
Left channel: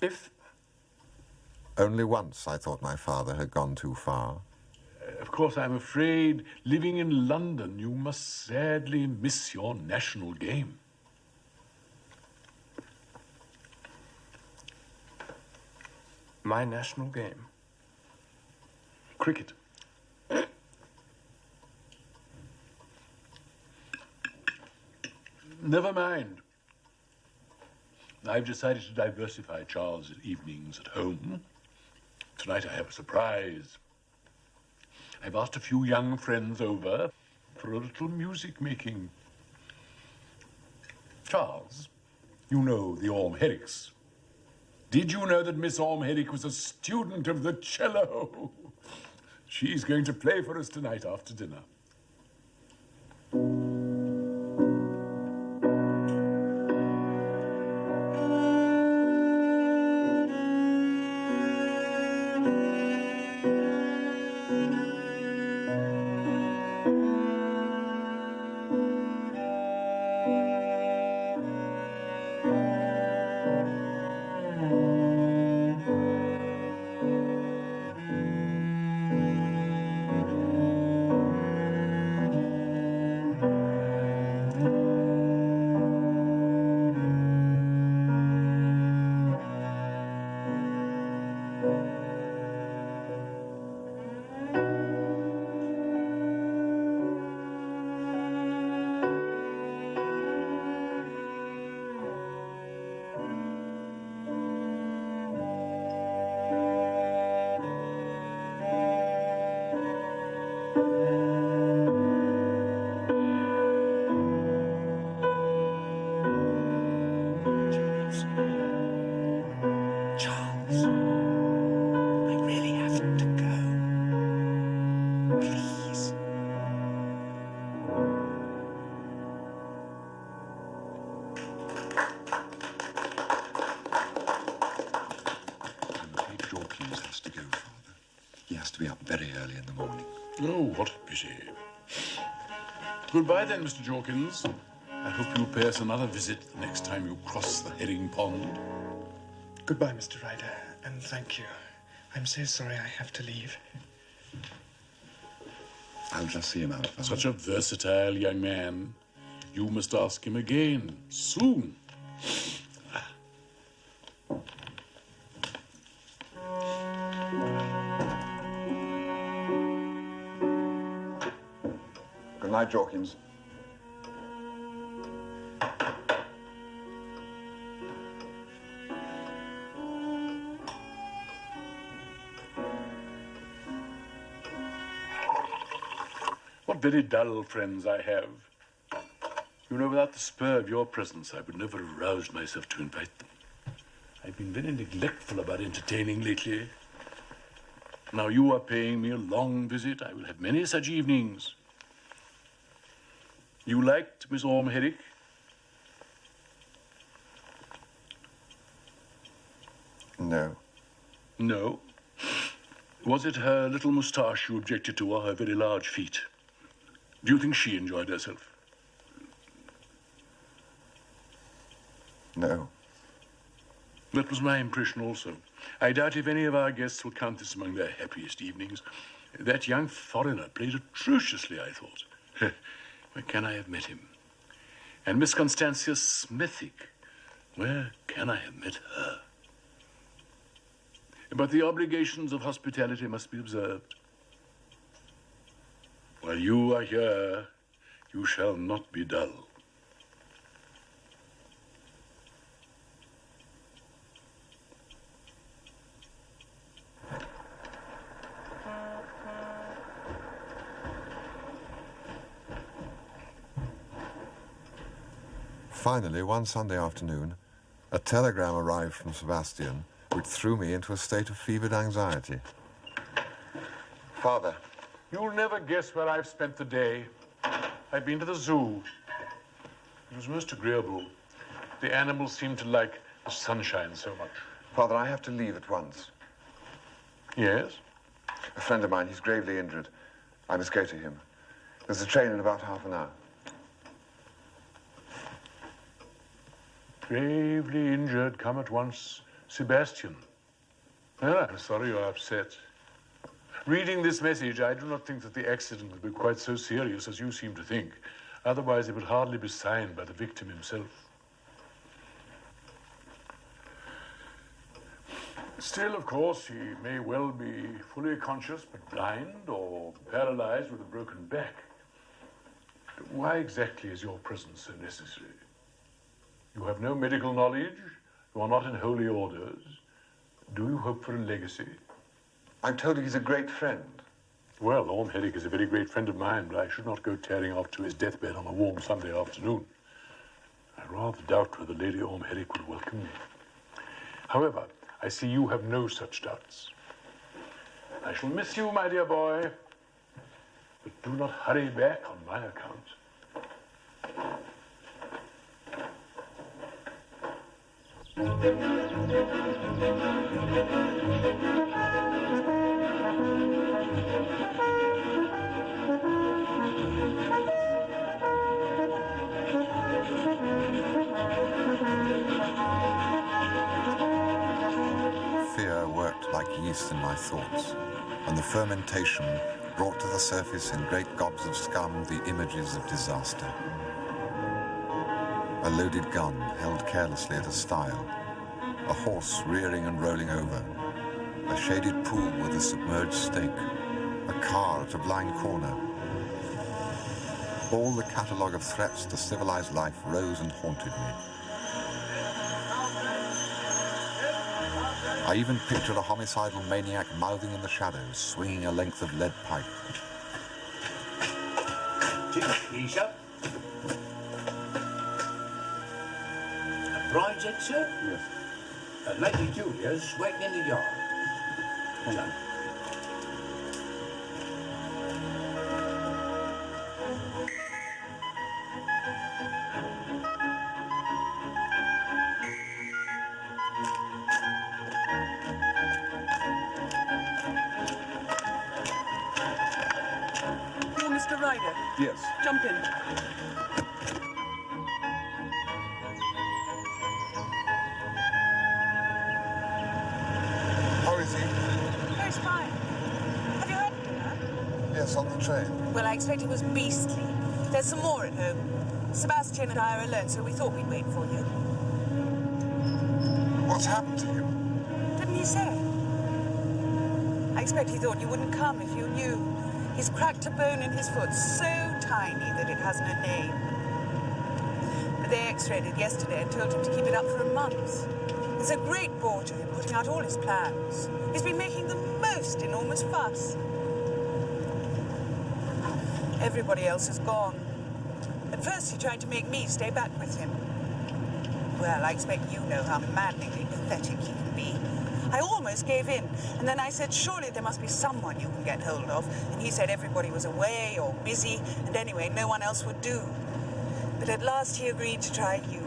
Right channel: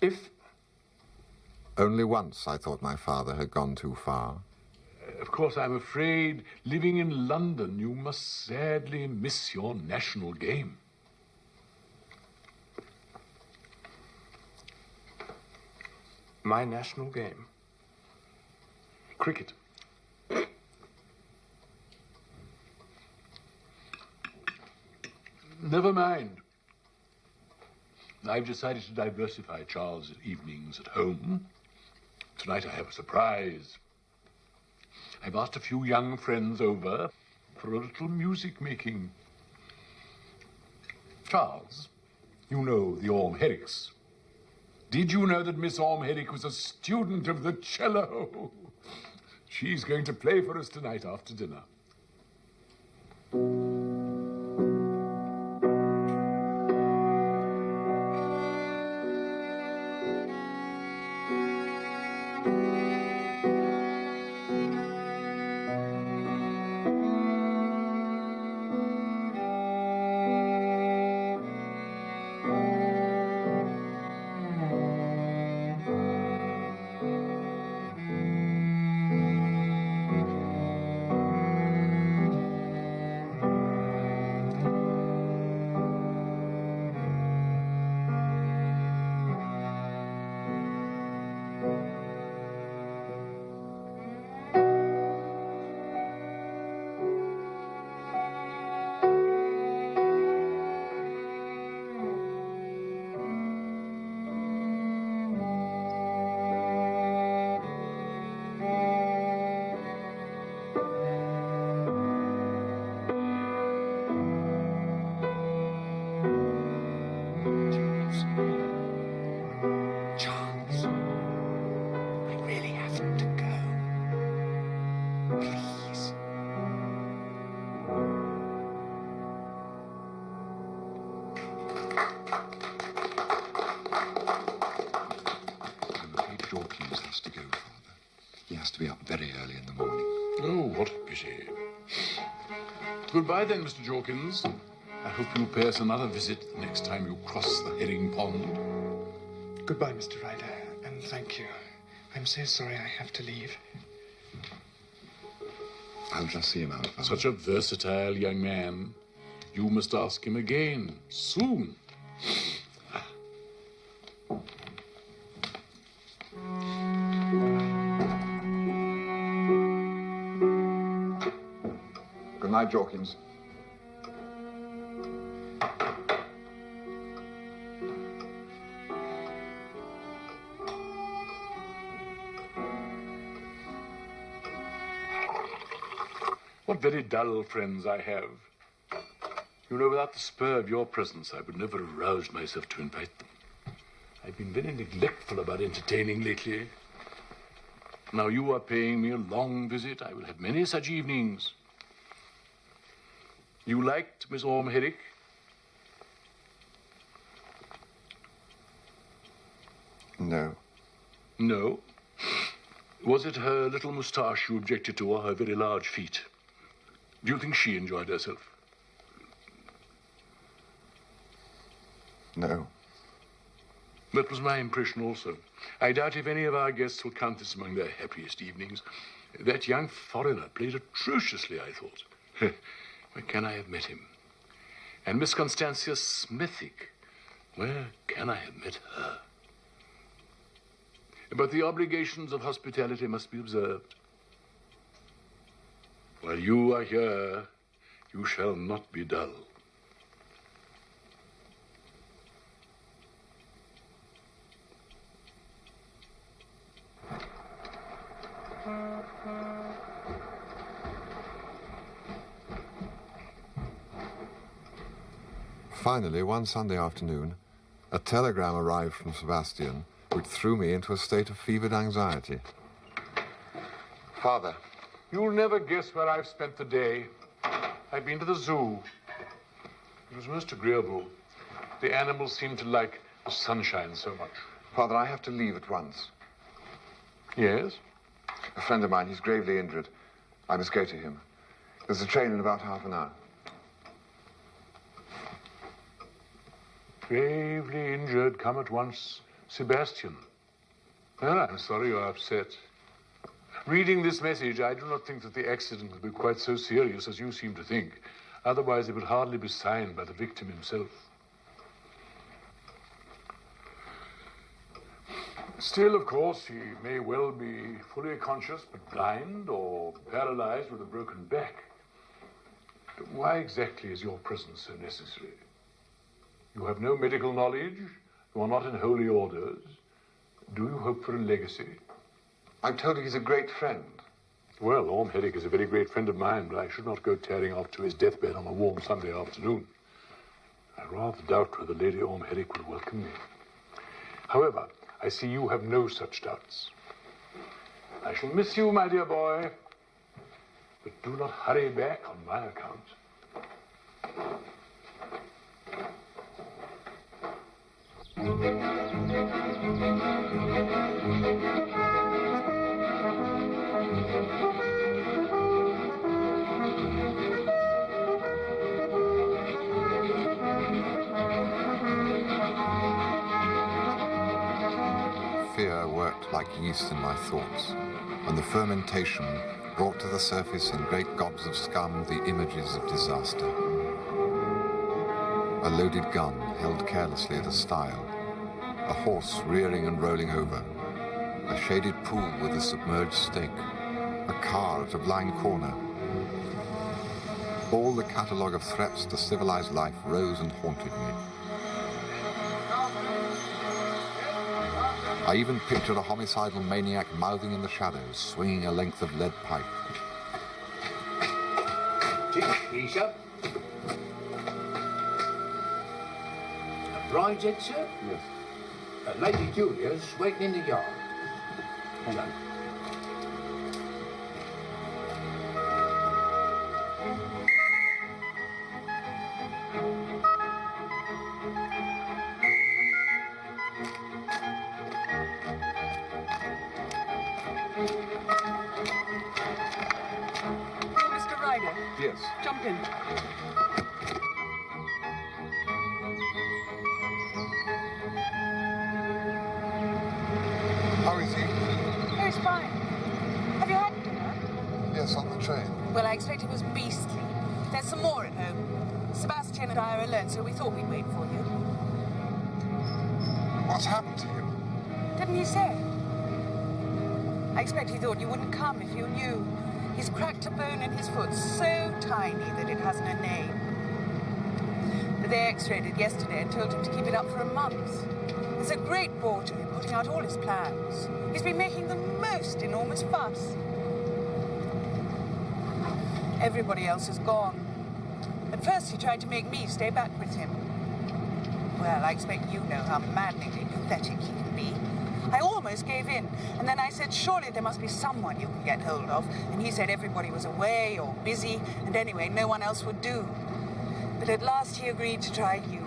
if... Only once I thought my father had gone too far. Of course, I'm afraid, living in London, you must sadly miss your national game. My national game? Cricket. Never mind. I've decided to diversify Charles' evenings at home. Tonight I have a surprise. I've asked a few young friends over for a little music making. Charles, you know the Orme Herricks. Did you know that Miss Orme Herrick was a student of the cello? She's going to play for us tonight after dinner. He has to be up very early in the morning. Oh, what a pity. Goodbye then, Mr. Jorkins. I hope you'll pay us another visit the next time you cross the herring pond. Goodbye, Mr. Ryder, and thank you. I'm so sorry I have to leave. I'll just see him out, Father. Such a versatile young man. You must ask him again, soon. Good night, Jorkins. What very dull friends I have. You know, without the spur of your presence, I would never have roused myself to invite them. I've been very neglectful about entertaining lately. Now you are paying me a long visit. I will have many such evenings. You liked Miss Orme Herrick? No. No? Was it her little moustache you objected to, or her very large feet? Do you think she enjoyed herself? No. That was my impression also. I doubt if any of our guests will count this among their happiest evenings. That young foreigner played atrociously, I thought. Where can I have met him? And Miss Constantia Smithick, where can I have met her? But the obligations of hospitality must be observed. While you are here, you shall not be dull. Finally, one Sunday afternoon, a telegram arrived from Sebastian, which threw me into a state of fevered anxiety. Father. You'll never guess where I've spent the day. I've been to the zoo. It was most agreeable. The animals seemed to like the sunshine so much. Father, I have to leave at once. Yes? A friend of mine, he's gravely injured. I must go to him. There's a train in about half an hour. Gravely injured, come at once. Sebastian. Well, I'm sorry you're upset. Reading this message, I do not think that the accident will be quite so serious as you seem to think. Otherwise, it would hardly be signed by the victim himself. Still, of course, he may well be fully conscious but blind or paralyzed with a broken back. Why exactly is your presence so necessary? You have no medical knowledge. You are not in holy orders. Do you hope for a legacy? I'm told he's a great friend. Well, Orme Herrick is a very great friend of mine, but I should not go tearing off to his deathbed on a warm Sunday afternoon. I rather doubt whether Lady Orme Herrick would welcome me. However, I see you have no such doubts. I shall miss you, my dear boy, but do not hurry back on my account. Fear worked like yeast in my thoughts, and the fermentation brought to the surface in great gobs of scum the images of disaster. A loaded gun held carelessly at a stile, a horse rearing and rolling over, a shaded pool with a submerged stake, a car at a blind corner. All the catalogue of threats to civilized life rose and haunted me. I even pictured a homicidal maniac mouthing in the shadows, swinging a length of lead pipe. Keisha? A bride's head, sir? Yes. Lady Julia's waiting in the yard. Hello. Yes. Jump in. How is he? Oh, he's fine. Have you had dinner? Yes, on the train. Well, I expect it was beastly. There's some more at home. Sebastian and I are alone, so we thought we'd wait for you. What's happened to him? Didn't he say? I expect he thought you wouldn't come if you knew. He's cracked a bone in his foot so tiny that it hasn't a name. But they x-rayed it yesterday and told him to keep it up for a month. There's a great bore to him, putting out all his plans. He's been making the most enormous fuss. Everybody else has gone. At first he tried to make me stay back with him. Well, I expect you know how maddeningly pathetic he can be. I almost gave in, and then I said, surely there must be someone you can get hold of. And he said everybody was away or busy, and anyway, no one else would do. But at last he agreed to try you,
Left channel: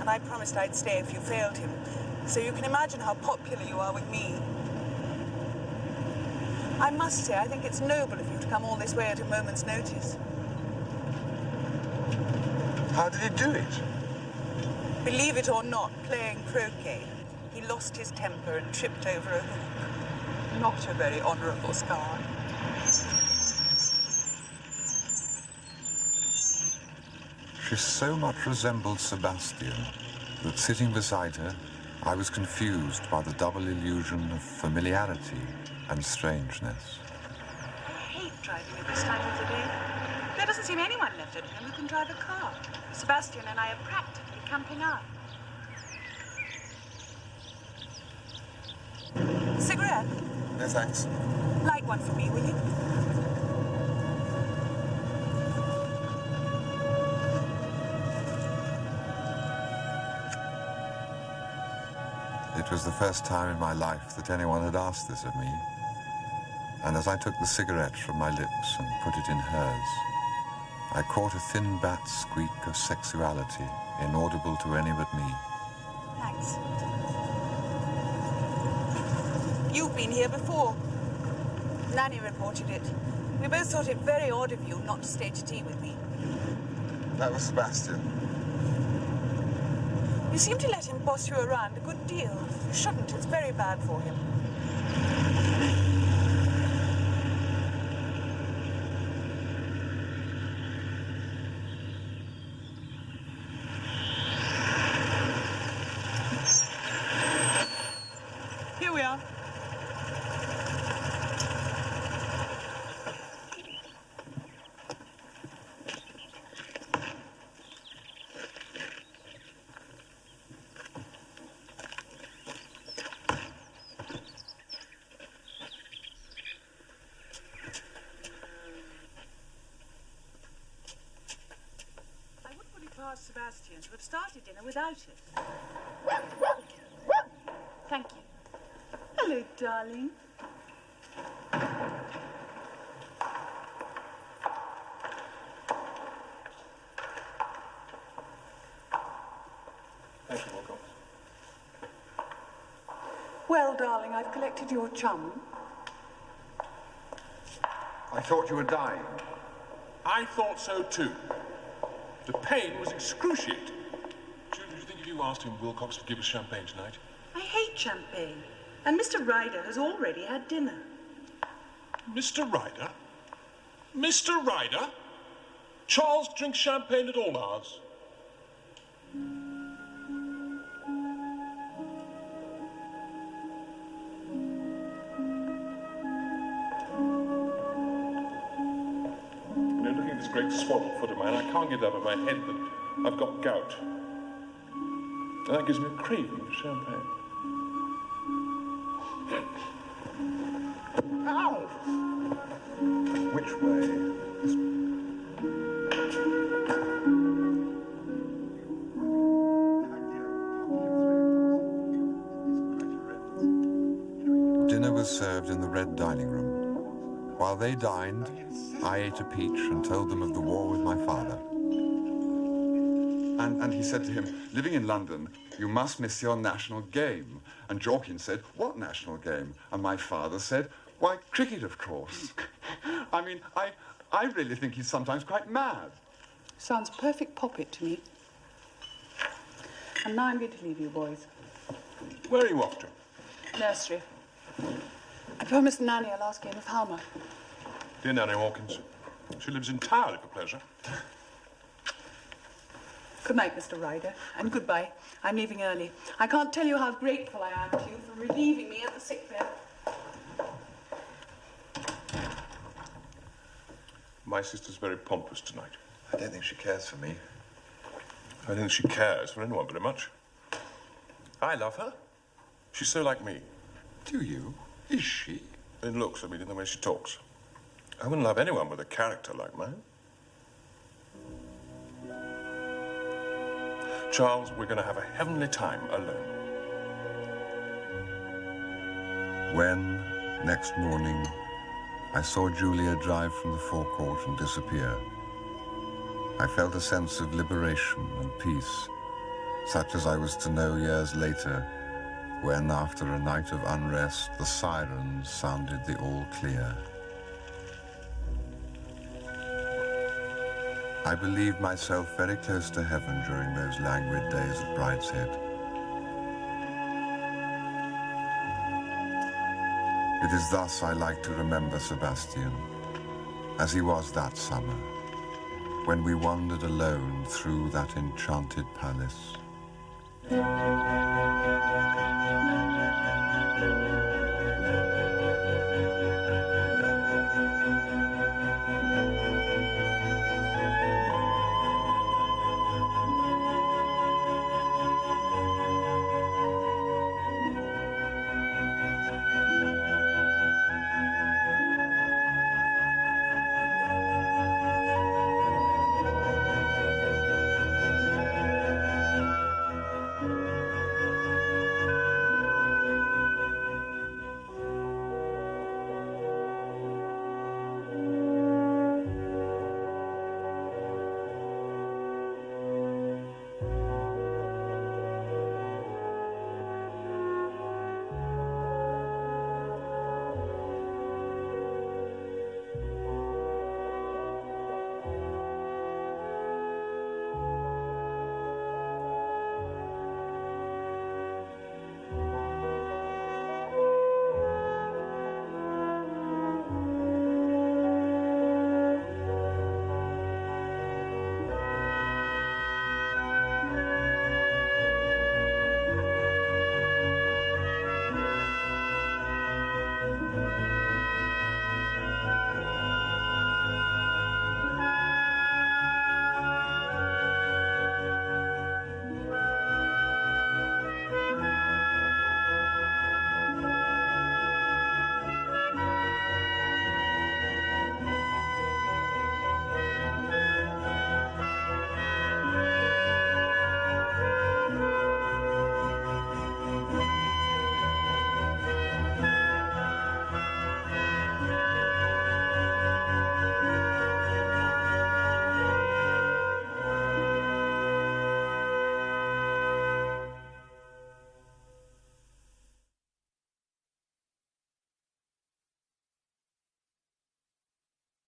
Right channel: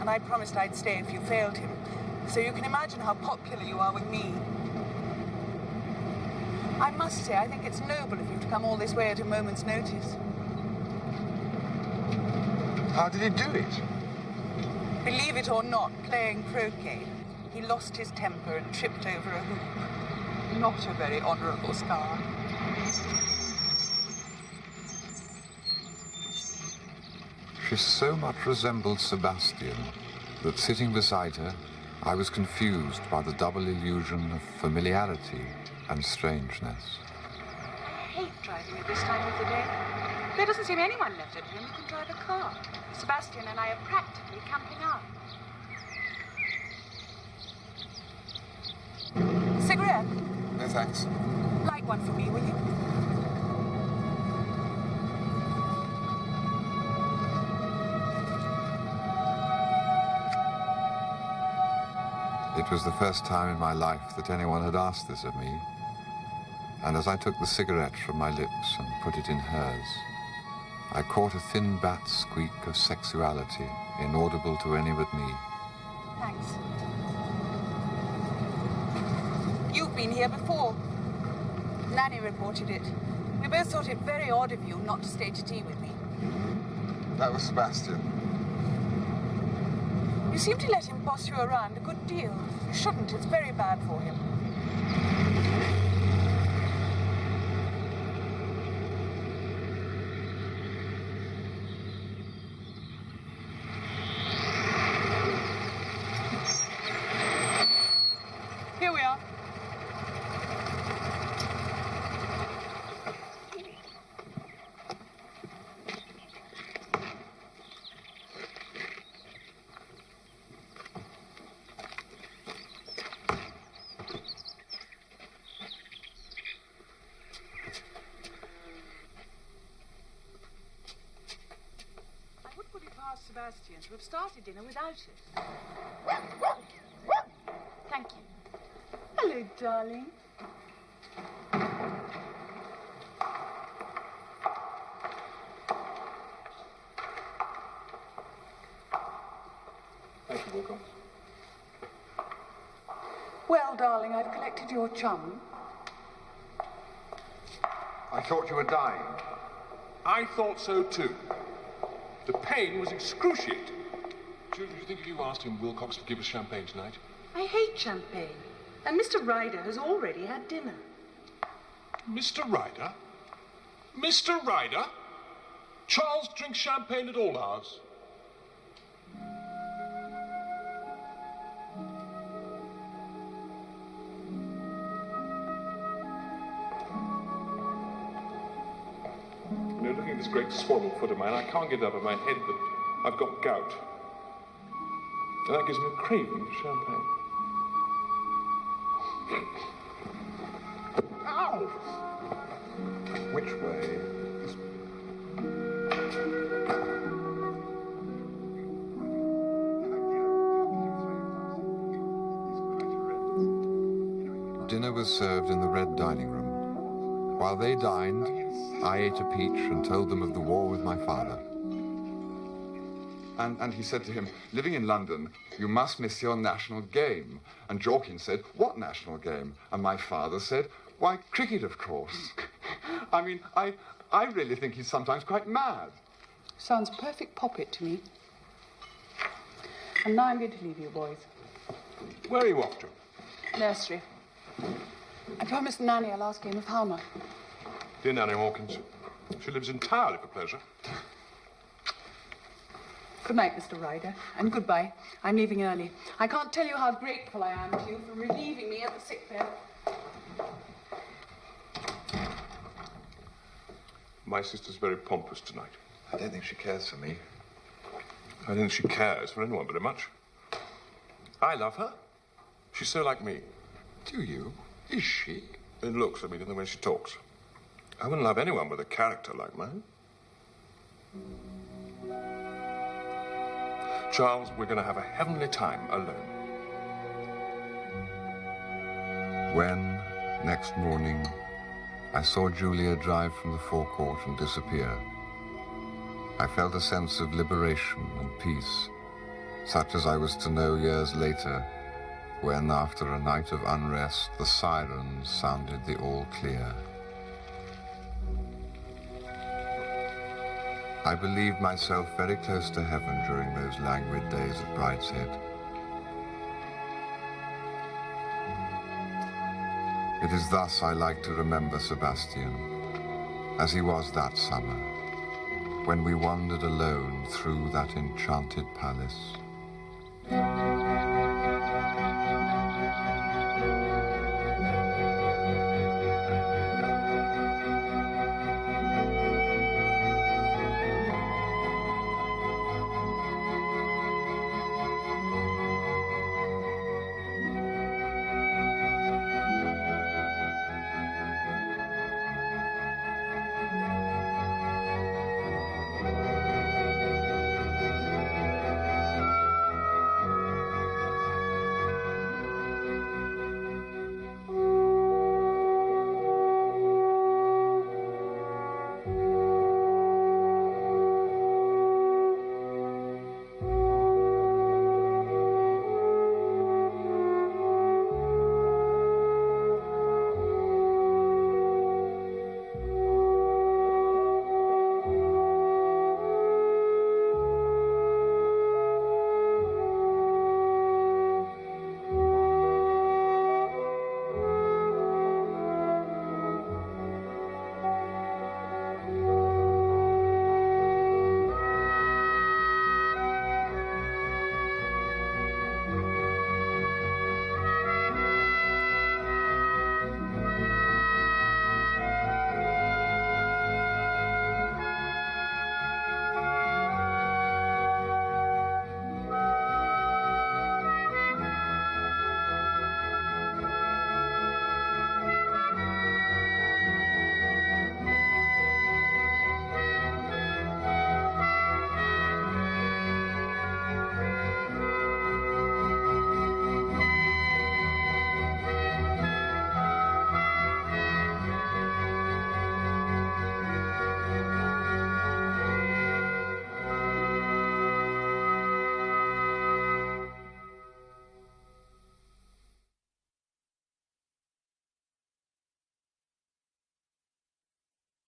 and I promised I'd stay if you failed him. So you can imagine how popular you are with me. I must say, I think it's noble of you to come all this way at a moment's notice. How did he do it? Believe it or not, playing croquet. He lost his temper and tripped over a hoop. Not a very honourable scar. She so much resembled Sebastian that sitting beside her, I was confused by the double illusion of familiarity and strangeness. I hate driving at this time of the day. There doesn't seem anyone left at home who can drive a car. Sebastian and I are practically camping out. Cigarette? No, thanks. Light one for me, will you? It was the first time in my life that anyone had asked this of me. And as I took the cigarette from my lips and put it in hers, I caught a thin bat squeak of sexuality, inaudible to any but me. Thanks. You've been here before. Nanny reported it. We both thought it very odd of you not to stay to tea with me. That was Sebastian. You seem to let him boss you around a good deal. You shouldn't. It's very bad for him. Here we are. Sebastian to have started dinner without it. Thank you. Hello, darling. Thank you, Wilcox. Well, darling, I've collected your chum. I thought you were dying. I thought so too. The pain was excruciating. Julie, do you think if you asked him, Wilcox would give us champagne tonight? I hate champagne. And Mr. Ryder has already had dinner. Mr. Ryder? Mr. Ryder? Charles drinks champagne at all hours. You know, looking at this great swaddled foot of mine, I can't get it out of my head that I've got gout. And that gives me a craving for champagne. Ow! Which way? Dinner was served in the red dining room. While they dined, I ate a peach and told them of the war with my father. And he said to him, living in London, you must miss your national game. And Jorkin said, what national game? And my father said, why, cricket, of course. I mean, I I really think he's sometimes quite mad. Sounds a perfect poppet to me. And now I'm going to leave you, boys. Where are you off to? Nursery. I promised the nanny a last game of Halma. Dear Nanny Hawkins, she lives entirely for pleasure. Good night, Mr. Ryder, and goodbye. I'm leaving early. I can't tell you how grateful I am to you for relieving me at the sick bed. My sister's very pompous tonight. I don't think she cares for me. I don't think she cares for anyone very much. I love her. She's so like me. Do you? Is she? In looks, I mean, in the way she talks. I wouldn't love anyone with a character like mine. Charles, we're going to have a heavenly time alone. When, next morning, I saw Julia drive from the forecourt and disappear, I felt a sense of liberation and peace, such as I was to know years later, when, after a night of unrest, the sirens sounded the all clear. I believed myself very close to heaven during those languid days at Brideshead. It is thus I like to remember Sebastian, as he was that summer, when we wandered alone through that enchanted palace.